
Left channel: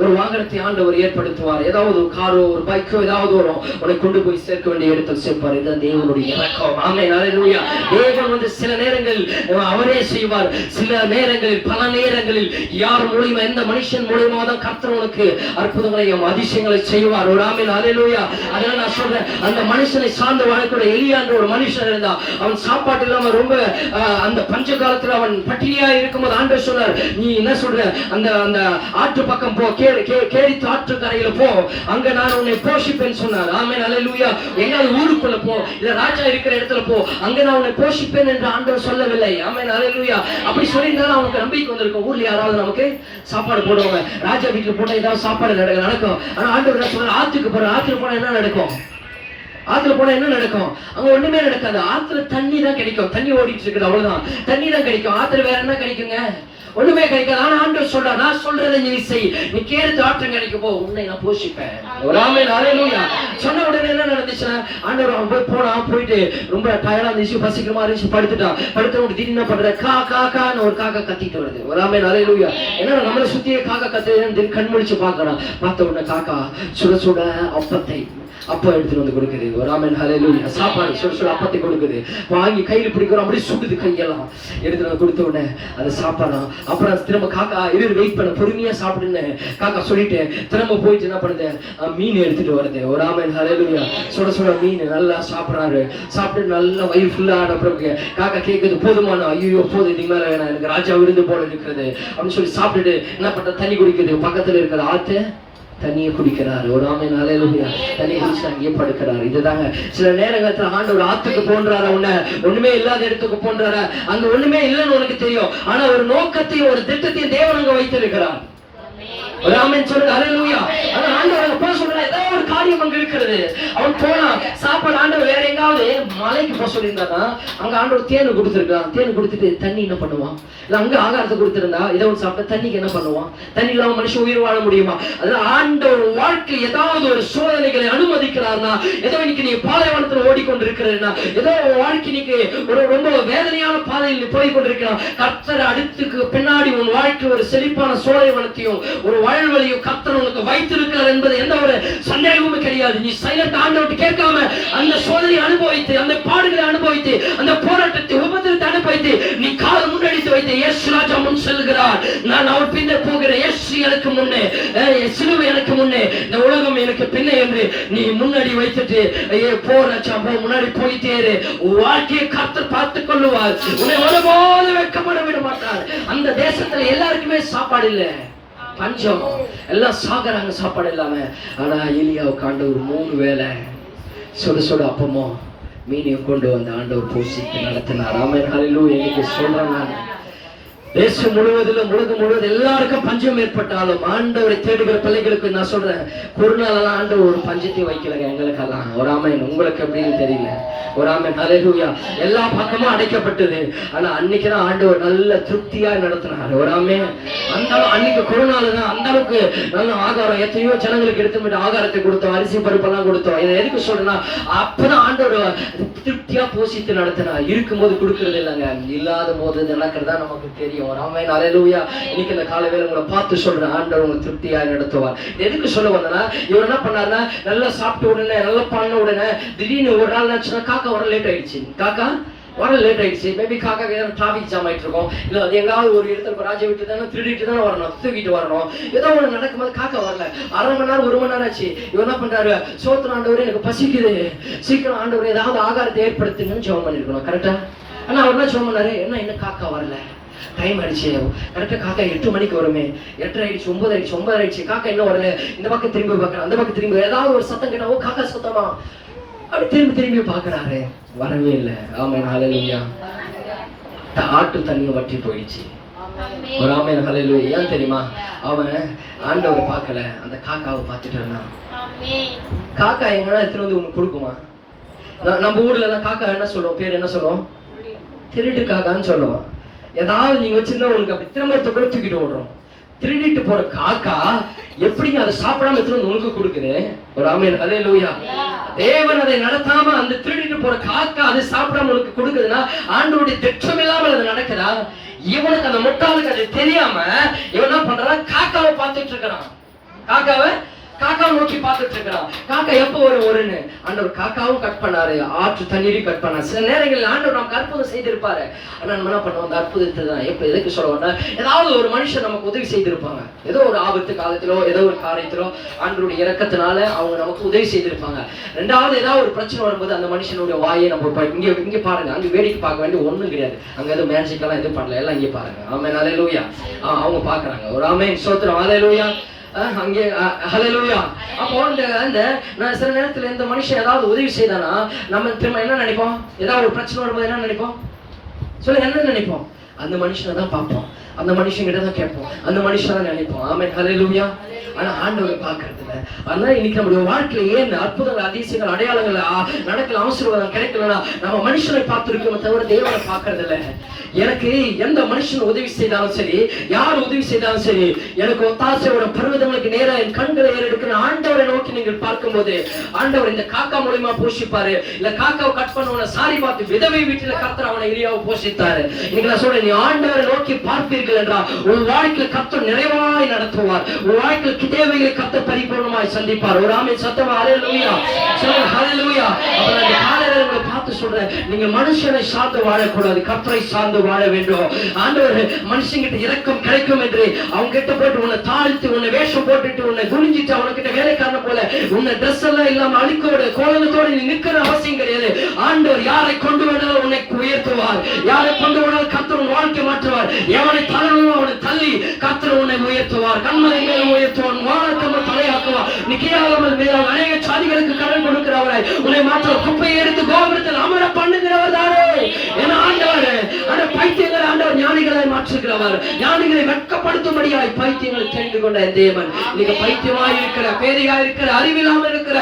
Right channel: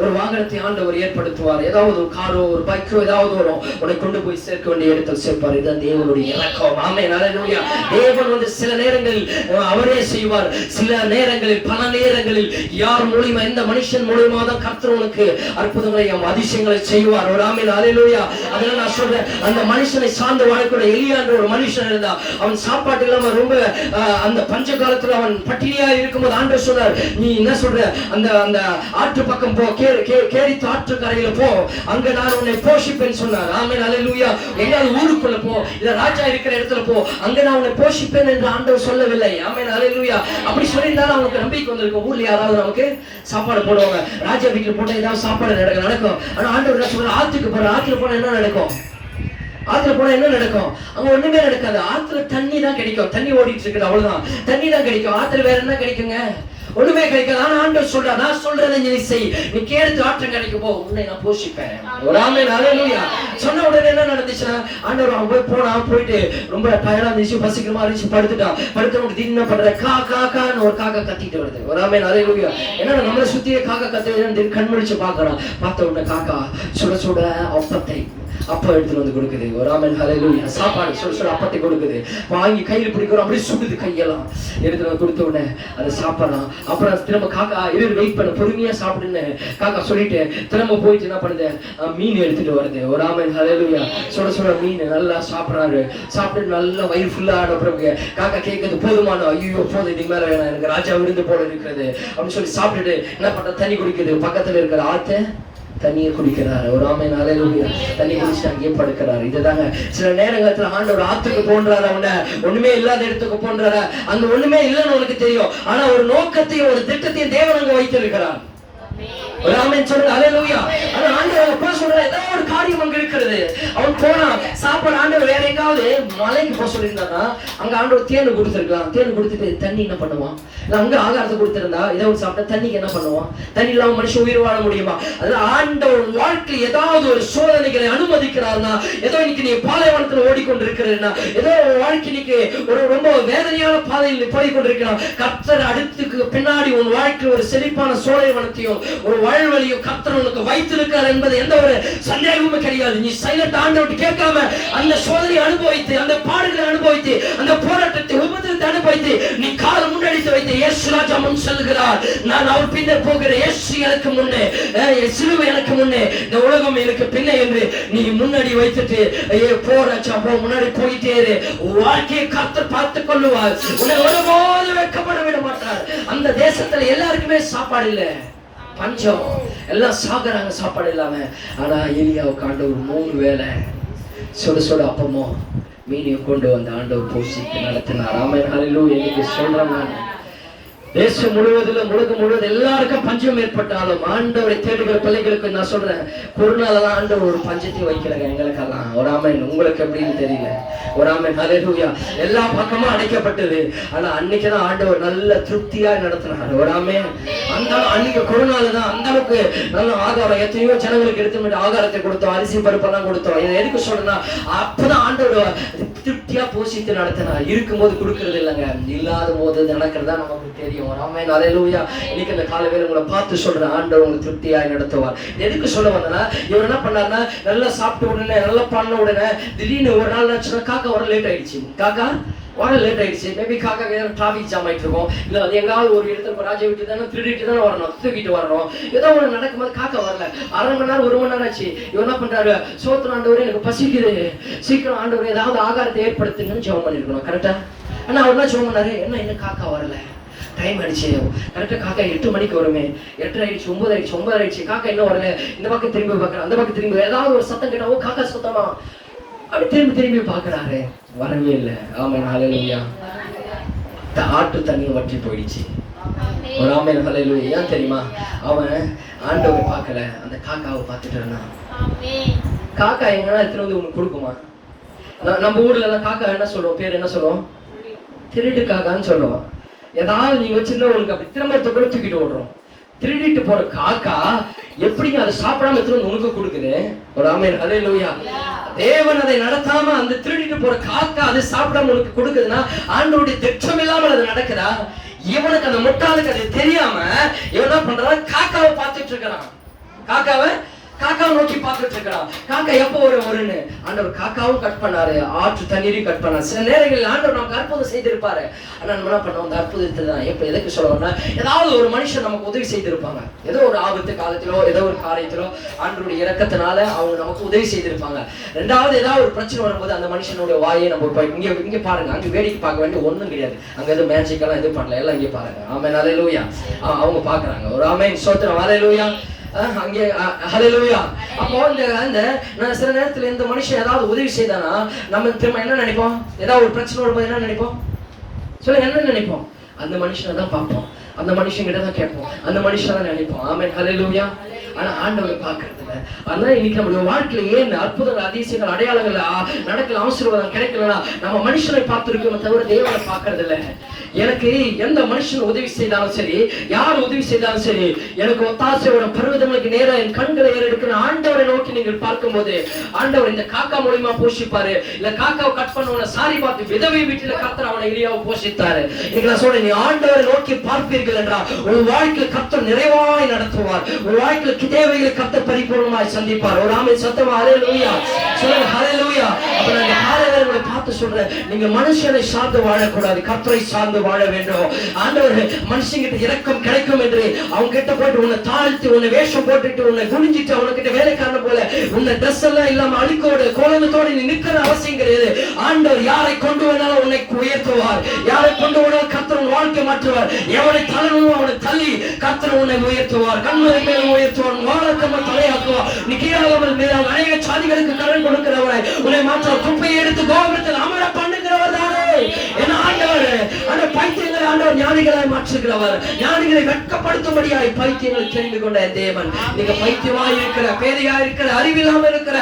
ஒரு வாகனத்தை ஆண்டவர் ஏற்படுத்துவார். ஏதாவது ஒரு காரோ ஒரு பைக்கோ ஏதாவது வரும், உன்னை கொண்டு போய் சேர்க்க வேண்டிய இடத்தில் சேர்ப்பார். இதுதான் தேவனுடைய இரக்கம். ஆமென், ஹல்லேலூயா. தேவன் சில நேரங்களில் அவரே செய்வார். சில நேரங்களில் பல நேரங்களில் யார் மூலியமா, எந்த மனுஷன் மூலியமா தான் கர்த்தர் உனக்கு அற்புதங்களையும் அதிசயங்களை செய்வார். ஒரு ஆமென், ஹல்லேலூயா. அதனால நான் சொல்றேன், அந்த மனுஷனை சார்ந்து வாழக்கூட எலியா என்ற ஒரு மனுஷன் இருந்தா, அவன் சாப்பாட்டு இல்லாம ரொம்ப அந்த பஞ்ச காலத்துல அவன் பட்டினியா இருக்கும்போது ஆண்டவர் சொன்னார், நீ என்ன சொல்ற, அந்த அந்த ஆற்று பக்கம் போ, கேரித்து ஆற்று கரையில போ, அங்க நான் உன்னை போஷிப்பேன் சொன்னார். ஆமென், ஹல்லேலூயா. எங்கயாவது ஊருக்குள்ள போ, இல்ல ராஜா இருக்கிற இடத்துல போ, அங்க நான் உன்னை போஷிப்பேன் என்று ஆண்டவர் சொல்லவில்லை. ஆமென், ஹல்லேலூயா. அப்படி சொல்லியிருந்தாலும் அவனுக்கு நம்பிக்கை வந்திருக்கும், ஊர்ல யாராவது நமக்கு சாப்பாடு போடுவாங்க, ராஜா வீட்டுல போட்டா ஏதாவது சாப்பாடு நடக்கும். ஆனா ஆண்டவர் சொல்ற, ஆத்துக்கு போற, ஆத்துல போனா என்ன நடக்கும்? ஆத்துல போனா என்ன நடக்கும்? அங்க ஒண்ணுமே நடக்காது. ஆத்துல தண்ணி தான் கிடைக்கும், தண்ணி ஓடிட்டு இருக்குது, அவ்வளவுதான், தண்ணி தான் கிடைக்கும். ஆத்துல வேற என்ன கிடைக்குங்க? ஒண்ணுமே கிடைக்காது. ஆனா ஆண்டவர் சொல்றா, நான் சொல்றதை நீ செய், நீ கேட்டு ஆற்று கிடைக்க போ, உன்னை நான் போஷிப்பேன். ஒரு ஆமென், ஹல்லேலூயா. சொன்ன உடனே என்ன நடந்துச்சுன்னா, ஆண்டவர் அவன் போயிட்டு ரொம்ப டயர்டா இருந்துச்சு, பசிக்கிறமா இருந்துச்சு, படுத்த திடீர்னு பண்ற காக்கான்னு ஒரு காக்கா கத்திட்டு வருது. ஒரு ஆமென், ஹல்லேலூயா. ஏன்னா நம்மளை சுத்தியே காக்கா கத்துறதுன்னு கண் முழிச்சு பார்க்கணும். பார்த்த உடனே காக்கா சுட சுட அப்பா எடுத்துட்டு வந்து கொடுக்குது. ஒரு ஆமென், ஹல்லேலூயா. சாப்பாடு சுட அப்பத்தை கொடுக்குது. வாங்கி கையில் பிடிக்கிறோம், அப்படியே சுடுது கையெல்லாம். எடுத்துட்டு வந்து கொடுத்த உடனே அதை சாப்பிடலாம். அப்புறம் திரும்ப காக்கா வெயிட் பண்ண, பொறுமையா சாப்பிடுன்னு காக்கா சொல்லிட்டு திரும்ப போயிட்டு என்ன பண்ணுது, மீன் எடுத்துட்டு வருது. ஒரு ஆமென், ஹல்லேலூயா. சுட மீன் நல்லா சாப்பிடுறாரு. சாப்பிட்டு நல்லா வயிறு ஃபுல்லா ஆன பிறகு காக்கா கேட்குது, போதுமான, ஐயோ போதும், இதுக்கு மேல வேணாம், எனக்கு ராஜா விருந்து போல இருக்கிறது அப்படின்னு சொல்லி சாப்பிட்டுட்டு என்ன பண்ற, தண்ணி குடிக்குது. பக்கத்துல இருக்கிற ஆத்து தண்ணியை குடிக்கிறாரு. ஒரு ஆமென், ஹல்லேலூயா. தண்ணி குடிச்சு அங்கேயே படுக்கிறாரு. இதுதாங்க சில நேரத்துல ஆண்டவர் ஆத்துக்கு போன்றாரு, அவனை ஒண்ணுமே இல்லாத இடத்துக்கு போன்றாரு. அங்க ஒண்ணுமே இல்லைன்னு உனக்கு தெரியும், ஆனா ஒரு நோக்கத்தையும் ஒரு திட்டத்தையும் தேவன் அங்க வைத்திருக்கிறார். ஒரு ஆமென் சொல்லுங்க, ஹல்லேலூயா. ஆனா ஆண்டவர் போக சொல்ற, ஏதாவது ஒரு காரியம் அங்க இருக்கிறது. அவன் போனா சாப்பாடு, ஆண்டவர் வேற எங்காவது மலைக்கு போக சொல்லியிருந்தானா, அங்க ஆண்டவர் தேன் கொடுத்துருக்கான். தேன் கொடுத்துட்டு தண்ணி என்ன பண்ணுவான்? இல்ல அங்க ஆகாரத்தை கொடுத்திருந்தா இதை ஒரு சாப்பிட்டா தண்ணிக்கு என்ன பண்ணுவான்? தண்ணி இல்லாம மனுஷன் உயிர் வாழ முடியுமா? அதுல ஆண்டவர் வாழ்க்கை ஏதாவது ஒரு சோதனைகளை அனுமதிக்கிறார்னா, ஏதோ இன்னைக்கு நீ பாலைவனத்துல ஓடிக்கொண்டிருக்கிறா, ஏதோ வாழ்க்கை இன்னைக்கு ஒரு ரொம்ப வேதனையான பாதையில் நீ போய்கொண்டிருக்கிறான், கர்த்தர் அடுத்துக்கு பின்னாடி உன் வாழ்க்கை ஒரு செழிப்பான சோலைவனத்தையும் ஒரு வாழ்வழியும் கர்த்தர் உனக்கு வைத்திருக்கிறார் என்பது எந்த ஒரு சந்தேகமும் கிடையாது. நீ சைலண்ட் ஆண்டவர்கிட்ட கேட்காம அந்த சோதனையை அனுபவித்து, அந்த பாடுகளை அனுபவித்து, அந்த போராட்டத்தை உபத்திரத்தை அனுபவித்து நீ காலம் முன்னெடுத்து வைத்து, இயேசு ராஜா முன் செல்கிறார், நான் அவர் பின்னர் போகிறேன், இயேசு எனக்கு முன்னே, சிலுவை எனக்கு முன்னே, இந்த உலகம் எனக்கு பின்னே என்று நீ முன்னாடி வைத்துட்டு போராச்சா போ, முன்னாடி போயிட்டே இரு. வாழ்க்கையை கர்த்தர் பார்த்துக் கொள்ளுவார். உன்னை ஒருபோது வெட்கப்பட விட மாட்டார். அந்த தேசத்துல எல்லாருக்குமே சாப்பாடு இல்ல, பஞ்சம், எல்லாம் சாகுறாங்க சாப்பாடு இல்லாம. ஆனா எலியாவுக்கு ஆண்டவர் 3 வேளை சுட அப்பமோ மீனையும் கொண்டு வந்து ஆண்டவர் போஷித்து நடத்தினார். ஆமென், ஹல்லேலூயா. இன்னைக்கு சொல்றாங்க, தேசம் முழுவதும் எல்லாருக்கும் பஞ்சம் ஏற்பட்டாலும் ஆண்டவரை தேடுகிற பிள்ளைகளுக்கு நான் சொல்றேன், கொரோனாலதான் ஆண்டவர் ஒரு பஞ்சத்தை வைக்கலங்க எங்களுக்கெல்லாம். ஒரு ஆமென். உங்களுக்கு எப்படின்னு தெரியல. ஒரு ஆமென், ஹல்லேலூயா. எல்லா பக்கமும் அடைக்கப்பட்டது, ஆனா அன்னைக்குதான் ஆண்டவர் நல்ல திருப்தியா நடத்தினார். ஒரு ஆமென். அந்த அன்னைக்கு கொரோனாலதான் அந்த அளவுக்கு நல்ல ஆகாரம், எத்தனையோ ஜனங்களுக்கு எடுத்து ஆகாரத்தை கொடுத்தோம், அரிசி பருப்பெல்லாம் கொடுத்தோம். எதுக்கு சொல்றேன்னா, அப்பதான் ஆண்டவர் திருப்தியா போஷித்து நடத்தினார். இருக்கும்போது கொடுக்கறது இல்லைங்க, இல்லாத போது நடக்கிறதா நமக்கு தெரியும். ஆமென், ஹல்லேலூயா. இன்னைக்கு இந்த காலையில உங்களை பார்த்து சொல்றேன், ஆண்டவர் உங்களுக்கு திருப்தியாய் நடத்துவார். எதுக்கு சொல்ல வந்தனா, இவர் என்ன பண்ணாருன்னா, நல்லா சாப்பிட்ட உடனே, நல்லா பண்ண உடனே திடீர்னு ஒரு நாள் ஆச்சுன்னா காக்கா வர லேட் ஆயிடுச்சு. மேபி காக்கா டிராபிக் ஜாம் ஆயிட்டு இருக்கும், இல்ல அது எங்காவது ஒரு இடத்துல ராஜா விட்டு தானே திருடிட்டு தானே வரணும், தூக்கிட்டு வரணும், ஏதோ ஒண்ணு நடக்கும்போது காக்கா வரல. 1/2 மணி நேரம் 1 மணி நேரம் ஆச்சு. இவர் என்ன பண்றாரு, சோத்திரம் ஆண்டவரே எனக்கு பசிக்குது, சீக்கிரம் ஆண்டவரே ஏதாவது ஆகாரத்தை ஏற்படுத்துங்கன்னு ஜெபம் பண்ணிருக்கணும் கரெக்டா. ஆனா அவர் என்ன ஜெபம் பண்ணாரு, இன்னும் காக்கா வரல, டைம் ஆயிடுச்சு. கரெக்டா காக்கா 8 மணிக்கு வருமே, 8 ஆயிடுச்சு, 9 ஆயிடுச்சு, காக்கா இன்னும் வரல. இந்த பக்கம் திரும்பி பார்க்கறேன், அந்த பக்கம் திரும்பி ஏதாவது ஒரு சத்தம் கேட்டா, ஓ காக்கா சத்தமா, அப்படி திரும்பி பார்க்கறாரு, வரவே இல்லை. ஆமென், ஹல்லேலூயா. ஆட்டு தண்ணி வற்றி போயிடுச்சு. ஒரு ஆமென், ஹல்லேலூயா. ஏன் தெரியுமா, அவன் ஆண்டவரை பார்க்கல, அந்த காக்காவை பார்த்துட்டு இருந்தான். காக்கா எங்கன்னா எடுத்துட்டு வந்து உனக்கு கொடுக்குமா? நம்ம ஊர்ல எல்லாம் காக்கா என்ன சொல்லுவோம், பேர் என்ன சொல்லுவோம், திருட்டு காக்கான்னு சொல்லுவோம். ஏதாவது நீங்க வச்சிருந்தா உங்களுக்கு அப்படி திரும்ப கூட தூக்கிட்டு ஓடுறோம். திருடிட்டு போற காக்கா எப்படி அதை சாப்பிடாம எடுத்து உனக்கு கொடுக்குது? ஒரு ஆமென் ஹல்லேலூயா. தேவன் அதை நடத்தாம அந்த திருடிட்டு போற காக்கா அதை சாப்பிடாம உனக்கு கொடுக்குதுன்னா ஆண்டவருடைய திட்டம் இல்லாமல் அது நடக்குதா? இவனுக்கு அந்த முட்டாளுக்கு அது தெரியாம இவன் என்ன பண்றான்? காக்காவை பார்த்துட்டு இருக்கிறான். காக்காவை நோக்கி பார்த்துட்டு இருக்கிறான். காக்கா எப்போ வருன்னு ஆண்டவர் காக்காவும் கட் பண்ணாரு, ஆற்று தண்ணீரையும் கட் பண்ணாரு. சில நேரங்களில் ஆண்டவர் நமக்கு அற்புதம் செய்திருப்பாரு. ஆனா நம்ம என்ன பண்ணோம்? அந்த அற்புதத்தை தான் எப்ப எதுக்கு சொல்லுவோம்னா, ஏதாவது ஒரு மனுஷன் நமக்கு உதவி செய்திருப்பாங்க. ஏதோ ஒரு ஆபத்து காலத்திலோ ஏதோ ஒரு காரியத்திலோ ஆண்டவருடைய இரக்கத்தினால அவங்க நமக்கு உதவி செய்திருப்பாங்க. ரெண்டாவது ஏதாவது ஒரு பிரச்சனை வரும்போது அந்த மனுஷனுடைய வாயை நம்ம இங்க பாருங்க, அங்க வேடிக்கை பார்க்க வேண்டிய ஒண்ணும் கிடையாது. அங்க எதுவும் மேஜிக்கெல்லாம் எதுவும் பண்ணல, எல்லாம் இங்கே பாருங்க. ஆமென் ஹல்லேலூயா. அவங்க பாக்குறாங்க. ஒரு ஆமென் ஸ்தோத்திரம் ஹல்லேலூயா. அங்கே ஹல்லேலூயா. அப்போ நான் சில நேரத்துல இந்த மனுஷன் ஏதாவது உதவி செய்தானா நம்ம திரும்ப என்ன நினைப்போம்? ஏதாவது ஒரு பிரச்சனை வரும்போது என்ன நினைப்போம்? சொல்லுங்க, என்ன நினைப்போம்? அந்த மனுஷனை தான் பார்ப்போம், அந்த மனுஷன் கிட்ட தான் கேட்போம், அந்த மனுஷன் தான் நினைப்போம். ஆமென் ஹல்லேலூயா. ஆனா ஆண்டவரை பார்க்கறது இல்லை. அதனால இன்னைக்கு நம்முடைய வாழ்க்கையில ஏன் அற்புதங்கள் அதிசயங்கள் அடையாளங்கள் நடக்கல, ஆசீர்வாதம் கிடைக்கலன்னா நம்ம மனுஷனை பார்த்திருக்கோம் தவிர தேவனை பார்க்கறது இல்லை. எனக்கு எந்த மனுஷன் உதவி செய்தாலும் சரி, யார் உதவி செய்தாலும் சரி, எனக்கு ஒத்தாசையோட பருவதங்களுக்கு நேரம் என் கண்களை எடுக்கிற ஆண்டவரை நோக்கி நீங்கள் பார்க்கும் போது ஆண்டவர் இந்த காக்கா மூலியமா போஷிப்பாரு. இல்ல காக்காவை கட் பண்ண சாரி பார்த்து விதவை வீட்டுல கர்த்தர் அவனை எலியாவை போஷித்தாரு. இன்னைக்கு நான் சொல்றேன், நீ ஆண்டவரை நோக்கி பார்ப்பீர்கள் என்றால் உன் வாழ்க்கையில் கர்த்தர் நிறைவாய் நடத்துவார். உன் வாழ்க்கையில் தேவைகளை கர்த்தர் பரிபூர்ணமாய் சந்திப்பார். ஒரு ஆமென் சத்தமா ஹல்லேலூயா சொல்லுங்க, ஹல்லேலூயா. அப்ப நான் இந்த காலையில உங்களை பார்த்து சொல்றேன், நீங்க மனுஷனை சார்ந்து வாழக்கூடாது, கர்த்தரை சார்ந்து வாழ வேண்டும். ஆண்டவர் மனுஷங்கிட்ட இரக்கம் கிடைக்கும் என்று அவங்க கிட்ட போட்டு உன்னை தாழ்த்தி உன்னை வேஷம் போட்டுட்டு உன்னை குனிஞ்சிட்டு அவனுக்கிட்ட வேலைக்காரன போல உன்னை ட்ரெஸ் எல்லாம் இல்லாம அழுக்கோடு கோலத்தோடு நீ நிக்கிற அவசியம் கிடையாது. ஆண்டவர் யாரை கொண்டு வேணாலும் உன்னை உயர்த்துவார், யாரை கொண்டு வேணாலும் கர்த்தர் உன் வாழ்க்கை மாற்றுவார். எவனை தள்ளணும் அவனை தள்ளி கர்த்தர் உன்னை உயர்த்துவார், கண்மலை மேல் உயர்த்துவார், வானத்தம்ம தலையாக்குவார். நிக்கியாமல் மீது அநேக சாதிகளுக்கு கடன் கொடுக்கிறவரை உன்னை மாற்ற குப்பையை எடுத்து கோபுரத்தில் அமர பண்ணுகிறவர் தானே என ஆண்டவர். அந்த பைத்தியங்களை ஆண்டவர் ஞானிகளை மாற்றுகிறவர், ஞானிகளை வெட்கப்படுத்தும்படியாய் பைத்தியங்களை தெரிந்து கொண்ட தேவன். நீங்க பைத்தியமாய் இருக்கிற, பேதையா இருக்கிற, அறிவில்லாம இருக்கிற,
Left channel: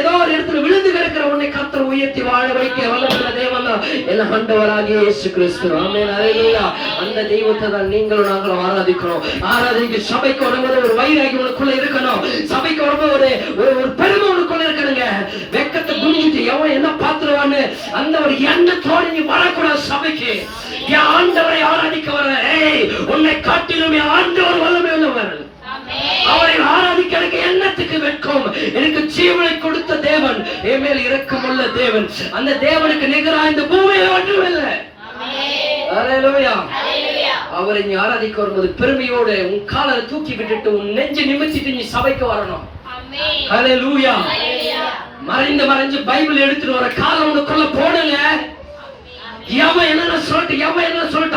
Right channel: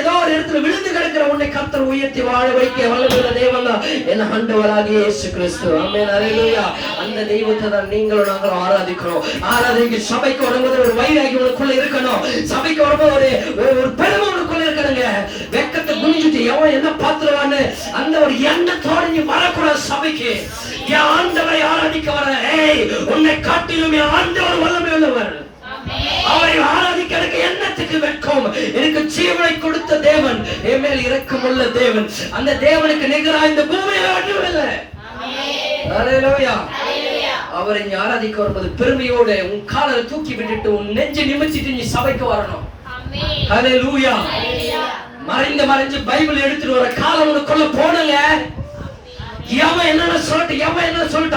ஏதோ ஒரு இடத்துல விழுந்து கிடக்கிற உன்னை கர்த்தர் உயர்த்தி வாழ வைக்க வல்லமுள்ள தேவன் தான் என ஆண்டவராகிய இயேசு கிறிஸ்து. ஆமென் ஹல்லேலூயா. அந்த தெய்வத்தை தான் நீங்களும் நாங்களும் ஆராதிக்கிறோம். ஆராதிக்க சபைக்கு வரும்போது ஒரு வைராகி உனக்குள்ள இருக்கணும், சபைக்கு வரும்போது ஒரு பெருமை உனக்குள்ள இருக்கணுங்க. வெக்கத்தை குனிஞ்சிட்டு எவன் என்ன பாத்துருவான்னு அந்த ஒரு எண்ணத்தோடு நீ வரக்கூடாது சபைக்கு. ஆண்டவரை ஆராதிக்க வர, உன்னை காட்டிலுமே ஆண்டவர் வல்லமை உள்ளவர். அவரை ஆராதிக்க எனக்கு எண்ணத்துக்கு வெட்கம். எனக்கு ஜீவனை கொடுத்த தேவன், என் மேல் இரக்கமுள்ள தேவன், அந்த தேவனுக்கு நிகராக இந்த பூமியில ஒன்றுமில்லை. ஹல்லேலூயா. அவரை நீ ஆராதிக்க வரும்போது பெருமையோடு உன் காலை தூக்கி விட்டுட்டு உன் நெஞ்சை நிமிர்த்திட்டு நீ சபைக்கு வரணும். ஹல்லேலூயா. மறைஞ்சு பைபிள் எடுத்துட்டு வர காலம் உனக்குள்ள போனல. எவன் என்ன சொல்லிட்டு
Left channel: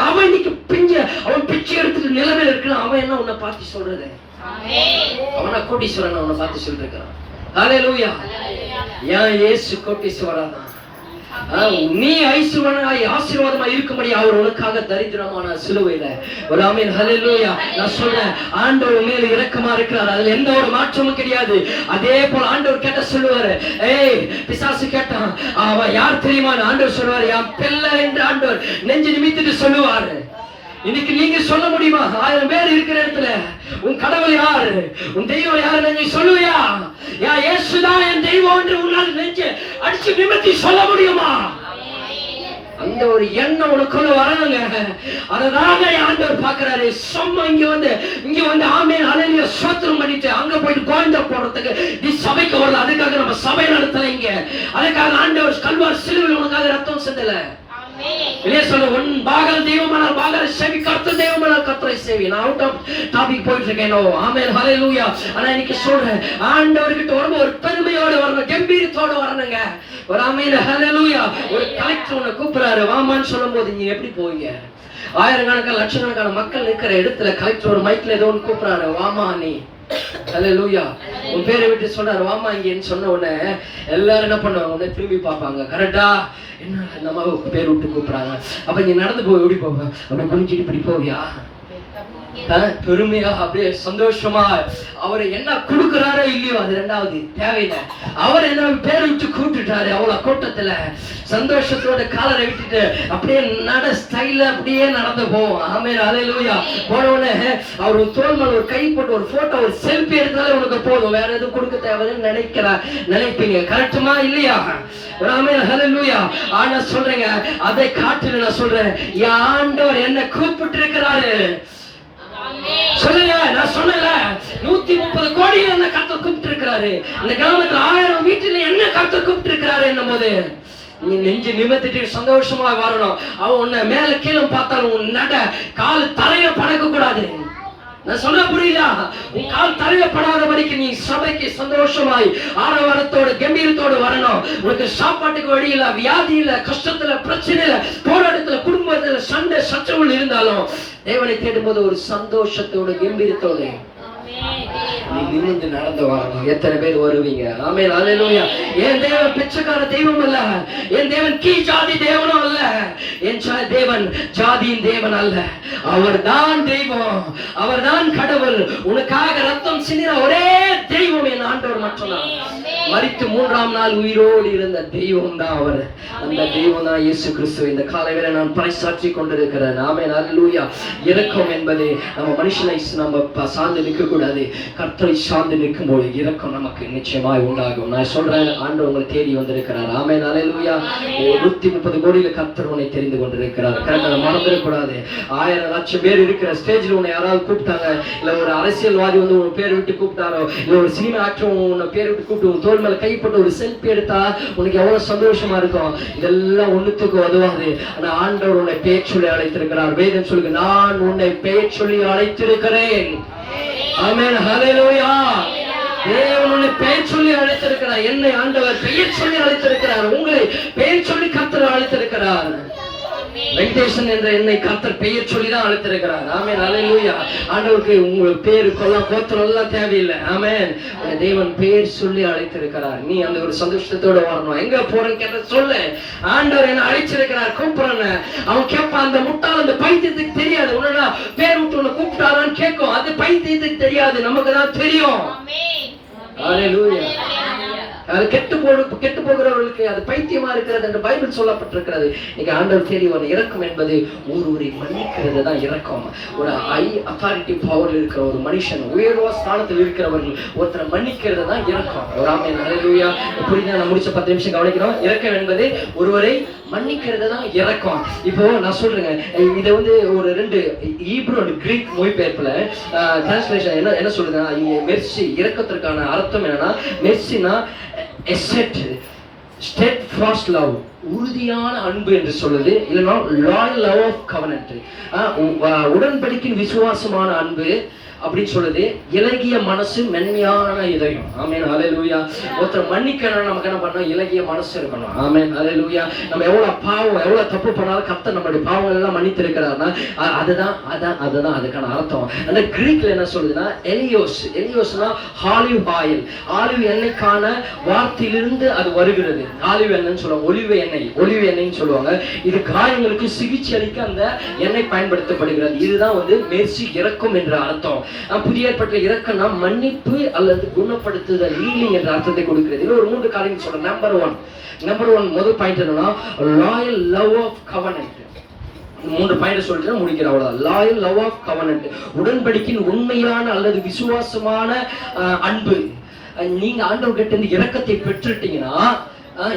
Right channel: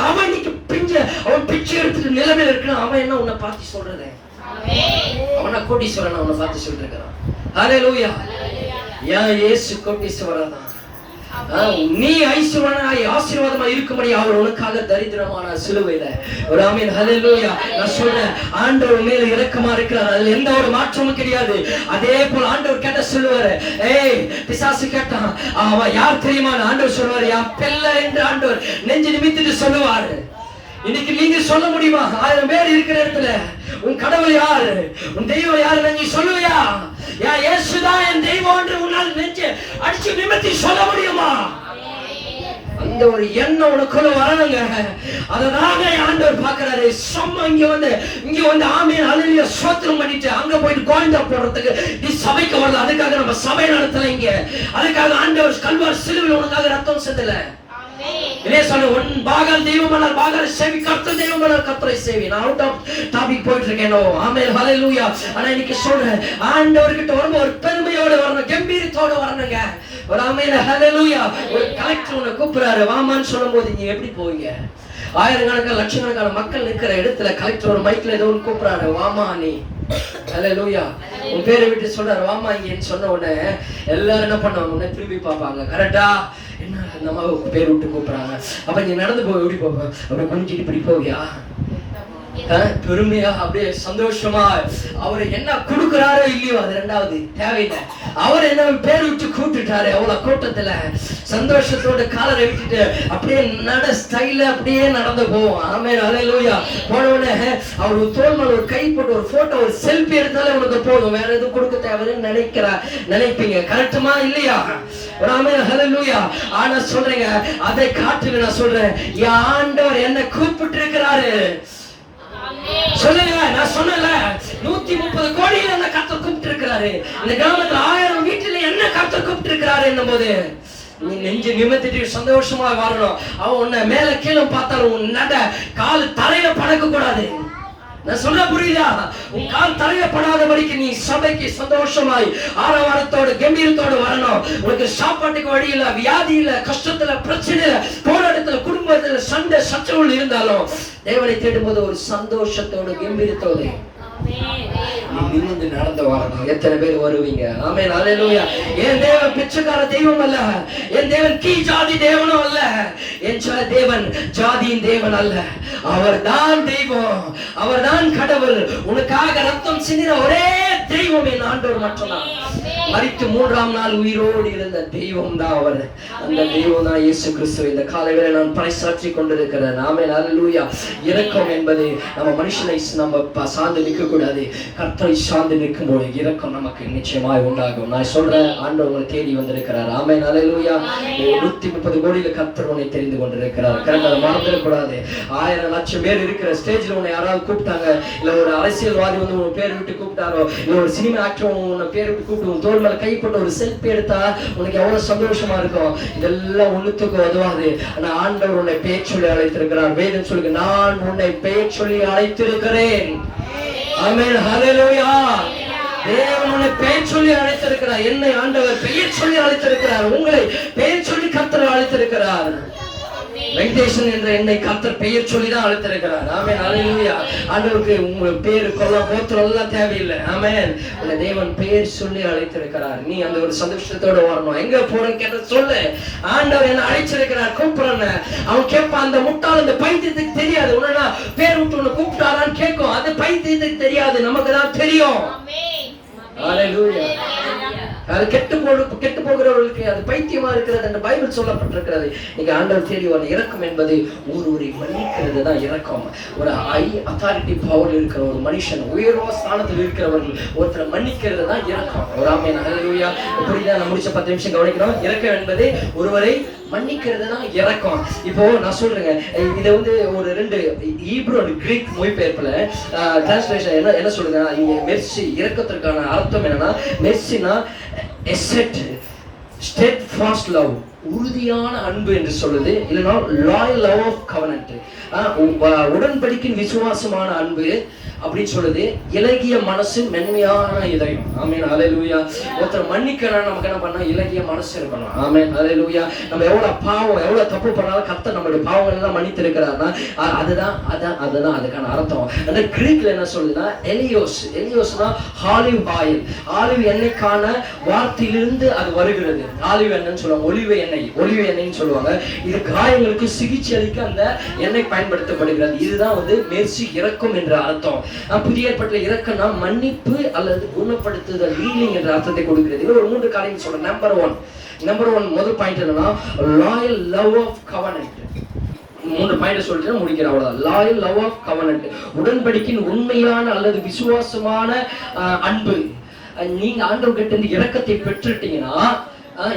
அவன் இன்னைக்கு அவன் பிச்சை எடுத்துட்டு நிலைமையில இருக்கான். அவன் என்ன உன்னை பார்த்து சொல்றது? அவனை கோடீஸ்வரன் உன்னை பார்த்து சொல்லிட்டு இருக்கிறான். ஹல்லேலூயா. ஏன் இயேசு கோடீஸ்வரன் தான். நீ ஐஸ்வரனாய் ஆசீர்வாதமாய் இருக்கும்படி அவர் உனக்காக தரித்திரமான சிலுவையில. ஒரு ஆமென் ஹல்லேலூயா. நான் சொல்றேன், ஆண்டவர் மேல இரக்கமா இருக்கிறார், அதுல எந்த ஒரு மாற்றமும் கிடையாது. அதே போல ஆண்டவர் கேட்ட சொல்லுவாரு, பிசாசு கேட்டான், அவன் யார் தெரியுமா? ஆண்டவர் சொல்லுவாரு, என் பிள்ளை என்று ஆண்டவர் நெஞ்சு நிமித்திட்டு சொல்லுவாரு. இன்னைக்கு நீங்க சொல்ல முடியுமா? 1000 பேர் இருக்கிற இடத்துல உன் கடவுள் யாரு, உன் தெய்வம் யாரு நீ சொல்லுவியா? இயேசுதான் என் தெய்வம் என்று உன்னால் நெஞ்சு அடிச்சு நிமித்தி சொல்ல முடியுமா? அந்த ஒரு எண்ணம் உனக்குள்ள வரணுங்க. அதனால ஆண்டவர் பாக்குறாரு. சும்மா இங்க வந்து ஆமென் ஹல்லேலூயா ஸ்தோத்திரம் பண்ணிட்டு அங்க போயிட்டு கோவிந்தா போறதுக்கு நீ சபைக்கு வரல. அதுக்காக நம்ம சபை நடத்தல இங்க. அதுக்காக ஆண்டவர் கல்வாரி சிலுவையில் உனக்காக ரத்தம் சிந்தல. வெளியே சொல்ல, உன் பாகால் தெய்வமானால் பாகால் சேவி, கர்த்தர் தெய்வமானால் கர்த்தரை சேவி. நான் அவுட் ஆஃப் டாபிக் போயிட்டு இருக்கேன். ஆமென் ஹல்லேலூயா. ஆனா இன்னைக்கு சொல்றேன், ஆண்டவர்கிட்ட வரும்போது ஒரு பெருமையோட வரணும், கம்பீரத்தோட வரணுங்க. ஒரு ஆமென் ஹல்லேலூயா. ஒரு கலெக்டர் உன்னை கூப்பிடுறாரு வாமான்னு சொல்லும் போது நீங்க எப்படி போவீங்க? ஆயிரக்கணக்கான லட்சக்கணக்கான மக்கள் நிற்கிற இடத்துல கலெக்டர் ஒரு மைக்ல ஏதோ ஒன்று கூப்பிடுறாரு, வாமா நீ. ஹல்லேலூயா. உன் பேரை விட்டு சொல்றாரு வாமா இங்கன்னு சொன்ன உடனே எல்லாரும் என்ன பண்ணுவாங்க? உன்னை திரும்பி பார்ப்பாங்க. கரெக்டா? என்ன அந்த அம்மாவை பேர் விட்டு கூப்பிடுறாங்க. அப்ப நீ நடந்து போய் ஓடி போவ, அப்படி குனிஞ்சிட்டு இப்படி போவியா? பெருமையா அப்படியே சந்தோஷமா அவர் என்ன கொடுக்கிறாரோ இல்லையோ அது ரெண்டாவது தேவையில்லை. அவர் என்ன பேர் விட்டு கூப்பிட்டுட்டாரு. அவ்வளவு கூட்டத்துல சந்தோஷத்தோட காலரை விட்டுட்டு அப்படியே நட ஸ்டைல அப்படியே நடந்து போவோம். ஆமென், ஹல்லேலூயா. போனவனே அவர் தோல் மேல ஒரு கை போட்டு ஒரு போட்டோ ஒரு செல்ஃபி எடுத்தாலே உனக்கு போதும், வேற எதுவும் கொடுக்க தேவைன்னு நினைப்பீங்க. கரெக்டுமா இல்லையா? ஆமென், ஹல்லேலூயா. ஆனா சொல்றேங்க, அதை காட்டுல நான் சொல்றேன், என் ஆண்டவர் என்ன கூப்பிட்டு இருக்கிறாரு. சொல்லுங்க, நான் சொன்னல 130 கோடி என்ன கர்த்தர் கூப்பிட்டு இருக்கிறாரு. இந்த கிராமத்துல 1000 வீட்டுல என்ன கர்த்தர் கூப்பிட்டு இருக்கிறாரு என்னும் போது நீ நெஞ்சு நிமித்திட்டு சந்தோஷமா வரணும். அவன் உன்னை மேல கீழே பார்த்தாலும் உன் நட கால் தரையில படக்க கூடாது. நான் சொல்ல புரியுதா? உன் கால் தரையப்படாதபடிக்கு நீ சபைக்கு சந்தோஷமாய் ஆரவாரத்தோடு கம்பீரத்தோடு வரணும். உனக்கு சாப்பாட்டுக்கு வழி இல்ல, வியாதி இல்ல, கஷ்டத்துல பிரச்சனை இல்ல, போராட்டத்துல குடும்பத்துல சண்டை சச்சரவுகள் இருந்தாலும் தேவனை தேடும் போது ஒரு சந்தோஷத்தோடு கம்பீரத்தோடு நீ நின்று நடந்து வரணும். எத்தனை பேர் வருவீங்க? ஆமென், ஹல்லேலூயா. என் தேவன் பிச்சைக்கார தெய்வம் அல்ல, என் தேவன் கீ ஜாதி தேவனும் அல்ல, என் தேவன் ஜாதியின் தேவன் அல்ல. அவர்தான் தெய்வம், அவர்தான் கடவுள். உனக்காக ரத்தம் சிந்தின ஒரே தெய்வம் என் ஆண்டவர் மட்டும்தான். மரித்து 3ஆம் நாள் உயிரோடு இருந்த தெய்வம் தான் அவர். அந்த தெய்வம் தான் இயேசு கிறிஸ்து. இந்த காலை வேளை நான் பறைசாற்றி கொண்டிருக்கிறேன். ஆமென், ஹல்லேலூயா. இரக்கம் என்பது நம்ம மனுஷனை நம்ம சார்ந்து நிற்க கூடாது. கர்த்தரை சார்ந்து நிற்கும் போது இரக்கம் நமக்கு நிச்சயமாய் உண்டாகும். நான் சொல்றேன், ஆண்டவர் உங்களை தேடி வந்திருக்கிறார். ஆமென், ஹல்லேலூயா. 130 கோடியில கர்த்தர் உன்னை தெரிந்து கொண்டிருக்கிறார். கரெக்டாக மறந்துடக்கூடாது. 1000 லட்சம் பேர் இருக்கிற ஸ்டேஜ்ல உன்னை யாராவது கூப்பிட்டாங்க, இல்ல ஒரு அரசியல்வாதி வந்து உன் பேர் விட்டு கூப்பிட்டாரோ, இல்ல ஒரு சினிமா ஆக்டர் உன்னை பேர் விட்டு கூப்பிட்டு உன் தோல் மேல கைப்பட்ட ஒரு செல்ஃபி எடுத்தா உனக்கு எவ்வளவு சந்தோஷமா இருக்கும். இதெல்லாம் ஒண்ணுத்துக்கு உதவாது. ஆனா ஆண்டவர் உன்னை பெயர் சொல்லி அழைத்திருக்கிறார். வேதம் சொல்லுங்க, நான் உன்னை பெயர் சொல்லி அழைத்திருக்கிறேன். ஆமென், ஹல்லேலூயா. தேவன் உன்னை பெயர் சொல்லி அழைத்திருக்கிறார். என்னை ஆண்டவர் பெயர் சொல்லி அழைத்திருக்கிறார். உங்களை பெயர் சொல்லி கர்த்தர் அழைத்திருக்கிறார். வெங்கடேசன் என்ற என்னை கர்த்தர் பெயர் சொல்லி தான் அழைத்திருக்கிறார். ஆமென், ஹல்லேலூயா. ஆண்டவருக்கு உங்க பேரு கொல்லம் கோத்திரம் எல்லாம் தேவையில்லை. ஆமென், உன்னை தேவன் பெயர் சொல்லி அழைத்திருக்கிறார். நீ அந்த ஒரு சந்தோஷத்தோட வரணும். எங்க போறேன்னு கேட்ட சொல்லு, ஆண்டவர் என்ன அழைச்சிருக்கிறார், கூப்பிடுறேன்னு. அவன் கேட்பான். அந்த முட்டாள் அந்த பைத்தியத்துக்கு தெரியாது. உன்னா பேர் விட்டு உன்னை கூப்பிட்டாரான்னு கேட்கும். அது பைத்தியத்துக்கு தெரியாது, நமக்கு தான் தெரியும். ஹல்லேலூயா. அது கெட்டு போகிறவர்களுக்கு அது பைத்தியமா இருக்கிறது என்று பைபிள் சொல்லப்பட்டிருக்கிறது. நீங்க ஆண்டவர் தேடி வரணும். இரக்கம் என்பது ஒருவரை மன்னிக்கிறது தான் இரக்கம். ஒரு ஹை அத்தாரிட்டி பவர் இருக்கிற ஒரு மனுஷன், உயர்வா ஸ்தானத்தில் இருக்கிறவர்கள் ஒருத்தரை மன்னிக்கிறது தான் இரக்கம். ஆமென், ஹல்லேலூயா. புரியுதா? நான் முடிச்ச 10 நிமிஷம் கவனிக்கணும். இரக்கம் என்பது ஒருவரை மன்னிக்கிறது தான் இரக்கம். இப்போ நான் சொல்றேங்க, இதை வந்து ஒரு 2 ஹீப்ரு அண்ட் கிரீக் மொழிபெயர்ப்புல டிரான்ஸ்லேஷன் என்ன சொல்லுங்க, இங்க மெர்சி இரக்கத்திற்கான அர்த்தம் என்னன்னா, மெர்சினா steadfast love, உறுதியான அன்பு என்று சொல்லுது. இல்லைன்னா லாயல் லவ் ஆஃப் கவனன்ட், உடன்படிக்கையின் விசுவாசமான அன்பு அப்படின்னு சொல்லுது. இலகிய மனசு, மென்மையான இதயம். ஆமென், ஹல்லேலூயா. ஒருத்தர் மன்னிக்கணும், நமக்கு என்ன பண்ணணும்? இலகிய மனசு இருக்கணும். ஆமென், ஹல்லேலூயா. நம்ம எவ்வளவு பாவம், எவ்வளவு தப்பு பண்ணாலும் கர்த்தர் நம்மளுடைய பாவங்கள் எல்லாம் மன்னித்து இருக்கிறார்னா அதுதான் அதுக்கான அர்த்தம். அந்த கிரீக்ல என்ன சொல்லுதுன்னா எலியோஸ்னா ஆலிவ் ஆயில். ஆலிவ் எண்ணெய்க்கான வார்த்தையிலிருந்து அது வருகிறது. ஆலிவ் எண்ணெய்ன்னு சொல்லுவாங்க, ஒலிவ் எண்ணெய்ன்னு சொல்லுவாங்க. இது காயங்களுக்கு சிகிச்சை அளிக்க அந்த எண்ணெய் பயன்படுத்தப்படுகிறது. இதுதான் வந்து மெர்சி, இரக்கம் என்ற அர்த்தம். புதிய ஏற்பாட்டுல இரக்கம்னா மன்னிப்பு அல்லது குணப்படுத்துதல், ஹீலிங் என்ற அர்த்தத்தை கொடுக்கிறது. இன்னும் ஒரு 3 காரியங்கள் சொல்றேன். நம்பர் ஒன் முதல் பாயிண்ட் என்னன்னா loyal love of covenant. 3 point சொல்லிட்டு முடிக்கிறேன், அவ்வளவுதான். லாயல் லவ் ஆஃப் கவனன்ட், உடன்படிக்கையின் உண்மையான அல்லது விசுவாசமான அன்பு. நீங்க ஆண்டவர்கிட்ட இருந்து இரக்கத்தை பெற்றுட்டீங்கன்னா,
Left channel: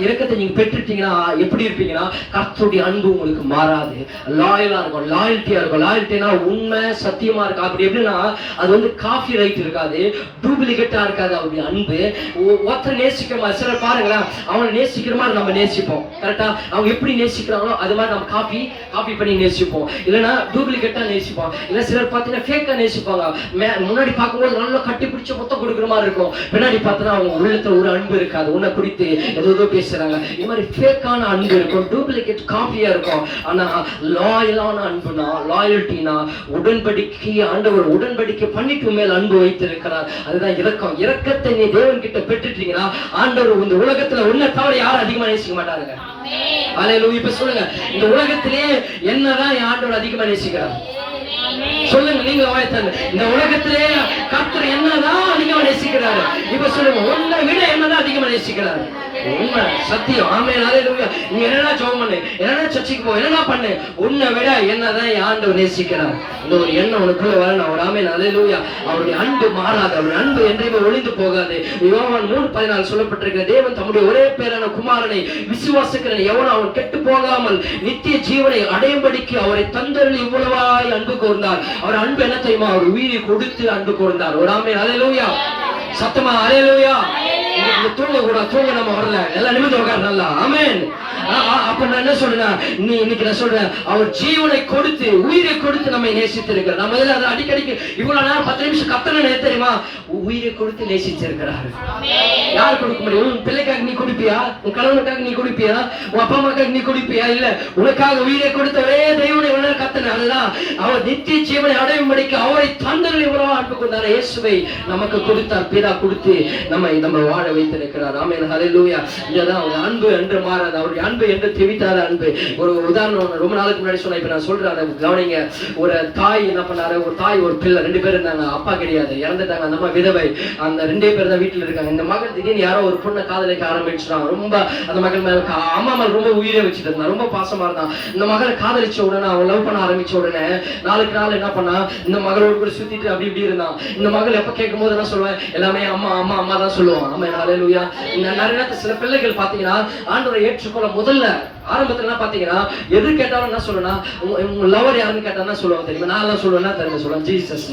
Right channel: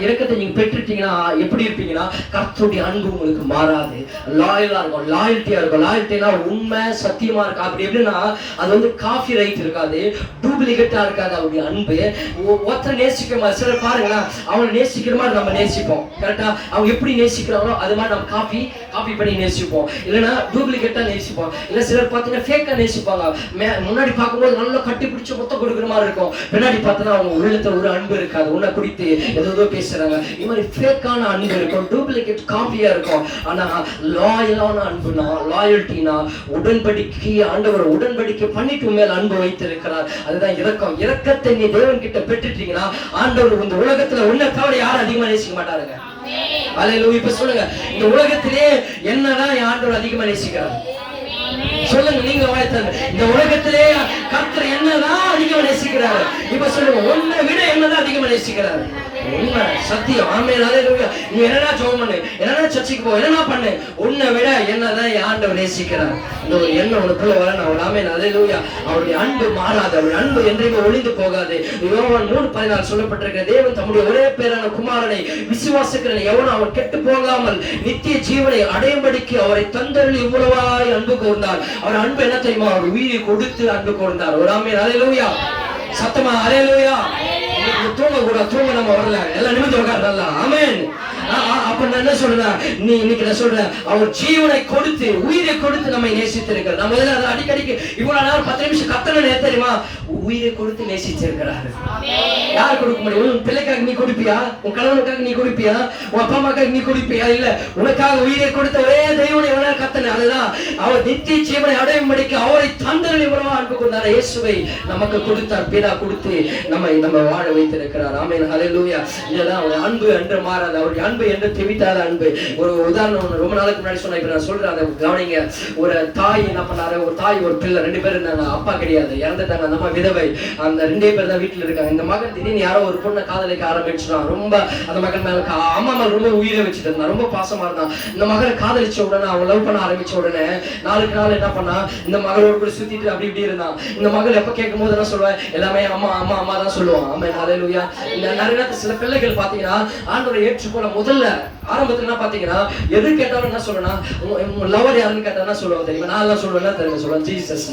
இரக்கத்தை நீங்க பெற்றுட்டீங்கன்னா எப்படி இருப்பீங்கன்னா, கர்த்தருடைய அன்பு உங்களுக்கு மாறாது, லாயலா இருக்கும், லாயல்ட்டியா இருக்கும். லாயல்ட்டினா உண்மை, சத்தியமா இருக்கு. அப்படி எப்படின்னா அது வந்து காஃபி ரைட் இருக்காது, டூப்ளிகேட்டா இருக்காது. அவருடைய அன்பு ஒருத்தர் நேசிக்கிற மாதிரி, சிலர் பாருங்களேன், அவங்களை நேசிக்கிற மாதிரி நம்ம நேசிப்போம். கரெக்டா? அவங்க எப்படி நேசிக்கிறாங்களோ அது மாதிரி நம்ம காப்பி பண்ணி நேசிப்போம். இல்லைன்னா டூப்ளிகேட்டா நேசிப்போம். இல்லை சிலர் பார்த்தீங்கன்னா ஃபேக்கா நேசிப்பாங்க. முன்னாடி பார்க்கும்போது நல்லா கட்டி பிடிச்ச மொத்தம் கொடுக்குற மாதிரி இருக்கும், பின்னாடி பார்த்தீங்கன்னா அவங்க உள்ளத்துல ஒரு அன்பு இருக்காது, உன்னை குறித்து ஏதோ பேசுறாங்க. இந்த மாதிரி ஃபேக்கான அன்பு இருக்கும், டூப்ளிகேட் காப்பியா இருக்கும். ஆனா லாயலான அன்புனா, லாயல்ட்டினா உடன்படிக்கை, ஆண்டவர் உடன்படிக்கை பண்ணிட்டு மேல் அன்பு வைத்திருக்கிறார். அதுதான் இரக்கம். இரக்கத்தை நீ தேவன் கிட்ட பெற்றுட்டீங்கன்னா ஆண்டவர் இந்த உலகத்துல உன்னை தவிர யாரும் அதிகமா நேசிக்க மாட்டாருங்க. ஹல்லேலூயா. இப்ப சொல்லுங்க, இந்த உலகத்திலே என்னதான் ஆண்டவர் அதிகமா நேசிக்கிறார்? சொல்லுங்க, நீங்க வாய்த்தாங்க. இந்த உலகத்திலே கர்த்தர் என்னதான் அதிகமா நேசிக்கிறாரு? இப்ப சொல்லுங்க, உன்னை விட என்னதான் அதிகமா நேசிக்கிறாரு? உண்மை, சத்தியம். ஆமென், ஹல்லேலூயா. நீ என்னடா ஜெபம் பண்ணு, என்னடா சர்ச்சுக்கு போ, என்னடா பண்ணு, உன்னை விட என்னதான் ஆண்டவர் நேசிக்கிறார். இந்த ஒரு எண்ணம் உனக்குள்ள வரணும். அவர் ஆமென், ஹல்லேலூயா. அவருடைய அன்பு மாறாது, அவருடைய அன்பு என்றைக்குமே ஒளிந்து போகாது. யோவான் 3:14 சொல்லப்பட்டிருக்கிற, தேவன் தம்முடைய ஒரே பேரான குமாரனை விசுவாசிக்கிறவன் எவனும் அவன் கெட்டு போகாமல் நித்திய ஜீவனை அடையும்படிக்கு அவரை தந்தருளி இவ்வளவாய் அன்பு கூர்ந்தார். அவர் அன்பு என்ன தெரியுமா? அவர் உயிரை கொடுத்து அன்பு கூர்ந்தார். ஒரு ஆமென், ஹல்லேலூயா. சத்தமா ஹல்லேலூயா. தூங்க கூட தூங்க நம்ம வரல, எல்லாம் நிமிர்ந்து உட்கார நல்லா. ஆமென். அப்ப நான் என்ன சொல்றேன், நீ இன்னைக்கு நான் சொல்றேன், அவர் ஜீவனை கொடுத்து உயிரை கொடுத்து நம்மை நேசித்திருக்கிறார். நான் முதல்ல அதை அடிக்கடிக்கு இவ்வளவு நேரம் 10 நிமிஷம் கத்தனை தெரியுமா? உயிரை கொடுத்து நேசிச்சிருக்கிறாரு. யார் கொடுக்க முடியும்? உன் பிள்ளைக்காக நீ கொடுப்பியா? உன் கணவனுக்காக நீ கொடுப்பியா? உன் அப்பா அம்மாக்காக நீ கொடுப்பியா? இல்ல, உனக்காக உயிரை கொடுத்த ஒரே தெய்வனை கத்தனை. அதுதான் அவர் நித்திய ஜீவனை அடையும்படிக்கு அவரை தந்தரில் இவ்வளவு அன்பு கொண்டார். இயேசுவை நமக்கு கொடுத்தார், பிதா கொடுத்து நம்ம வாழ வைத்திருக்கிறார். ஆமென், ஹல்லேலூயா. இதுதான் அவர் அன்பு என்று மாறாது, அவருடைய அன்பு என்று திமித்தாத அன்பு. ஒரு உதாரணம் ரொம்ப நாளுக்கு முன்னாடி சொன்ன, இப்ப நான் சொல்றேன், அதை கவனிங்க. ஒரு தாய் என்ன பண்ணாரு, ஒரு தாய் ஒரு பிள்ளை, 2 பேர் இருந்தாங்க. அப்பா கிடையாது, இறந்துட்டாங்க. அந்த அம்மா விதவை. அந்த 2 பேர் தான் வீட்டுல இருக்காங்க. இந்த மகன் திடீர்னு யாரோ ஒரு பொண்ணை காதலிக்க ஆரம்பிச்சுட்டான். ரொம்ப அந்த மகன் மேல அம்மா மேல ரொம்ப உயிரை வச்சுட்டு இருந்தான், ரொம்ப பாசமா இருந்தான். இந்த மகனை காதலிச்ச உடனே, அவன் லவ் பண்ண ஆரம்பிச்ச உடனே நாளுக்கு நாள் என்ன பண்ணா, இந்த மகளோடு கூட சுத்திட்டு அப்படி இப்படி இருந்தான். இந்த மகள் எப்ப கேட்கும் போது என்ன சொல்லுவேன், எல்லாமே அம்மா அம்மா அம்மா தான் சொல்லுவான். ஆமென், ஹல்லேலூயா. நிறைய நேரத்துல சில பிள்ளைகள் பாத்தீங்கன்னா ஆண்டவரை ஏற்றுக்கொள்ள முதல்ல ஆரம்பத்துல என்ன பாத்தீங்கன்னா, எது கேட்டாலும் என்ன சொல்லணும், உங்க லவர் யாருன்னு கேட்டா என்ன சொல்லுவாங்க தெரியுமா? நான் எல்லாம் சொல்லுவேன்னா தெரியுமா? சொல்லுவேன், ஜீசஸ்.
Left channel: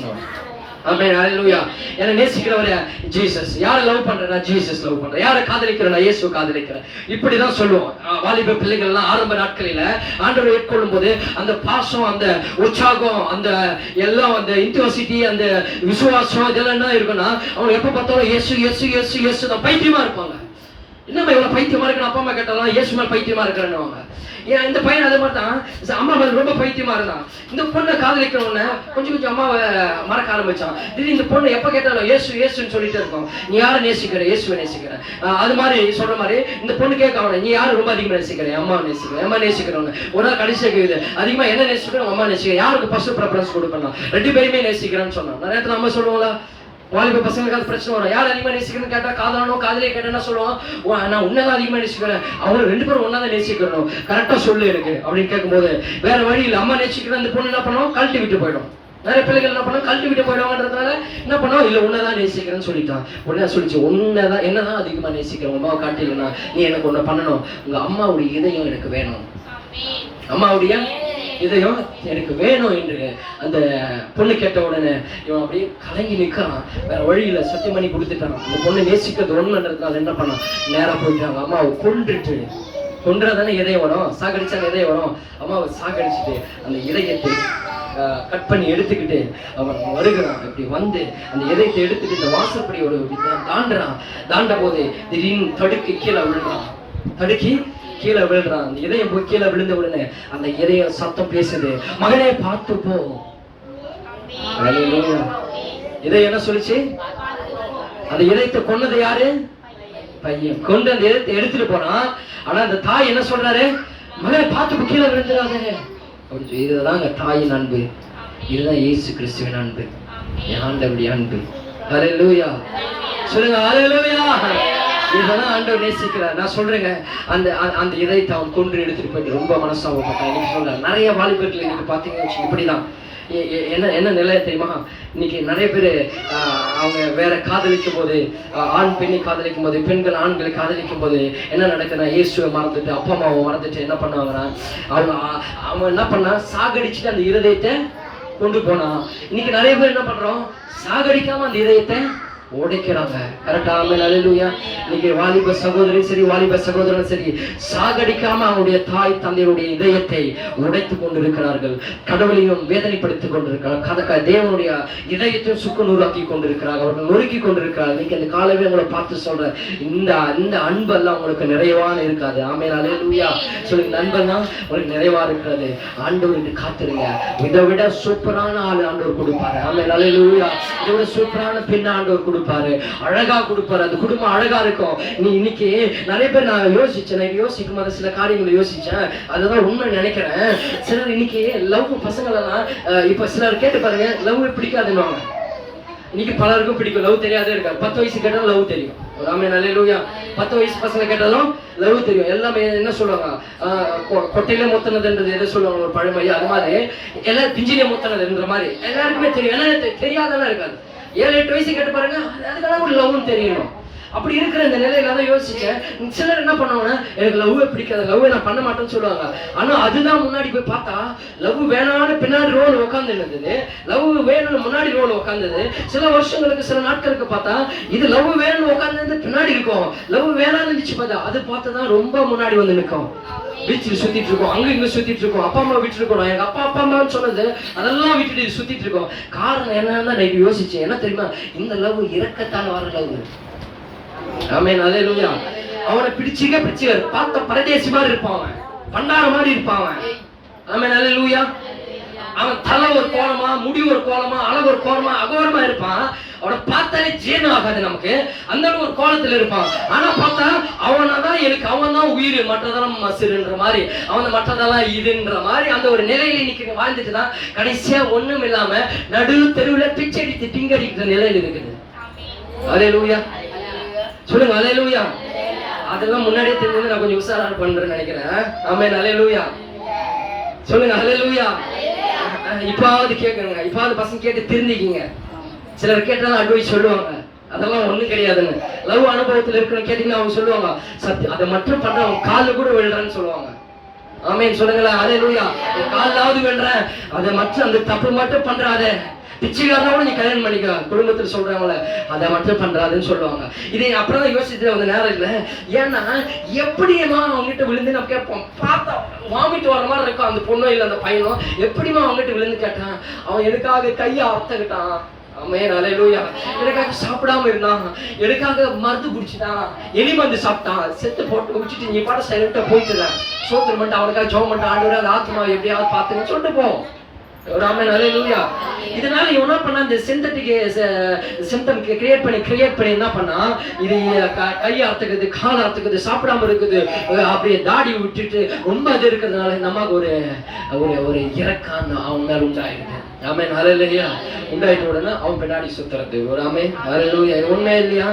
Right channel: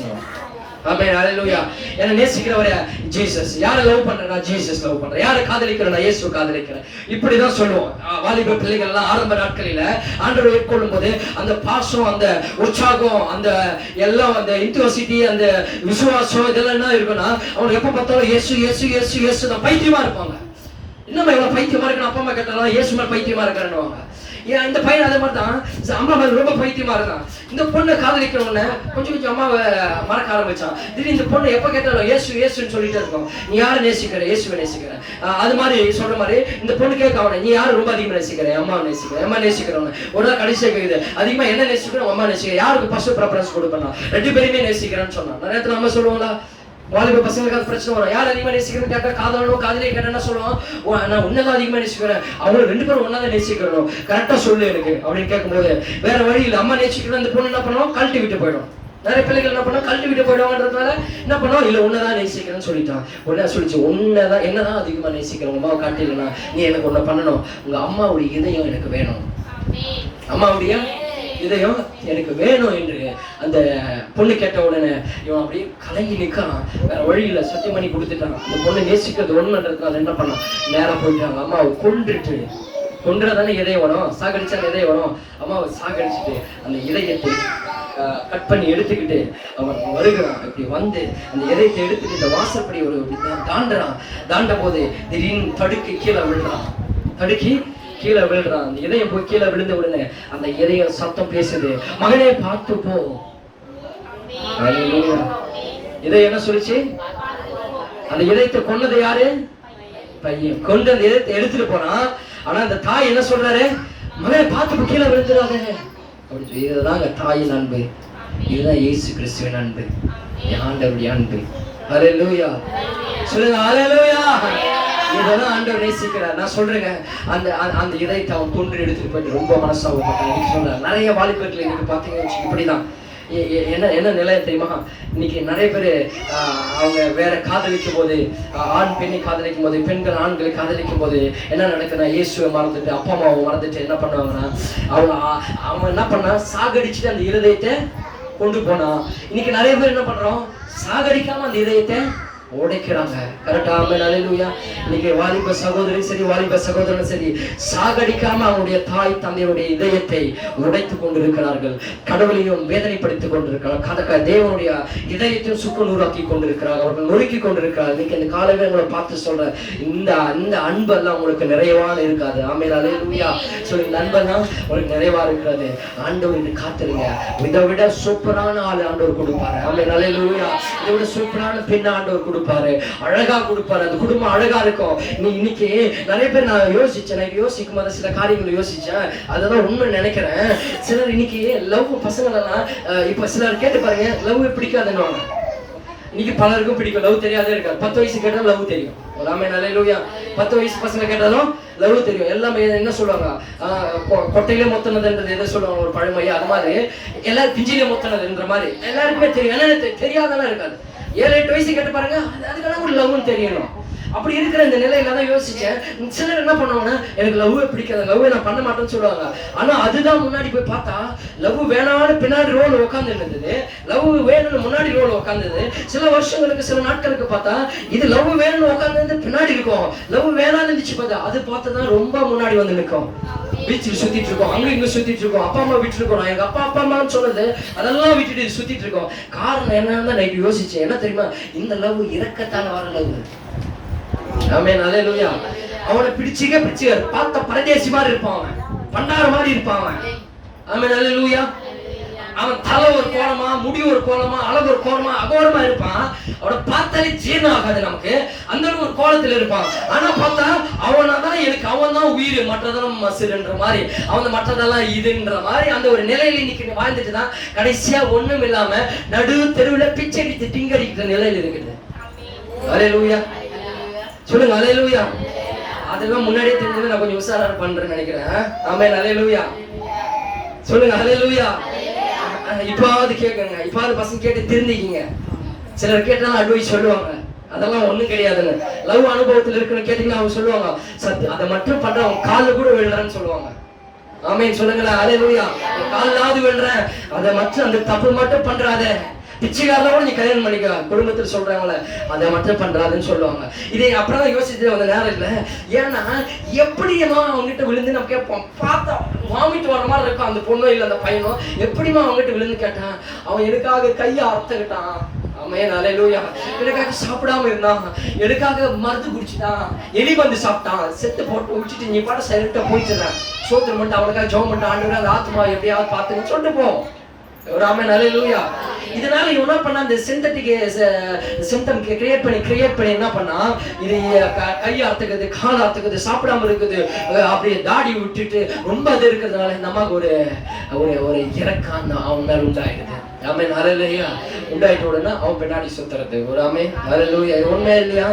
ஆமென், ஹல்லேலூயா. என்ன நேசிக்கிறவரே ஜீசஸ். யாரை லவ் பண்றேன்னா ஜீசஸ் லவ் பண்றேன். யாரை காதலிக்கிறேன்னா இயேசுவை காதலிக்கிறேன். இப்படிதான் சொல்லுவோம். வாலிப பிள்ளைகள் எல்லாம் ஆரம்ப நாட்களில ஆண்டவரை ஏற்கொள்ளும் போது அந்த பாசம், அந்த உற்சாகம், அந்த எல்லாம், அந்த இன்டியூசிட்டி, அந்த விசுவாசம், இதெல்லாம் என்ன இருக்குன்னா, அவங்க எப்ப பார்த்தாலும் இயேசு இயேசு இயேசு இயேசு தான் பைத்தியமா இருப்பாங்க. என்னம்மா இவ்வளவு பைத்தியமா இருக்குன்னு அப்பா அம்மா கேட்டாலும் இயேசு மேல பைத்தியமா இருக்கிறேன்னு. ஏன் இந்த பையன் அதே மாதிரி தான் அம்மா மேல ரொம்ப பைத்தியமா இருந்தான். இந்த பொண்ணை காதலிக்கிறவன கொஞ்சம் அம்மாவை மறக்க ஆரம்பிச்சான். திடீர்னு இந்த பொண்ணு எப்ப கேட்டாலும் இயேசு இயேசுன்னு சொல்லிட்டே இருக்கும். நீ யாரை நேசிக்கிற? இயேசுவை நேசிக்கிறேன். அது மாதிரி சொல்ற மாதிரி இந்த பொண்ணு கேட்க அவனை, நீ யாரு ரொம்ப அதிகமா நேசிக்கிறேன்? அம்மா நேசிக்கிறேன். அம்மா நேசிக்கிறவன ஒரு நாள் கடைசியா கேக்குது, அதிகமா என்ன நேசிக்கிறோம்? அம்மா நேசிக்கிறேன். யாருக்கு ஃபர்ஸ்ட் ப்ரெஃபரன்ஸ் கொடுப்பேன்? 2 பேருமே நேசிக்கிறேன்னு சொன்னான். நிறைய நேரத்துல நம்ம சொல்லுவோங்களா, வாலிப பசங்களுக்கு பிரச்சனை வரும். யார் அதிகமா நேசிக்கிறேன்னு கேட்டா, காதலனும் காதலியை கேட்டா என்ன சொல்லுவான், நான் உன்னதான் அதிகமா நேசிக்கிறேன், அவங்க 2 பேரும் ஒன்னாதான் நேசிக்கிறோம், கரெக்டா சொல்லு எனக்கு அப்படின்னு கேட்கும்போது வேற வழி இல்லை. அம்மா நேசிக்கிறேன், அந்த பொண்ணு என்ன பண்ணுவோம், கழட்டி விட்டு போயிடும். நிறைய பிள்ளைகள் என்ன பண்ணா, கழட்டி விட்டு போயிடுவாங்கன்றதுனால என்ன பண்ணுவோம், இல்ல உன்னதான் நேசிக்கிறேன்னு சொல்லிட்டான். உடனே சொல்லிச்சு, உன்னதான் என்னதான் அதிகமா நேசிக்கிறேன், அம்மாவை காட்டிலனா நீ எனக்கு ஒண்ணு பண்ணணும், உங்க அம்மாவுடைய இதயம் எனக்கு வேணும், அம்மாவுடைய இதயம் எனக்கு வேணும் என்று அந்த பொண்ணு கேட்ட உடனே இவன் அப்படியே கலங்கி நிற்கான். வேற வழியில சத்தியம் பண்ணி கொடுத்துட்டான். அந்த பொண்ணு நேசிக்கிறது ஒண்ணுன்றதுனால என்ன பண்ணான், நேரா போயிட்டாங்க. அம்மாவை கொன்றதானே இதயம் வரும், சாகடிச்சாங்க இதயம் வரும். அம்மாவை சாகடிச்சுட்டு அந்த இதயத்தை கட் பண்ணி எடுத்துக்கிட்டு அவன் வருகிறான். இப்படி வந்து அந்த இதயத்தை எடுத்துட்டு இந்த வாசற்படி ஒரு தாண்ட போது திடீர்னு தடுக்கி கீழே விழுறான். கீழே விழுறான். அந்த இதயம் போய் கீழே விழுந்த உடனே அந்த இதயம் சத்தம் பேசுது, மகனே பார்த்து போ. இதயம் என்ன சொல்லிச்சு? அந்த இதயத்தை கொன்னது யாரு? பையன். கொண்டு அந்த இதயத்தை எடுத்துட்டு போனான். ஆனா அந்த தாய் என்ன சொல்றாரு, மகனே பார்த்து கீழே விழுந்துடாதே. இதுதான் தாயின் அன்பு, இதுதான் இயேசு கிறிஸ்துவின் அன்பு, ஆண்டவருடைய அன்பு. ஹல்லேலூயா சொல்லுங்க, ஹல்லேலூயா. இதெல்லாம் ஆண்டவர் நேசிக்கிறார். நான் சொல்றேங்க, அந்த இதயத்தை அவன் கொன்று எடுத்துட்டு போயிட்டு ரொம்ப மனசாகப்பட்டான். இன்னைக்கு சொல்றேன், நிறைய வாலிபர்கள் இன்னைக்கு பாத்தீங்கன்னா இப்படிதான். என்ன நிலைய தெரியுமா, இன்னைக்கு நிறைய பேர் அவங்க வேற காதலிக்கும் போது, ஆண் பெண்ணை காதலிக்கும் போது, பெண்கள் ஆண்களை காதலிக்கும் போது என்ன நடக்குதுன்னா, இயேசுவை மறந்துட்டு அப்பா அம்மாவை மறந்துட்டு என்ன பண்ணுவாங்கன்னா, அவங்க என்ன பண்ணா, சாகடிச்சுட்டு அந்த இருதயத்தை கொண்டு போனா. இன்னைக்கு நிறைய பேர் என்ன பண்றோம், சாகடிக்காம அந்த இதயத்தை உடைக்கிறாங்க. கரெக்டா? ஆமென், ஹல்லேலூயா. இன்னைக்கு வாலிப சகோதரி சரி, வாலிப சகோதரன் சரி, சாகடிக்காம அவனுடைய தாய் தந்தையுடைய இதயத்தை உடைத்துக் கொண்டிருக்கிறார்கள். கடவுளையும் வேதனைப்படுத்திக் கொண்டிருக்கிறார்கள். தேவனுடைய இதயத்தையும் சுக்குநூறாக்கி கொண்டிருக்கிறார்கள். அவர்கள் நொறுக்கி கொண்டிருக்கிறார்கள். இன்னைக்கு அந்த காலமே உங்களை பார்த்து சொல்றேன், இந்த அன்பெல்லாம் உங்களுக்கு நிறைவான இருக்காது. ஆமென், ஹல்லேலூயா. சொல்லி இந்த அன்பெல்லாம் உங்களுக்கு நிறைவா இருக்கிறது. ஆண்டவருக்கு காத்துருங்க. இதை விட சூப்பரான ஆள் ஆண்டவர் கொடுப்பாரு. ஆமென், ஹல்லேலூயா. இதை விட சூப்பரான பெண் ஆண்டவர் கொடுப்பாரு. கொடுப்பாரு, அழகா கொடுப்பாரு, அந்த குடும்பம் அழகா இருக்கும். நீ இன்னைக்கு நிறைய பேர் நான் யோசிக்கும் போது சில காரியங்களை யோசிச்சேன், அதுதான் உண்மை நினைக்கிறேன். சிலர் இன்னைக்கு லவ் பசங்களெல்லாம் இப்ப சிலர் கேட்டு பாருங்க, லவ் பிடிக்காதுன்னு. இன்னைக்கு பலருக்கும் பிடிக்கும், லவ் தெரியாதே இருக்காது. 10 வயசு கேட்டாலும் லவ் தெரியும். ஒரு ஆமென் அல்லேலூயா. 10 வயசு பசங்க கேட்டாலும் லவ் தெரியும். எல்லாமே என்ன சொல்லுவாங்க, கொட்டையிலே மொத்தனதுன்றது எதை சொல்லுவாங்க, ஒரு பழமொழி. அது மாதிரி எல்லாம் திஞ்சிலே மொத்தனதுன்ற மாதிரி எல்லாருக்குமே தெரியும். ஏன்னா தெரியாதெல்லாம் இருக்காது. 7-8 வயசு கேட்டு பாருங்க, அதுக்கெல்லாம் ஒரு லவ்னு தெரியணும். அப்படி இருக்கிற இந்த நிலையில தான் யோசிச்சேன். சிலர் என்ன பண்ணுவாங்கன்னா, எனக்கு லவ்வே பிடிக்காது, லவ்வே நான் பண்ண மாட்டேன்னு சொல்லுவாங்க. ஆனா அதுதான் முன்னாடி போய் பார்த்தா லவ் வேணான்னு பின்னாடி ரோல் உட்காந்து இருந்தது, லவ் வேணும்னு முன்னாடி ரோல் உட்காந்தது. சில வருஷங்களுக்கு சில நாட்களுக்கு பார்த்தா இது லவ் வேணும்னு உட்காந்து பின்னாடி இருக்கும், லவ் வேணான்னு இருந்துச்சு பார்த்தா அது பார்த்துதான் ரொம்ப முன்னாடி வந்து நிற்கும். பீச்சில் சுத்திட்டு இருக்கோம், அங்க இங்க சுத்திட்டு இருக்கோம், அப்பா அம்மா விட்டு இருக்கோம். நான் எங்க அப்பா அம்மான்னு சொன்னது அதெல்லாம் விட்டுட்டு சுத்திட்டு இருக்கோம். காரணம் என்னன்னு நைட்டு யோசிச்சேன். என்ன தெரியுமா, இந்த லவ் இறக்கத்தால வர லவ். ஆமென் அல்லேலூயா. அவனை பிடிச்சிக்க பார்த்த பரதேசி மாதிரி இருப்பான், அவன் பண்டார மாதிரி இருப்பான் அவன். ஆமென் அல்லேலூயா. அவன் தலை ஒரு கோலமா, முடி ஒரு கோலமா, அழகு ஒரு கோலமா, அகோரமா இருப்பான். அவனை பார்த்தாலே ஜீரணம் ஆகாது நமக்கு, அந்த ஒரு கோலத்துல இருப்பான். ஆனா பார்த்தா அவனாதான் எனக்கு, அவன் தான் உயிர், மற்றதெல்லாம் மசுறுன்ற மாதிரி, அவன் மற்றதெல்லாம் இதுன்ற மாதிரி அந்த ஒரு நிலையில இன்னைக்கு வாழ்ந்துட்டு தான் கடைசியா ஒண்ணும் இல்லாம நடு தெருவுல பிச்சை அடித்து திங்கடிக்கிற நிலையில இருக்குது. அல்லேலூயா சொல்லுங்க, அல்லேலூயா. அதெல்லாம் முன்னாடியே தெரிஞ்சது, நான் கொஞ்சம் உஷாரா பண்றேன்னு நினைக்கிறேன். ஆமென் அல்லேலூயா சொல்லுங்க, அல்லேலூயா. இப்பாவது கேட்குங்க, இப்பாவது பசங்க கேட்டு திருந்திக்கிங்க. சிலர் கேட்டாலும் அட்வைஸ் சொல்லுவாங்க, அதெல்லாம் ஒண்ணும் கிடையாதுன்னு. லவ் அனுபவத்தில் இருக்கணும் கேட்டீங்கன்னா அவங்க சொல்லுவாங்க, சத்து அதை மட்டும் பண்ற அவன் காலில் கூட விழுறேன்னு சொல்லுவாங்க. ஆமென் சொல்லுங்களேன், அல்லேலூயா. காலாவது விழுறேன், அதை மட்டும் அந்த தப்பு மட்டும் பண்றாத. பிச்சைக்காரனோட நீ கல்யாணம் பண்ணிக்க, குடும்பத்தில் சொல்றாங்களே அதை மட்டும் பண்றாதுன்னு சொல்லுவாங்க. இதை அப்புறம் தான் யோசிச்சுட்டு அந்த நேரம் இல்லை. ஏன்னா எப்படிமா அவங்ககிட்ட விழுந்து நம்ம கேட்போம், பார்த்தா வாமிட்டு வர மாதிரி இருக்கும் அந்த பொண்ணும் இல்லை அந்த பையனும். எப்படிமா அவங்ககிட்ட விழுந்து கேட்டான், அவன் எனக்காக கையை அறுத்துக்கிட்டான். ஆமென் அல்லேலூயா. எனக்காக சாப்பிடாம இருந்தான், எனக்காக மருந்து குடிச்சுட்டான், எலி மருந்து சாப்பிட்டான், செத்து போட்டு வச்சுட்டு நீ பாட்ட சைலண்டா போயிட்டுற, சோத்திரம் பண்ணிட்டு அவனுக்காக ஜெபம் பண்ணிட்டு ஆண்டவரே அந்த ஆத்மா எப்படியாவது பார்த்துன்னு சொல்லிட்டு போ. ஒரு ஆமென் அல்லேலூயா. இதனால இவன் என்ன பண்ணா, இந்த சிந்தட்டிக் சிம்டம் கிரியேட் பண்ணி என்ன பண்ணா, இது கையை அறுத்துக்குது, கால் அறுத்துக்குது, சாப்பிடாம இருக்குது, அப்படியே தாடி விட்டுட்டு ரொம்ப இது இருக்கிறதுனால இந்த அம்மாவுக்கு ஒரு இறக்கம் அவன் மேல உண்டாயிடுது. ஆமென் அல்லேலூயா. உண்டாயிட்ட உடனே அவன் பின்னாடி சுத்துறது. ஒரு ஆமென் அல்லேலூயா. உண்மை இல்லையா?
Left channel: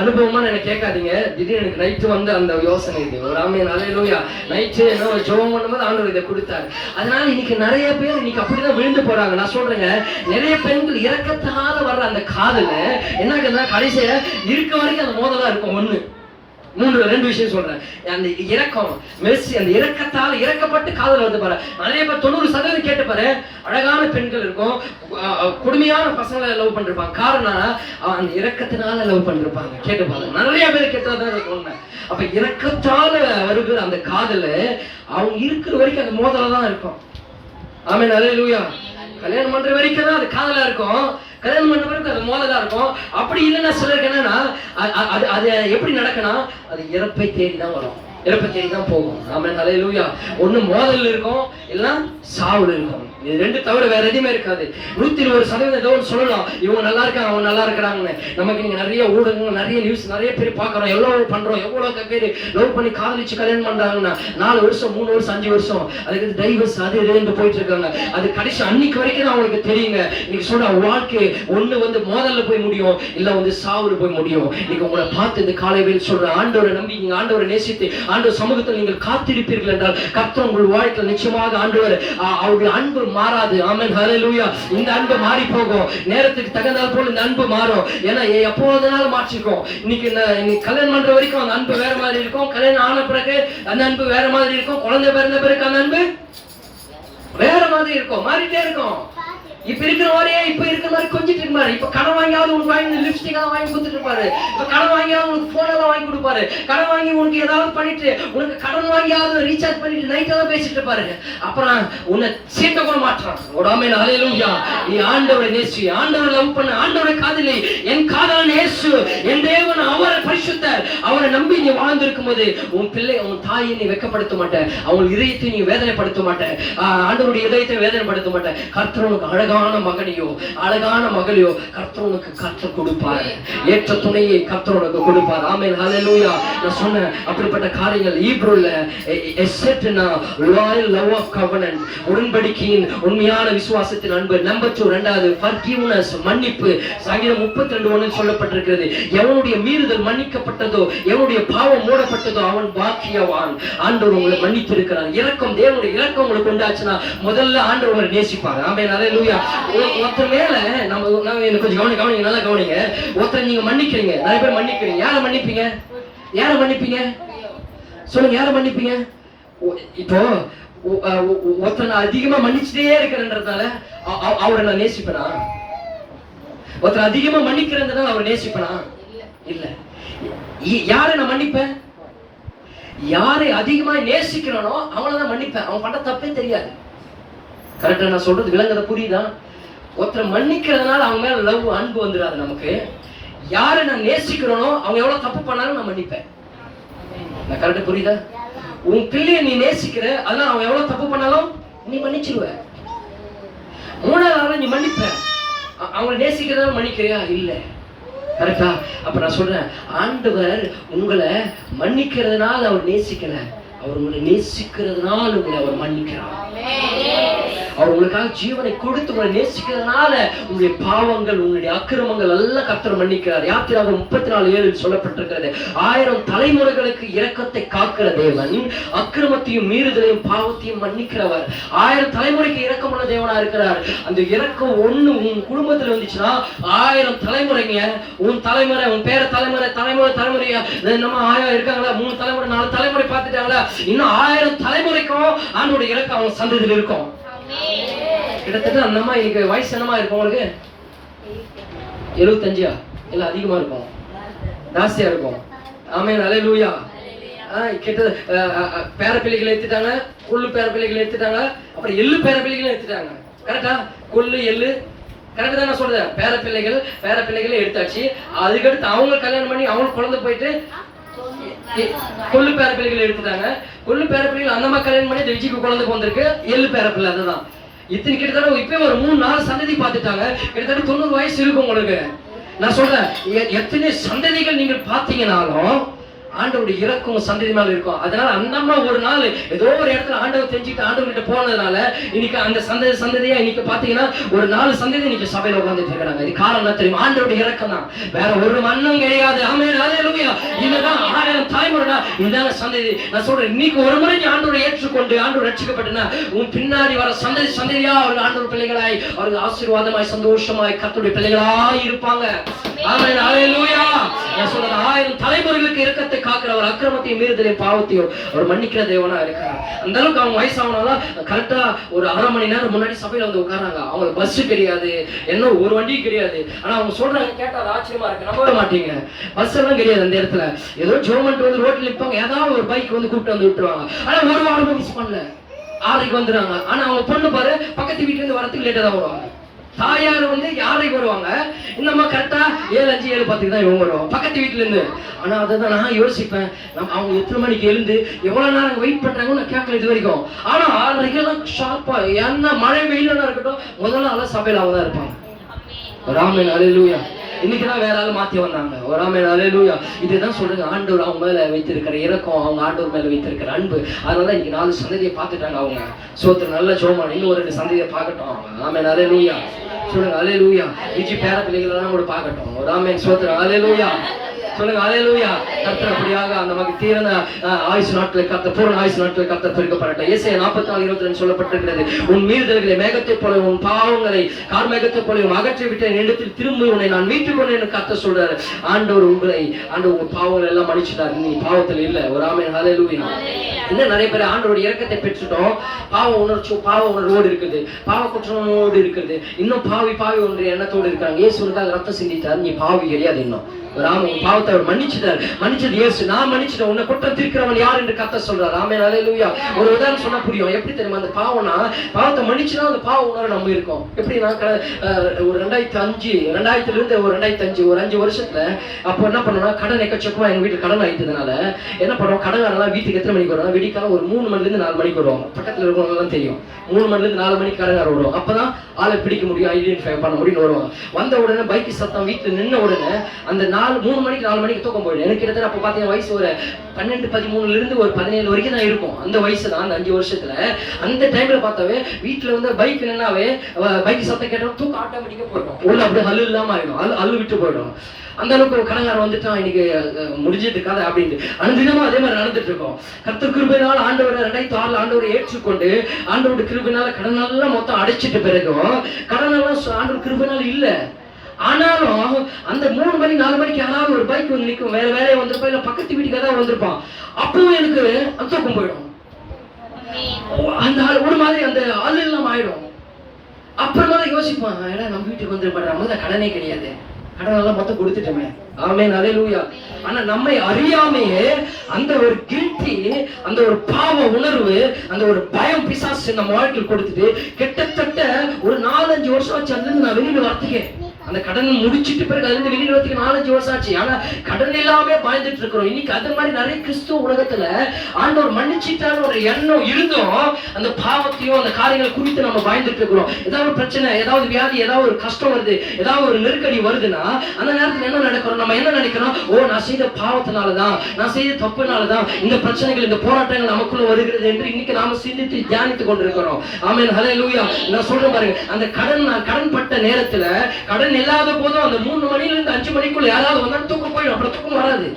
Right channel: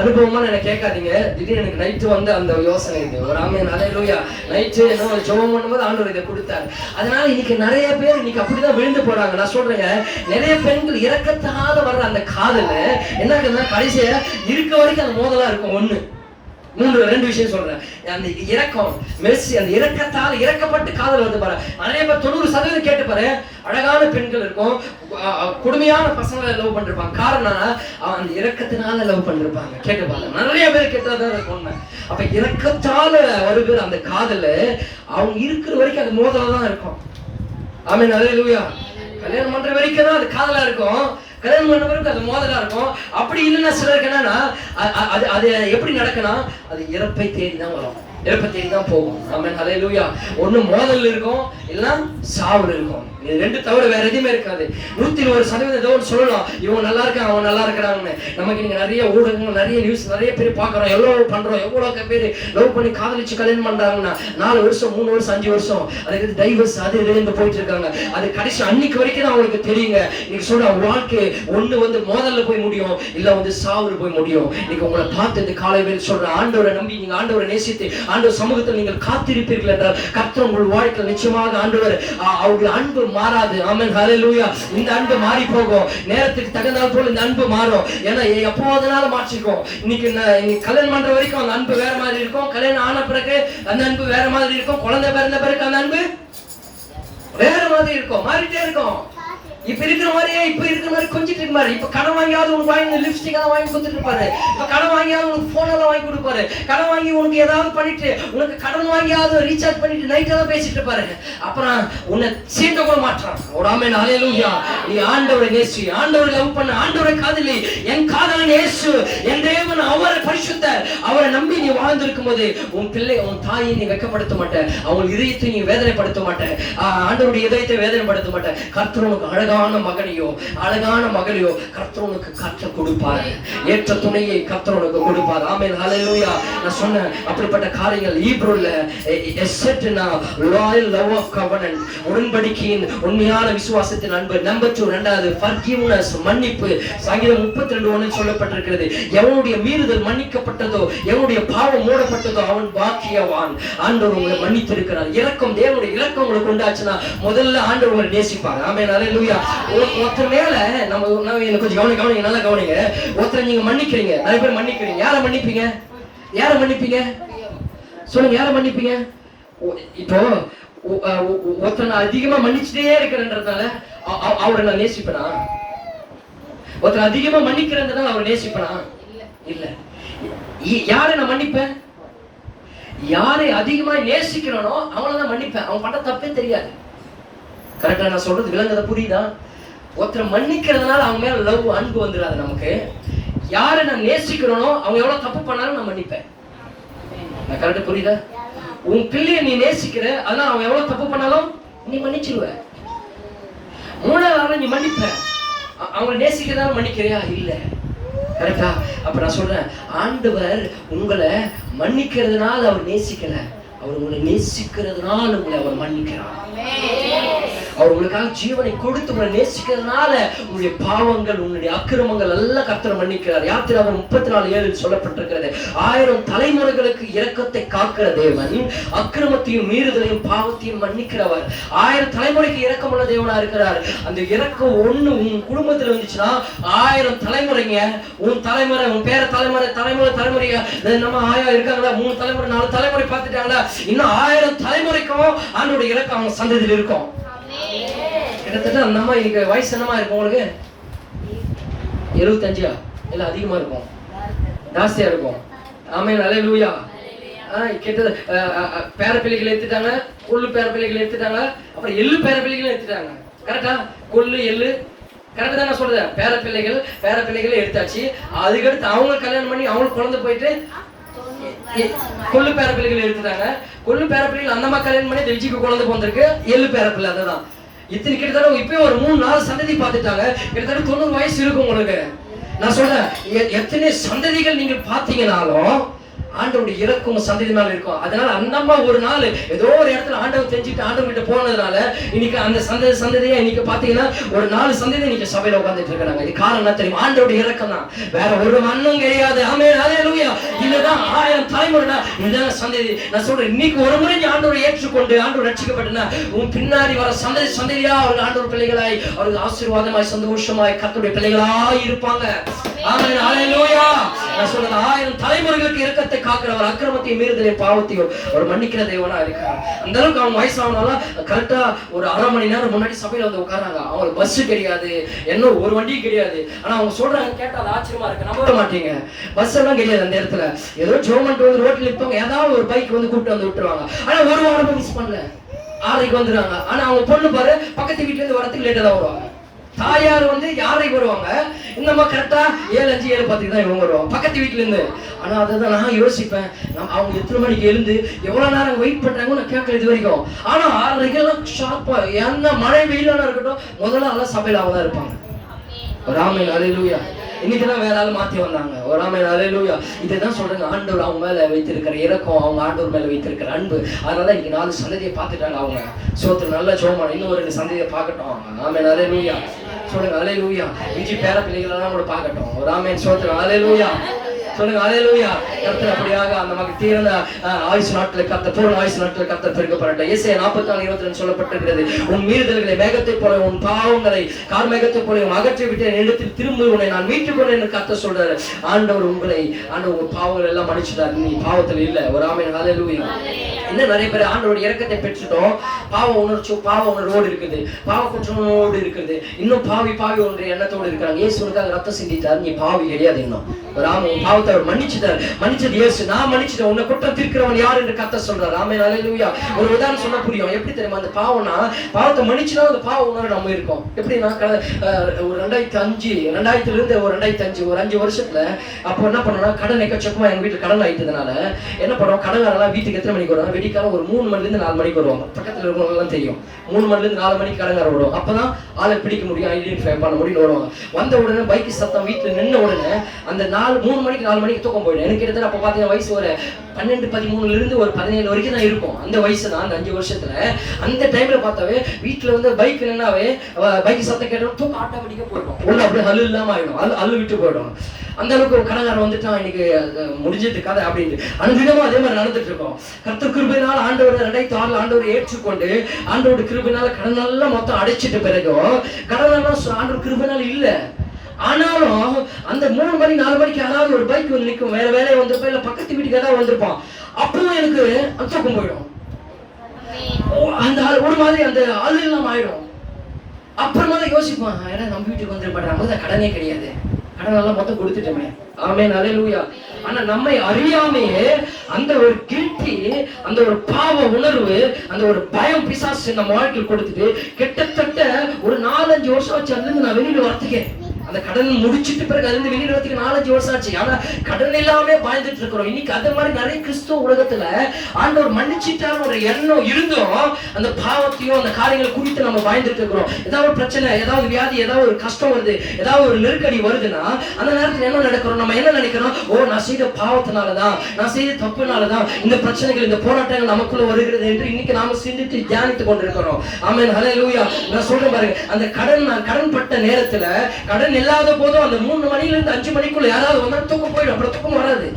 அனுபவமா என்ன கேட்காதீங்க. திடீர்னு எனக்கு நைட்டு வந்து அந்த யோசனை இது. ஒரு ஆமென் அல்லேலூயா. நைட்டு என்ன ஜெபம் பண்ணும்போது ஆண்டவர் இதை கொடுத்தாரு. அதனால இன்னைக்கு நிறைய பேர் இன்னைக்கு அப்படிதான் விழுந்து போறாங்க. நான் சொல்றேங்க, நிறைய பெண்கள் இறக்கத்தால வர்ற அந்த காதல என்ன கடைசியா இருக்க வரைக்கும் அந்த மோதலா இருக்கும். 2 விஷயம் சொல்றேன். அந்த இரக்கம் மெர்சி, அந்த இரக்கத்தால் இறக்கப்பட்டு காதல் வந்து பாரு. நிறைய பேர் 90% கேட்டு பாரு, அழகான பெண்கள் இருக்கும், கொடுமையான பசங்களை லவ் பண்ணிருப்பாங்க. காரணம் அந்த இரக்கத்தினால லவ் பண்ணிருப்பாங்க. கேட்டு பாரு, நிறைய பேர் கேட்டதான் இருக்கும். அப்ப இரக்கத்தால வருகிற அந்த காதல அவங்க இருக்கிற வரைக்கும் அந்த மோதல தான் இருக்கும். ஆமென் அல்லேலூயா. கல்யாணம் பண்ற வரைக்கும் தான் அது காதலா இருக்கும், கல்யாணம் பண்ண பிறகு அது மோதலா இருக்கும். அப்படி இல்லைன்னா சிலருக்கு என்னன்னா அது எப்படி நடக்கணும், அது இறப்பை தேடி தான் வரும், இறப்பை தேடி தான் போகும். ஆமென் அல்லேலூயா. ஒண்ணு மோதல் இருக்கும், இல்லைன்னா சாவுல இருக்கும். இது 2 தவிர வேற எதுவுமே இருக்காது. 101% ஏதோ ஒன்று சொல்லலாம், இவங்க நல்லா இருக்காங்க அவன் நல்லா இருக்கிறாங்கன்னு. நமக்கு நீங்க நிறைய ஊடகங்கள், நிறைய நியூஸ், நிறைய பேர் பாக்குறோம், எவ்வளவு பண்றோம், எவ்வளவு பேர் லவ் பண்ணி காதலிச்சு கல்யாணம் பண்றாங்கன்னா 4 வருஷம் 3 வருஷம் 5 வருஷம் அதுக்கு டைவர்ஸ் அது இதுன்னு போயிட்டு இருக்காங்க. அது கடைசி அன்னைக்கு வரைக்கும் தான் அவங்களுக்கு தெரியுங்க. இன்னைக்கு சொல்ற வாழ்க்கை ஒண்ணு வந்து மோதல்ல போய் முடியும், இல்ல வந்து சாவுல போய் முடியும். இன்னைக்கு உங்களை பார்த்து இந்த காலை வேளை சொல்ற, ஆண்டவரை நம்பி நீங்க ஆண்டவரை நேசித்து ஆண்டவர் சமூகத்தில் நீங்கள் காத்திருப்பீர்கள் என்றால் கர்த்தர் உங்கள் வாழ்க்கையில் நிச்சயமாக ஆண்டவர் அவருடைய அன்பு மாறாது. ஆமென் ஹல்லேலூயா. இந்த அன்பு மாறி போகும், நேரத்துக்கு தகுந்தால் போல இந்த அன்பு மாறும். ஏன்னா எப்போதனால மாற்றிருக்கோம். இன்னைக்கு கல்யாணம் பண்ற வரைக்கும் அந்த அன்பு வேற மாதிரி இருக்கும், கல்யாணம் ஆன பிறகு அந்த அன்பு வேற மாதிரி இருக்கும், குழந்தை பிறந்த பிறகு அந்த அன்பு வேற மாதிரி இருக்கும், மாறிட்டே இருக்கும். இப்ப இருக்கிற மாதிரியே இப்ப இருக்கிற மாதிரி கொஞ்சிட்டு இருக்க மாதிரி. இப்ப கடன் வாங்கியாவது உனக்கு வாங்கி லிப்ஸ்டிக் எல்லாம் வாங்கி கொடுத்துட்டு இருப்பாரு, இப்ப கடன் வாங்கியாவது உனக்கு போன் எல்லாம் வாங்கி கொடுப்பாரு, கடன் வாங்கி உனக்கு ஏதாவது பண்ணிட்டு உனக்கு கடன் வாங்கியாவது ரீசார்ஜ் பண்ணிட்டு நைட் எல்லாம் பேசிட்டு இருப்பாரு. அப்புறம் உன்னை சீண்ட கூட மாட்டான். ஒரு ஆமென் அல்லேலூயா. நீ ஆண்டவரை நேசி, ஆண்டவரை லவ் பண்ண, ஆண்டவரை காதலி. என் காதலன் இயேசு, என் தேவன், அவர் பரிசுத்தர். அவரை நம்பி நீ வாழ்ந்திருக்கும் போது உன் பிள்ளை, உன் தாயை நீ வெட்கப்படுத்த மாட்ட, அவன் இதயத்தை நீ வேதனைப்படுத்த மாட்ட, ஆண்டவருடைய இதயத்தை வேதனைப்படுத்த மாட்ட. கர்த்தர் உனக்கு அழகா அழகான மகனையோ அழகான மகளையோ கர்த்தர் உனக்கு கொடுப்பார். ஏற்ற துணையை கர்த்தர் உனக்கு கொடுப்பார். ஆமென், ஹல்லேலூயா. நான் சொன்ன அப்படிப்பட்ட காரியங்கள் ஈப்ரோல லாயல் லவ் ஆஃப் கவனன்ட், உடன்படிக்கையின் உண்மையான விசுவாசத்தின் அன்பு. நம்பர் 2, இரண்டாவது ஃபர்கிவ்னஸ், மன்னிப்பு. சங்கீதம் 32:1 சொல்லப்பட்டிருக்கிறது, எவனுடைய மீறுதல் மன்னிக்கப்பட்டதோ, எவனுடைய பாவம் மூடப்பட்டதோ அவன் பாக்கியவான். ஆண்டவர் உங்களை மன்னித்திருக்கிறார். இரக்கம், தேவனுடைய இரக்கம் உங்களுக்கு உண்டாச்சுன்னா முதல்ல ஆண்டவர் உங்களை நேசிப்பார். ஆமென், ஹல்லேலூயா. ஒருத்தர் மேல நம்ம என்ன கொஞ்சம் கவனிங்க, நல்லா கவனிங்க. ஒருத்தரை நீங்க மன்னிக்கிறீங்க, நிறைய பேர் மன்னிக்கிறீங்க. யாரை மன்னிப்பீங்க? யாரை மன்னிப்பீங்க சொல்லுங்க, யாரை மன்னிப்பீங்க? இப்போ ஒருத்தரை நான் அதிகமா மன்னிச்சுட்டே இருக்கிறேன்றதுனால அவரை நான் நேசிப்பேனா? ஒருத்தரை அதிகமா மன்னிக்கிறதுனால அவரை நேசிப்பேனா? இல்ல. யாரை நான் மன்னிப்பேன்? யாரை அதிகமா நேசிக்கிறனோ அவங்களதான் மன்னிப்பேன். அவன் பண்ண தப்பே தெரியாது. கரெக்டா நான் சொல்றது விளங்குறத புரியுதா? ஒருத்தரை மன்னிக்கிறதுனால அவங்க மேல லவ், அன்பு வந்துடாது நமக்கு. யாரை நான் நேசிக்கிறனோ அவங்க எவ்வளவு தப்பு பண்ணாலும் நான் மன்னிப்பேன். கரெக்டா புரியுதா? உன் பிள்ளைய நீ நேசிக்கிற, அதனால அவன் எவ்வளவு தப்பு பண்ணாலும் நீ மன்னிச்சிருவ. 3வது நீ மன்னிப்ப. அவங்க நேசிக்கிறதால மன்னிக்கிறியா? இல்ல. கரெக்டா? அப்ப நான் சொல்றேன், ஆண்டவர் உங்களை மன்னிக்கிறதுனால அவர் நேசிக்கல, அவர் உங்களை நேசிக்கிறதுனால உங்களை அவர் மன்னிக்கிறார். அவர் உங்களுக்காக ஜீவனை கொடுத்து உங்களை நேசிக்கிறதுனால உங்களுடைய பாவங்கள், உங்களுடைய அக்கிரமங்கள் எல்லாம் கர்த்தர் மன்னிக்கிறார். யாத்திராகமம் 34:7 சொல்லப்பட்டிருக்கிறது, 1000 தலைமுறைகளுக்கு இரக்கத்தை காக்கிற தேவன் அக்கிரமத்தையும் மீறுதலையும் பாவத்தையும் மன்னிக்கிறவர். 1000 தலைமுறைக்கு இரக்கமுள்ள தேவனா இருக்கிறார். அந்த இரக்கம் ஒண்ணு உன் குடும்பத்துல வந்துச்சுன்னா 1000 தலைமுறைங்க. உன் தலைமுறை, உன் பேர தலைமுறை, தலைமுறையா நம்ம ஆயா இருக்காங்களா, 3 தலைமுறை 4 தலைமுறை பார்த்துட்டாங்களா, இன்னும் 1000 தலைமுறைக்கும் ஆண்டோட இரக்கம் அவங்க சந்ததியில் இருக்கும். கிட்டத்தட்ட அந்த அம்மா இன்னைக்கு வயசு என்னமா இருக்கும்? உங்களுக்கு 75 இல்ல அதிகமா இருக்கும், ஜாஸ்தியா இருக்கும். ஆமென், ஹல்லேலூயா. கிட்ட பேர பிள்ளைகளை எடுத்துட்டாங்க, கொள்ளு பேர பிள்ளைகளை எடுத்துட்டாங்க, அப்புறம் எள்ளு பேர பிள்ளைகளை எடுத்துட்டாங்க. கரெக்டா? கொள்ளு எள்ளு கரெக்டா தான் நான் சொல்றேன். பேர பிள்ளைகளை எடுத்தாச்சு. அதுக்கடுத்து அவங்க கல்யாணம் பண்ணி அவங்க குழந்தை போயிட்டு கொள்ளு பேர பிள்ளைகளை எடுத்துட்டாங்க. கொள்ளு பேர பிள்ளைகள் அந்த மாதிரி கல்யாணம் பண்ணி விஜய்க்கு குழந்தை வந்திருக்கு. எள்ளு பேர பிள்ளை அதுதான். இத்தனை கிட்டத்தட்ட இப்ப ஒரு 3-4 சந்ததி பார்த்துட்டாங்க. கிட்டத்தட்ட 90 வயசு இருக்கும் உங்களுக்கு. நான் சொல்றேன், எத்தனை சந்ததிகள் நீங்க பாத்தீங்கன்னாலும் ஆண்டவருடைய இரக்கம் சந்ததி மேல இருக்கும். அதனால அந்த அம்மா ஒரு நாள் ஏதோ ஒரு இடத்துல ஆண்டவர் தெரிஞ்சுட்டு ஆண்டவர் கிட்ட போனதுனால இன்னைக்கு அந்த சந்ததியா இன்னைக்கு பாத்தீங்கன்னா ஒரு 4 சந்ததி இன்னைக்கு சபையில உட்கார்ந்துட்டு இருக்காங்க. இது காரணம் என்ன தெரியுமா? ஆண்டவருடைய இரக்கம் தான், வேற ஒரு மண்ணும் கிடையாது. ஆமென், ஹல்லேலூயா. இதுதான் 1000 தலைமுறைனா இதுதான் சந்ததி. நான் சொல்றேன், இன்னைக்கு ஒரு முறை நீ ஆண்டவரை ஏற்றுக்கொண்டு ஆண்டவர் ரட்சிக்கப்பட்டனா உன் பின்னாடி வர சந்ததியா அவர்கள் ஆண்டவர் பிள்ளைகளாய், அவர்கள் ஆசீர்வாதமாய் சந்தோஷமாய் கர்த்தருடைய பிள்ளைகளாய் இருப்பாங்க. ஆமென், ஹல்லேலூயா. நான் சொல்றேன், 1000 தலைமுறைகளுக்கு இரக்கத்தை காக்கிறவர், அக்கிரமத்தையும் மீறுதலையும் பாவத்தையும் அவர் மன்னிக்கிற தேவனா இருக்கிறார். அந்த அளவுக்கு அவங்க வயசானாலும் கரெக்டா ஒரு 1/2 மணி நேரம் முன்னாடி சபையில வந்து உட்காராங்க. அவங்களுக்கு பஸ் கிடையாது, என்ன ஒரு வண்டியும் கிடையாது. ஆனா அவங்க சொல்றாங்க, கேட்டா அது ஆச்சரியமா இருக்கு, நம்ப மாட்டீங்க. பஸ் எல்லாம் கிடையாது அந்த இடத்துல. ஏதோ ஜோமெண்ட் வந்து ரோட்ல நிற்பாங்க, ஏதாவது ஒரு பைக் வந்து கூப்பிட்டு வந்து விட்டுருவாங்க. ஆனா ஒரு வாரம் மிஸ் பண்ணல, 6:30 வந்துடுறாங்க. ஆனா அவங்க பொண்ணு பாரு, பக்கத்து வீட்டுல இருந்து வரத்துக்கு லேட்டா தான் வருவாங்க. தாயார் வந்து 6:30 வருவாங்க, இன்னமா கரெக்டா 7:05 7:10 தான் இவங்க வருவாங்க பக்கத்து வீட்டுல இருந்து. ஆனா அதான் நான் யோசிப்பேன், அவங்க எத்தனை மணிக்கு எழுந்து எவ்வளவு நேரம் வெயிட் பண்றாங்கன்னு நான் கேட்கல இது வரைக்கும். ஆனா 6:30 ஷார்ப்பா, என்ன மழை வெயிலான இருக்கட்டும், முதல்ல ஆள சபையில அவங்க தான் இருப்பாங்க. ஆமென், ஹல்லேலூயா. இன்னைக்குதான் வேற ஆள் மாத்தி வந்தாங்க. ஆமென், ஹல்லேலூயா. இதுதான் சொல்றேன், ஆண்டவர் அவங்க மேல வைத்திருக்கிற இரக்கம், அவங்க ஆண்டவர் மேல வைத்திருக்கிற அன்பு. அதனால இன்னைக்கு 4 சந்ததியை பார்த்துட்டாங்க அவங்க. சோத்திரம் நல்ல ஜோமான, இன்னும் ஒரு 2 சந்ததியை பார்க்கட்டும். ஆமென், ஹல்லேலூயா. சொல்லுங்க ஹல்லேலூயா. விஜய் பேர பிள்ளைகள் எல்லாம் கூட பார்க்கட்டும். ஆமென், சோத்திரம், ஹல்லேலூயா. சொல்லுங்க ஹல்லேலூயா. கர்த்தர் அப்படியாக நமக்கு தீர்ந்த ஆயுசு நாட்கள் கர்த்தர், பூரண ஆயுசு நாட்கள் கர்த்தர் பெருக்கப்படட்ட. ஏசாயா 44:22 சொல்லப்பட்டிருக்கிறது, உன் மீறுதல்களை மேகத்தை போல, உன் பாவங்களை கார்மேகத்தை போல அகற்றி விட்டு என்னிடத்தில் திரும்பி உன்னை நான் மீட்டுக் கொண்டேன் கர்த்தர் சொல்றாரு. ஆண்டவர் உன் பாவங்கள் எல்லாம் மன்னிச்சுட்டார், நீ பாவத்தில் இல்ல. ஒரு ஆமென், ஹல்லேலூயா. இன்னும் நிறைய பேர் ஆண்டவருடைய இரக்கத்தை பெற்றுட்டோம், பாவ உணர்வோடு இருக்குது, பாவ குற்றமோடு இருக்குது, இன்னும் பாவி ஒன்று எண்ணத்தோடு இருக்காங்க. இயேசுவுக்காக ரத்தம் சிந்தித்தார், நீ பாவி கிடையாது இன்னும். உன் பாவத்தை அவர் மன்னிச்சுட்டார். மன்னிச்சது இயேசு. நான் மன்னிச்சிட்டேன், உன்னை குற்றம் தீர்க்கிறவன் யார் என்று கர்த்தர் சொல்றார். ஆமென், ஹல்லேலூயா. ஒரு உதாரணம் சொன்னா புரியும். எப்படி தெரியுமா? அந்த பாவத்தை மன்னிச்சுனா அந்த பாவ உணர்வு நம்ம இருக்கோம். எப்படின்னா ஒரு 2005 ஒரு 5 வருஷத்துல அப்போ என்ன பண்ணோம்னா, கடன் எக்கச்சக்கமா எங்க வீட்டுல கடன் ஆயிட்டதுனால என்ன பண்ணுவோம், கடன்காரெல்லாம் வீட்டுக்கு எத்தனை மணிக்கு வருவாங்க, வெடிக்காலம் ஒரு 3 மணில இருந்து 4 மணிக்கு வருவாங்க. பக்கத்துல இருக்கிறவங்க தெரியும், 3 மணில இருந்து 4 மணிக்கு கடன்கார வருவோம். அப்பதான் ஆளை பிடிக்க முடியும், ஐடென்டிஃபை பண்ண முடியும் வருவாங்க. வந்த உடனே பைக் சத்தம் வீட்டுல நின்ன உடனே அந்த 3 மணிக்கு 4 மணிக்கு தூக்கம் போயிடும். எனக்கு கிட்டத்தட்ட அப்ப பாத்தீங்கன்னா வயசு ஒரு 12, 13 இருந்து ஒரு 17 வரைக்கும் தான் இருக்கும். அந்த வயசு தான், அந்த 5 வருஷத்துல. அந்த டைம்ல பார்த்தாவே வீட்டுல வந்து பைக் என்னன்னாவே பைக் சத்தம் கேட்டோம் தூக்கம் ஆட்டோமேட்டிக்கா போயிடும். ஒண்ணு அப்படியே ஹல்லு இல்லாம ஆயிடும், அள்ளு விட்டு போயிடும். அந்த அளவுக்கு ஒரு கடன்காரன் வந்துட்டான், இன்னைக்கு முடிஞ்சது கதை அப்படின்னு அனுதினமும் அதே மாதிரி நடந்துட்டு இருக்கோம். கர்த்தர் கிருபையினால் ஆண்டவரை 2006 ஆண்டவரை ஏற்றுக்கொண்டு ஆண்டவரோட கிருபையினால கடன் எல்லாம் மொத்தம் அடைச்சிட்டு பிறகும் கடன் எல்லாம் ஆண்டவர் கிருபையினால இல்ல. ஆனாலும் அந்த 3 மணி 4 மணிக்கு யாராவது ஒரு பைக் வந்து நிற்கும், வேற வேலையை வந்திருப்பா, இல்ல பக்கத்து வீட்டுக்கு ஏதாவது வந்திருப்பான். அப்பவும் எனக்கு தூக்கம் போயிடும். அந்த ஒரு மாதிரி அந்த ஆளு எல்லாம் ஆயிடும். அப்புறமா தான் யோசிப்பான், ஏன்னா நம்ம வீட்டுக்கு வந்துருப்பாரு, நமக்கு தான் கடனே கிடையாது, கடன் எல்லாம் மொத்தம் கொடுத்துட்டோமே. ஆமென், ஹல்லேலூயா. ஆனா நம்மை அறியாமையே அந்த ஒரு கில்ட்டி, அந்த ஒரு பாவ உணர்வு, அந்த ஒரு பயம் பிசாசு நம்ம வாழ்க்கையில் கொடுத்துட்டு கிட்டத்தட்ட ஒரு 4-5 வருஷம் ஆச்சு அதுல நான் வெளியில வரத்துக்கே. அந்த கடன் முடிச்சிட்டு பிறகு அதுல வெளியில வரத்துக்கு 4-5 வருஷம் ஆச்சு. ஆனா கடன் இல்லாம பாய்ந்துட்டு இருக்கிறோம். இன்னைக்கு அது மாதிரி நிறைய கிறிஸ்துவ உலகத்துல ஆண்டவர் மன்னிச்சிட்டான்னு ஒரு எண்ணம் இருந்தும் அந்த பாவத்தையும் அந்த காரியங்களை குறித்து நம்ம பாய்ந்துட்டு இருக்கிறோம். ஏதாவது பிரச்சனை, ஏதாவது வியாதி, ஏதாவது ஒரு கஷ்டம் வருது, ஏதாவது ஒரு நெருக்கடி வருதுன்னா அந்த நேரத்தில் என்ன நடக்கிறோம், நம்ம என்ன நினைக்கிறோம், நான் செய்த பாவத்தினாலதான், நான் செய்த தப்புனாலதான் இந்த பிரச்சனைகள், இந்த போராட்டங்கள் நமக்குள்ள வருகிறது என்று இன்னைக்கு நாம சிந்தித்து தியானித்துக் கொண்டிருக்கிறோம். ஆமென், ஹல்லேலூயா. நான் சொல்றேன் பாருங்க, அந்த கடன் பட்ட நேரத்துல, கடன் இல்லாத போதும் அந்த 3 மணில இருந்து 5 மணிக்குள்ள யாராவது வந்தா தூக்கம் போயிடும். அப்புறம் தூக்கம் வராது.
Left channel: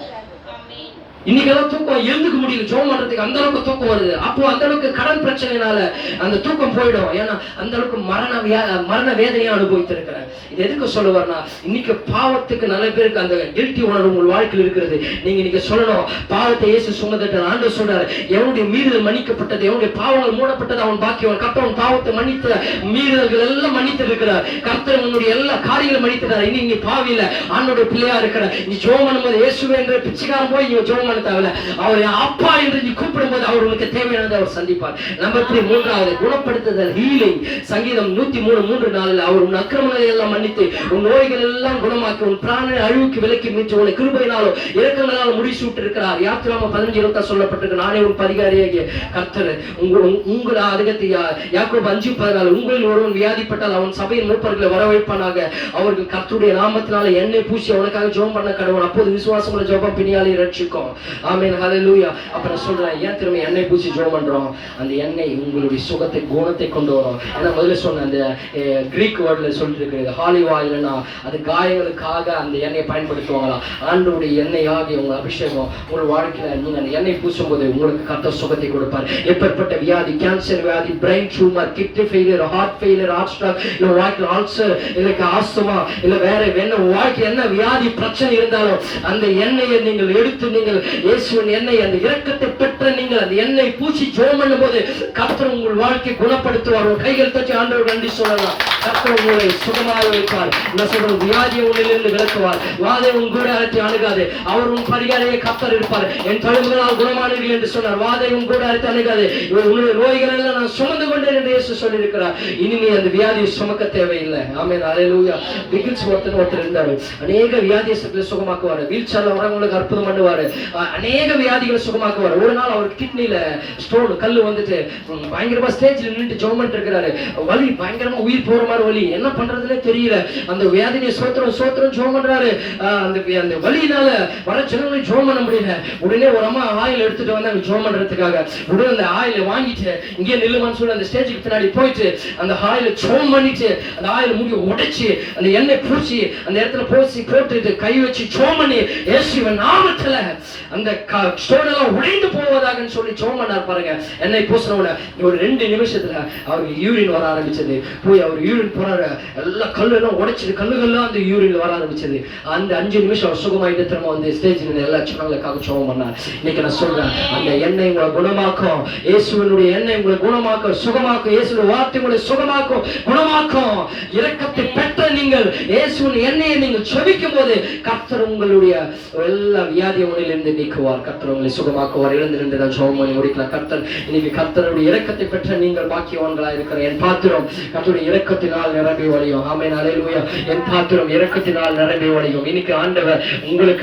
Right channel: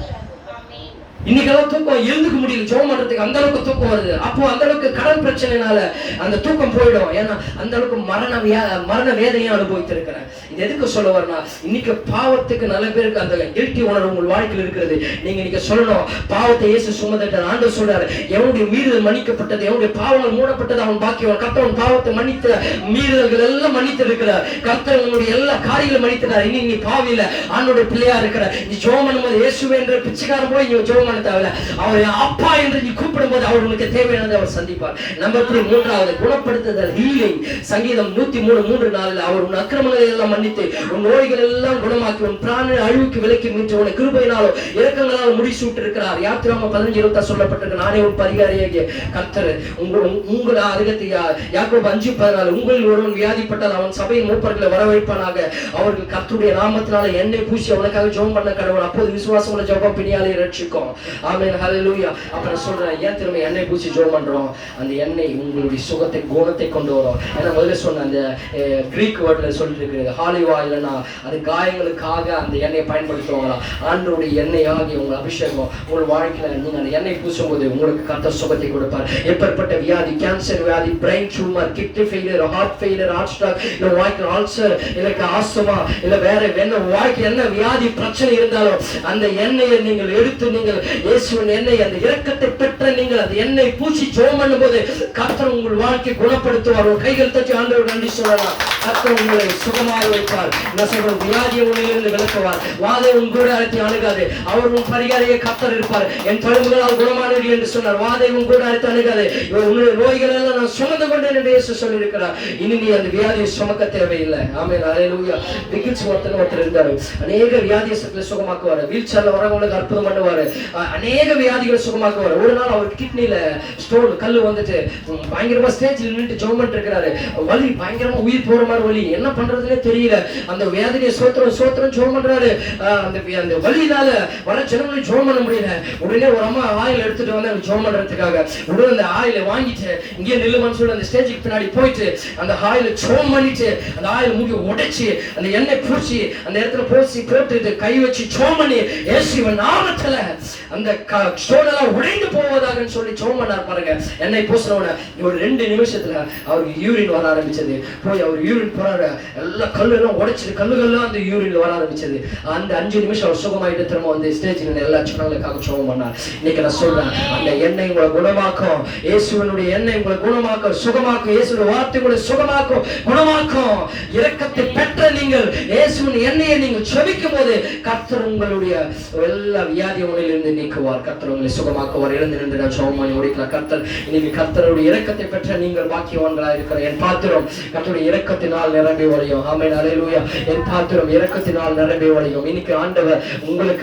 இன்னைக்கெல்லாம் தூக்கம் எழுந்துக்க முடியல, ஜெபம் பண்றதுக்கு அந்த அளவுக்கு தூக்கம் வருது. அப்போ அந்த அளவுக்கு கடன் பிரச்சனைனால அந்த தூக்கம் போயிடும். ஏன்னா அந்த அளவுக்கு மரண வேதனையை அனுபவித்திருக்கிறேன். இது எதுக்கு சொல்ல வரனா, இன்னைக்கு பாவத்துக்கு நல்ல பேருக்கு அந்த கில்ட்டி உணர்வு உங்கள் வாழ்க்கையில் இருக்கிறது. நீங்க இன்னைக்கு சொல்லணும், பாவத்தை இயேசு சுமந்துட்டார். ஆண்டவர் சொல்றாரு, எவனுடைய மீறுதல் மன்னிக்கப்பட்டது, எவனுடைய பாவங்கள் மூடப்பட்டது அவன் பாக்கியவன். கர்த்தர் பாவத்தை மன்னித்த மீறுதல்கள் எல்லாம் மன்னித்து இருக்கிறார். கர்த்தர் உன்னுடைய எல்லா காரியங்களும் மன்னித்தார். இனி நீ பாவியில ஆண்டோட பிள்ளையா இருக்கிற, நீ ஜெபம் பண்ணும்போது இயேசுவே என்ற பிச்சைக்காரன் போய் நீ ஜெபம் அவர் அப்பா என்று நீ கூப்பிடும்போது அவர் உங்களுக்கு தேவையானதை அவர் சந்திப்பார். நம்பர் 3, மூன்றாவது குணப்படுத்துதல், ஹீலிங். சங்கீதம் 103:3-4 அவர் உன் அக்கிரமங்களை எல்லாம் மன்னித்து உன் நோய்கள் எல்லாம் குணமாக்கி உன் பிராண அழிவுக்கு விலக்கி மீட்டு உன்னை கிருபையினாலும் இரக்கங்களால் முடிசூட்டு இருக்கிறார். யாத்திராகமம் 15:20 சொல்லப்பட்டிருக்கு, நானே உன் பரிகாரியாகிய கர்த்தர். உங்களை அதுக்கு யாக்கோபு 5:14 உங்களில் ஒருவன் வியாதிப்பட்டால் அவன் சபையின் மூப்பர்களை வரவைப்பானாக, அவர்கள் கர்த்தருடைய நாமத்தினால எண்ணெய் பூசி அவனுக்காக ஜெபம் பண்ண கடவுள், அப்போது விசுவாசமுள்ள ஜெபம் பிணியாலே ரட்சிக்கும். ஆமென், ஹல்லேலூயா. அப்புறம் சொல்றேன், ஏன் திரும்ப எண்ணெய் பூசி ஜெபம் பண்றோம், அந்த எண்ணெய் உங்களுடைய சுகத்தை குணத்தை கொண்டு வரும். ஏன்னா முதல்ல சொன்ன அந்த கிரீக் வேர்ட்ல சொல்லிட்டு இருக்கு, ஹாலிவா இல்லைன்னா அது காயங்களுக்காக அந்த எண்ணெயை பயன்படுத்துவாங்களாம். ஆண்டவருடைய எண்ணெய் ஆகிய உங்கள் அபிஷேகம் உங்கள் வாழ்க்கையில நீங்க அந்த எண்ணெய் பூசும் போது உங்களுக்கு கர்த்தர் சுகத்தை கொடுப்பார். எப்பேற்பட்ட வியாதி, கேன்சர் வியாதி, brain tumour, kidney failure, heart failure, heart stroke, இல்ல வாழ்க்கையில் ஆல்சர், இல்ல ஆஸ்துமா, இல்ல வேற என்ன வாழ்க்கை என்ன வியாதி பிரச்சனை இருந்தாலும் அந்த எண்ணெயை நீங்கள் எடுத்து நீங்கள் இயேசுவின் எண்ணெய், அந்த இரக்கத்தை பெற்ற நீங்கள் அந்த எண்ணெய் பூசி ஜெபம் பண்ணும்போது கர்த்தர் உங்கள் வாழ்க்கை குணப்படுத்துவார். கைகள் தட்டி ஆண்டவர் நன்றி சொல்லலாம். கர்த்தர் உங்களை சுகமாக வைப்பார். நான் சொல்றேன், வியாதியை உன்னிலிருந்து விலக்குவார். வாதை உன் கூட அழைத்து அணுகாது, அவர் உன் பரிகாரியை கர்த்தர் இருப்பார். என் தழும்புகளால் குணமானீர்கள் என்று சொன்னார். வாதை உன் கூட அழைத்து அணுகாது, உன்னுடைய நோய்கள் எல்லாம் நான் சுமந்து கொண்டேன் என்று இயேசு சொல்லியிருக்கிறார். இனி நீ அந்த வியாதியை சுமக்க தேவையில்லை. ஆமென், ஹல்லேலூயா. பிகில்ஸ் ஒருத்தர் இருந்தாரு, அநேக வியாதியை சுகமாக்குவார். வீல் சேர்ல வரவங்களுக்கு அற்புதம் பண்ணுவாரு, அநேக வியாதிகளை சுகமாக்குவார். ஒரு நாள் அவர் கிட்னில ஸ்டோன் கல்லு வந்துட்டு பயங்கரமா ஸ்டேஜ்ல நின்னுட்டு ஜெபம் பண்ணிட்டு இருக்கிறாரு. வலி பயங்கரமா உயிர் போற மாதிரி வலி, என்ன பண்றதுன்னே தெரியல. அந்த வியாதியை சோத்திரம் ஜெபம் பண்றாரு. அந்த வலியினால வர ஜனங்களை ஜெபம் பண்ண முடியல. உடனே ஒரு அம்மா ஆயில் எடுத்துட்டு வந்து ஜெபம் பண்றதுக்காக உடனே அந்த ஆயில வாங்கிட்டு இங்கே நில்லுமான்னு சொல்லி அந்த ஸ்டேஜுக்கு பின்னாடி போயிட்டு அந்த ஆயில ஜெபம் பண்ணிட்டு அந்த ஆயில் மூடி உடைச்சு அந்த எண்ணெய் பூச்சி அந்த இடத்துல போட்டுட்டு கை வச்சு ஜெபம் பண்ணி இயேசுவின் நாமத்துல அந்த ஸ்டோனெல்லாம் உடைந்து போவதாக சொல்லி ஜெபம் பண்ணார் பாருங்க. எண்ணெய் பூசினவன ஒரு 2 நிமிஷத்துல அவருக்கு யூரின் வர ஆரம்பிச்சது. போய் அவர் யூரின் போறாரு, எல்லா கல்லெல்லாம் உடைச்சிட்டு கல்லுகள்லாம் அந்த யூரின்ல வர ஆரம்பிச்சது. அந்த 5 நிமிஷம் அவர் சுகமாயிட்டு திரும்ப வந்து ஸ்டேஜில் எல்லா ஜனங்களுக்காக ஜெபம் பண்ணார். இன்னைக்கு நான் சொல்றேன், அந்த எண்ணெய் உங்களை குணமாக்கும். இயேசுவினுடைய எண்ணெய் உங்களை குணமாக்கும், சுகமாக்கும். இயேசுவின் வார்த்தை உங்களை சுகமாக்கும், குணமாக்கும். இரக்கத்தை பெற்ற நீங்கள் இயேசுவின் எண்ணெயை நீங்கள் செபிக்கும் போது கர்த்தர் கர்த்தர் உங்களுடைய எல்லா வியாதி உடலிலிருந்து நீக்குவார். கர்த்தர் உங்களை சுகமாக்குவார். எழுந்து நின்று நான் ஜெபம் பண்ணி முடிக்கலாம். கர்த்தர் இன்னைக்கு கர்த்தருடைய இரக்கத்தை பெற்ற நீங்கள் பாக்கியவான்களாக இருக்கிற என் பாத்திரம் கர்த்தருடைய இரக்கத்தினால் நிரம்பி வழியும். ஆமென். அல்லேலூயா. என் பாத்திரம் இரக்கத்தினால் நிரம்பி வழியும். இன்னைக்கு ஆண்டவர் உங்களுக்கு